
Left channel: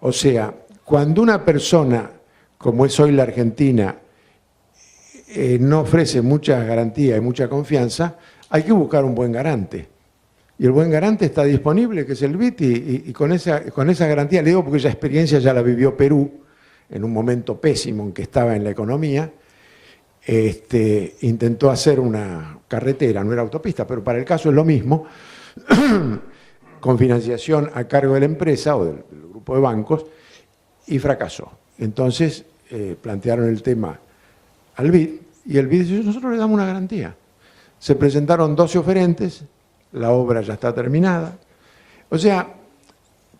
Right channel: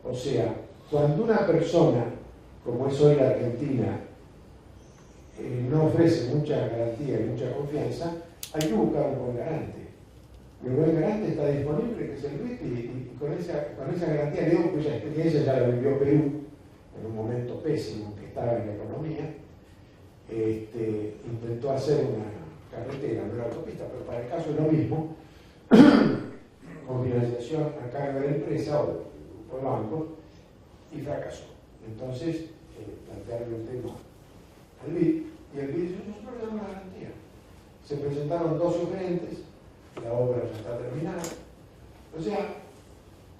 O sea, cuando una persona, como es hoy la Argentina, no ofrece mucha garantía y mucha confianza, hay que buscar un buen garante. Y el buen garante está disponible, que es el BID, y con esa garantía, le digo porque esa experiencia ya la vivió Perú, en un momento pésimo en que estaba en la economía, intentó hacer una carretera, no era autopista, pero para el caso es lo mismo, con financiación a cargo de la empresa o del grupo de bancos, y fracasó. Entonces plantearon el tema al BID, y el BID dice, nosotros le damos una garantía. Se presentaron 12 oferentes, la obra ya está terminada. O sea,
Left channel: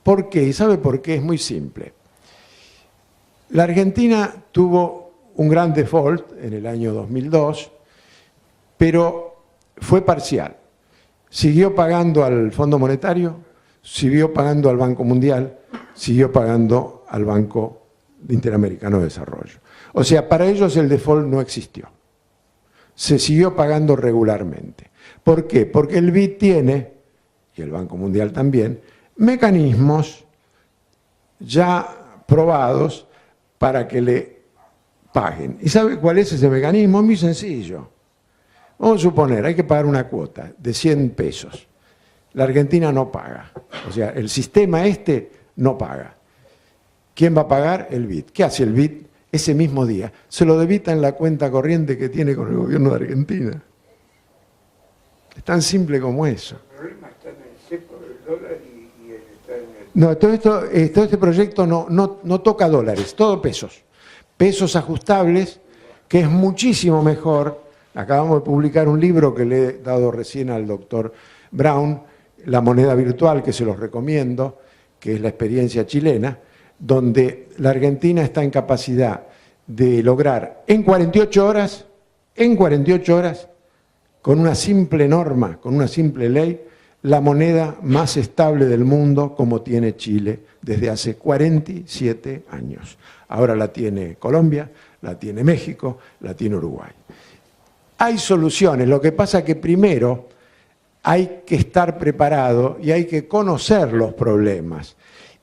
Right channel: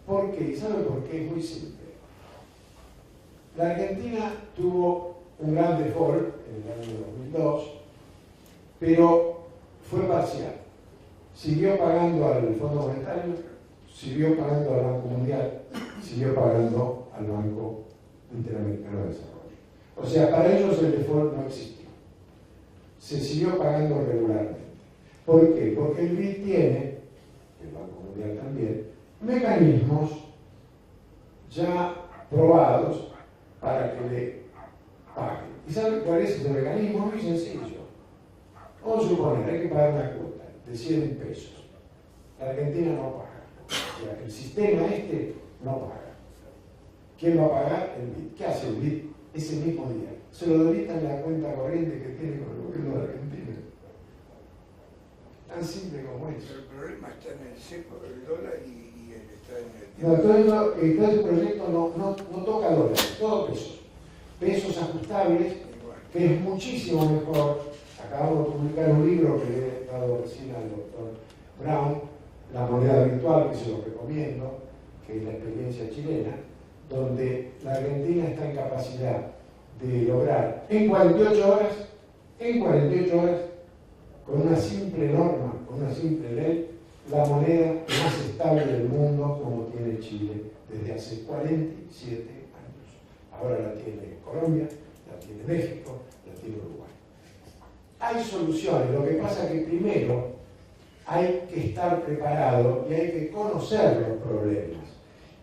¿por qué? ¿Y sabe por qué? Es muy simple. La Argentina tuvo un gran default en el año 2002, pero fue parcial. Siguió pagando al Fondo Monetario, siguió pagando al Banco Mundial, siguió pagando al Banco Interamericano de Desarrollo. O sea, para ellos el default no existió. Se siguió pagando regularmente. ¿Por qué? Porque el BID tiene, y el Banco Mundial también, mecanismos ya probados para que le paguen. ¿Y sabe cuál es ese mecanismo? Muy sencillo. Vamos a suponer, hay que pagar una cuota de 100 pesos. La Argentina no paga. O sea, el sistema no paga. ¿Quién va a pagar? El BID. ¿Qué hace el BID? Ese mismo día se lo debita en la cuenta corriente que tiene con el gobierno de Argentina. Es tan simple como eso. El problema está en el cepo del dólar y está en el... No, todo este proyecto no toca dólares, todo pesos. Pesos ajustables que es muchísimo mejor. Acabamos de publicar un libro que le he dado recién al doctor Brown, La moneda virtual, que se los recomiendo, que es la experiencia chilena, donde la Argentina está en capacidad de lograr en 48 horas, con una simple norma, con una simple ley, la moneda más estable del mundo, como tiene Chile desde hace 47 años. Ahora la tiene Colombia, la tiene México, la tiene Uruguay. Hay soluciones, lo que pasa que primero hay que estar preparado y hay que conocer los problemas.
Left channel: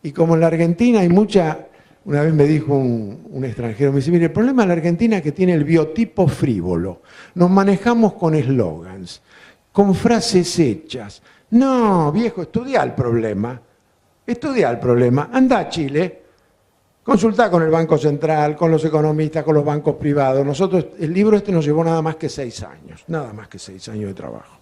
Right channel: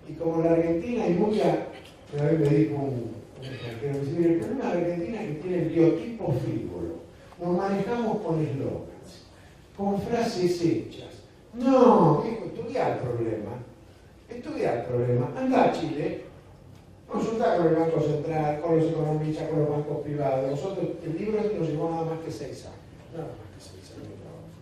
Y como en la Argentina hay mucha, una vez me dijo un extranjero, me dice, mire, el problema de la Argentina es que tiene el biotipo frívolo. Nos manejamos con eslogans, con frases hechas. No, viejo, estudia el problema. Anda a Chile, consultá con el Banco Central, con los economistas, con los bancos privados. Nosotros, el libro este nos llevó nada más que 6 años de trabajo.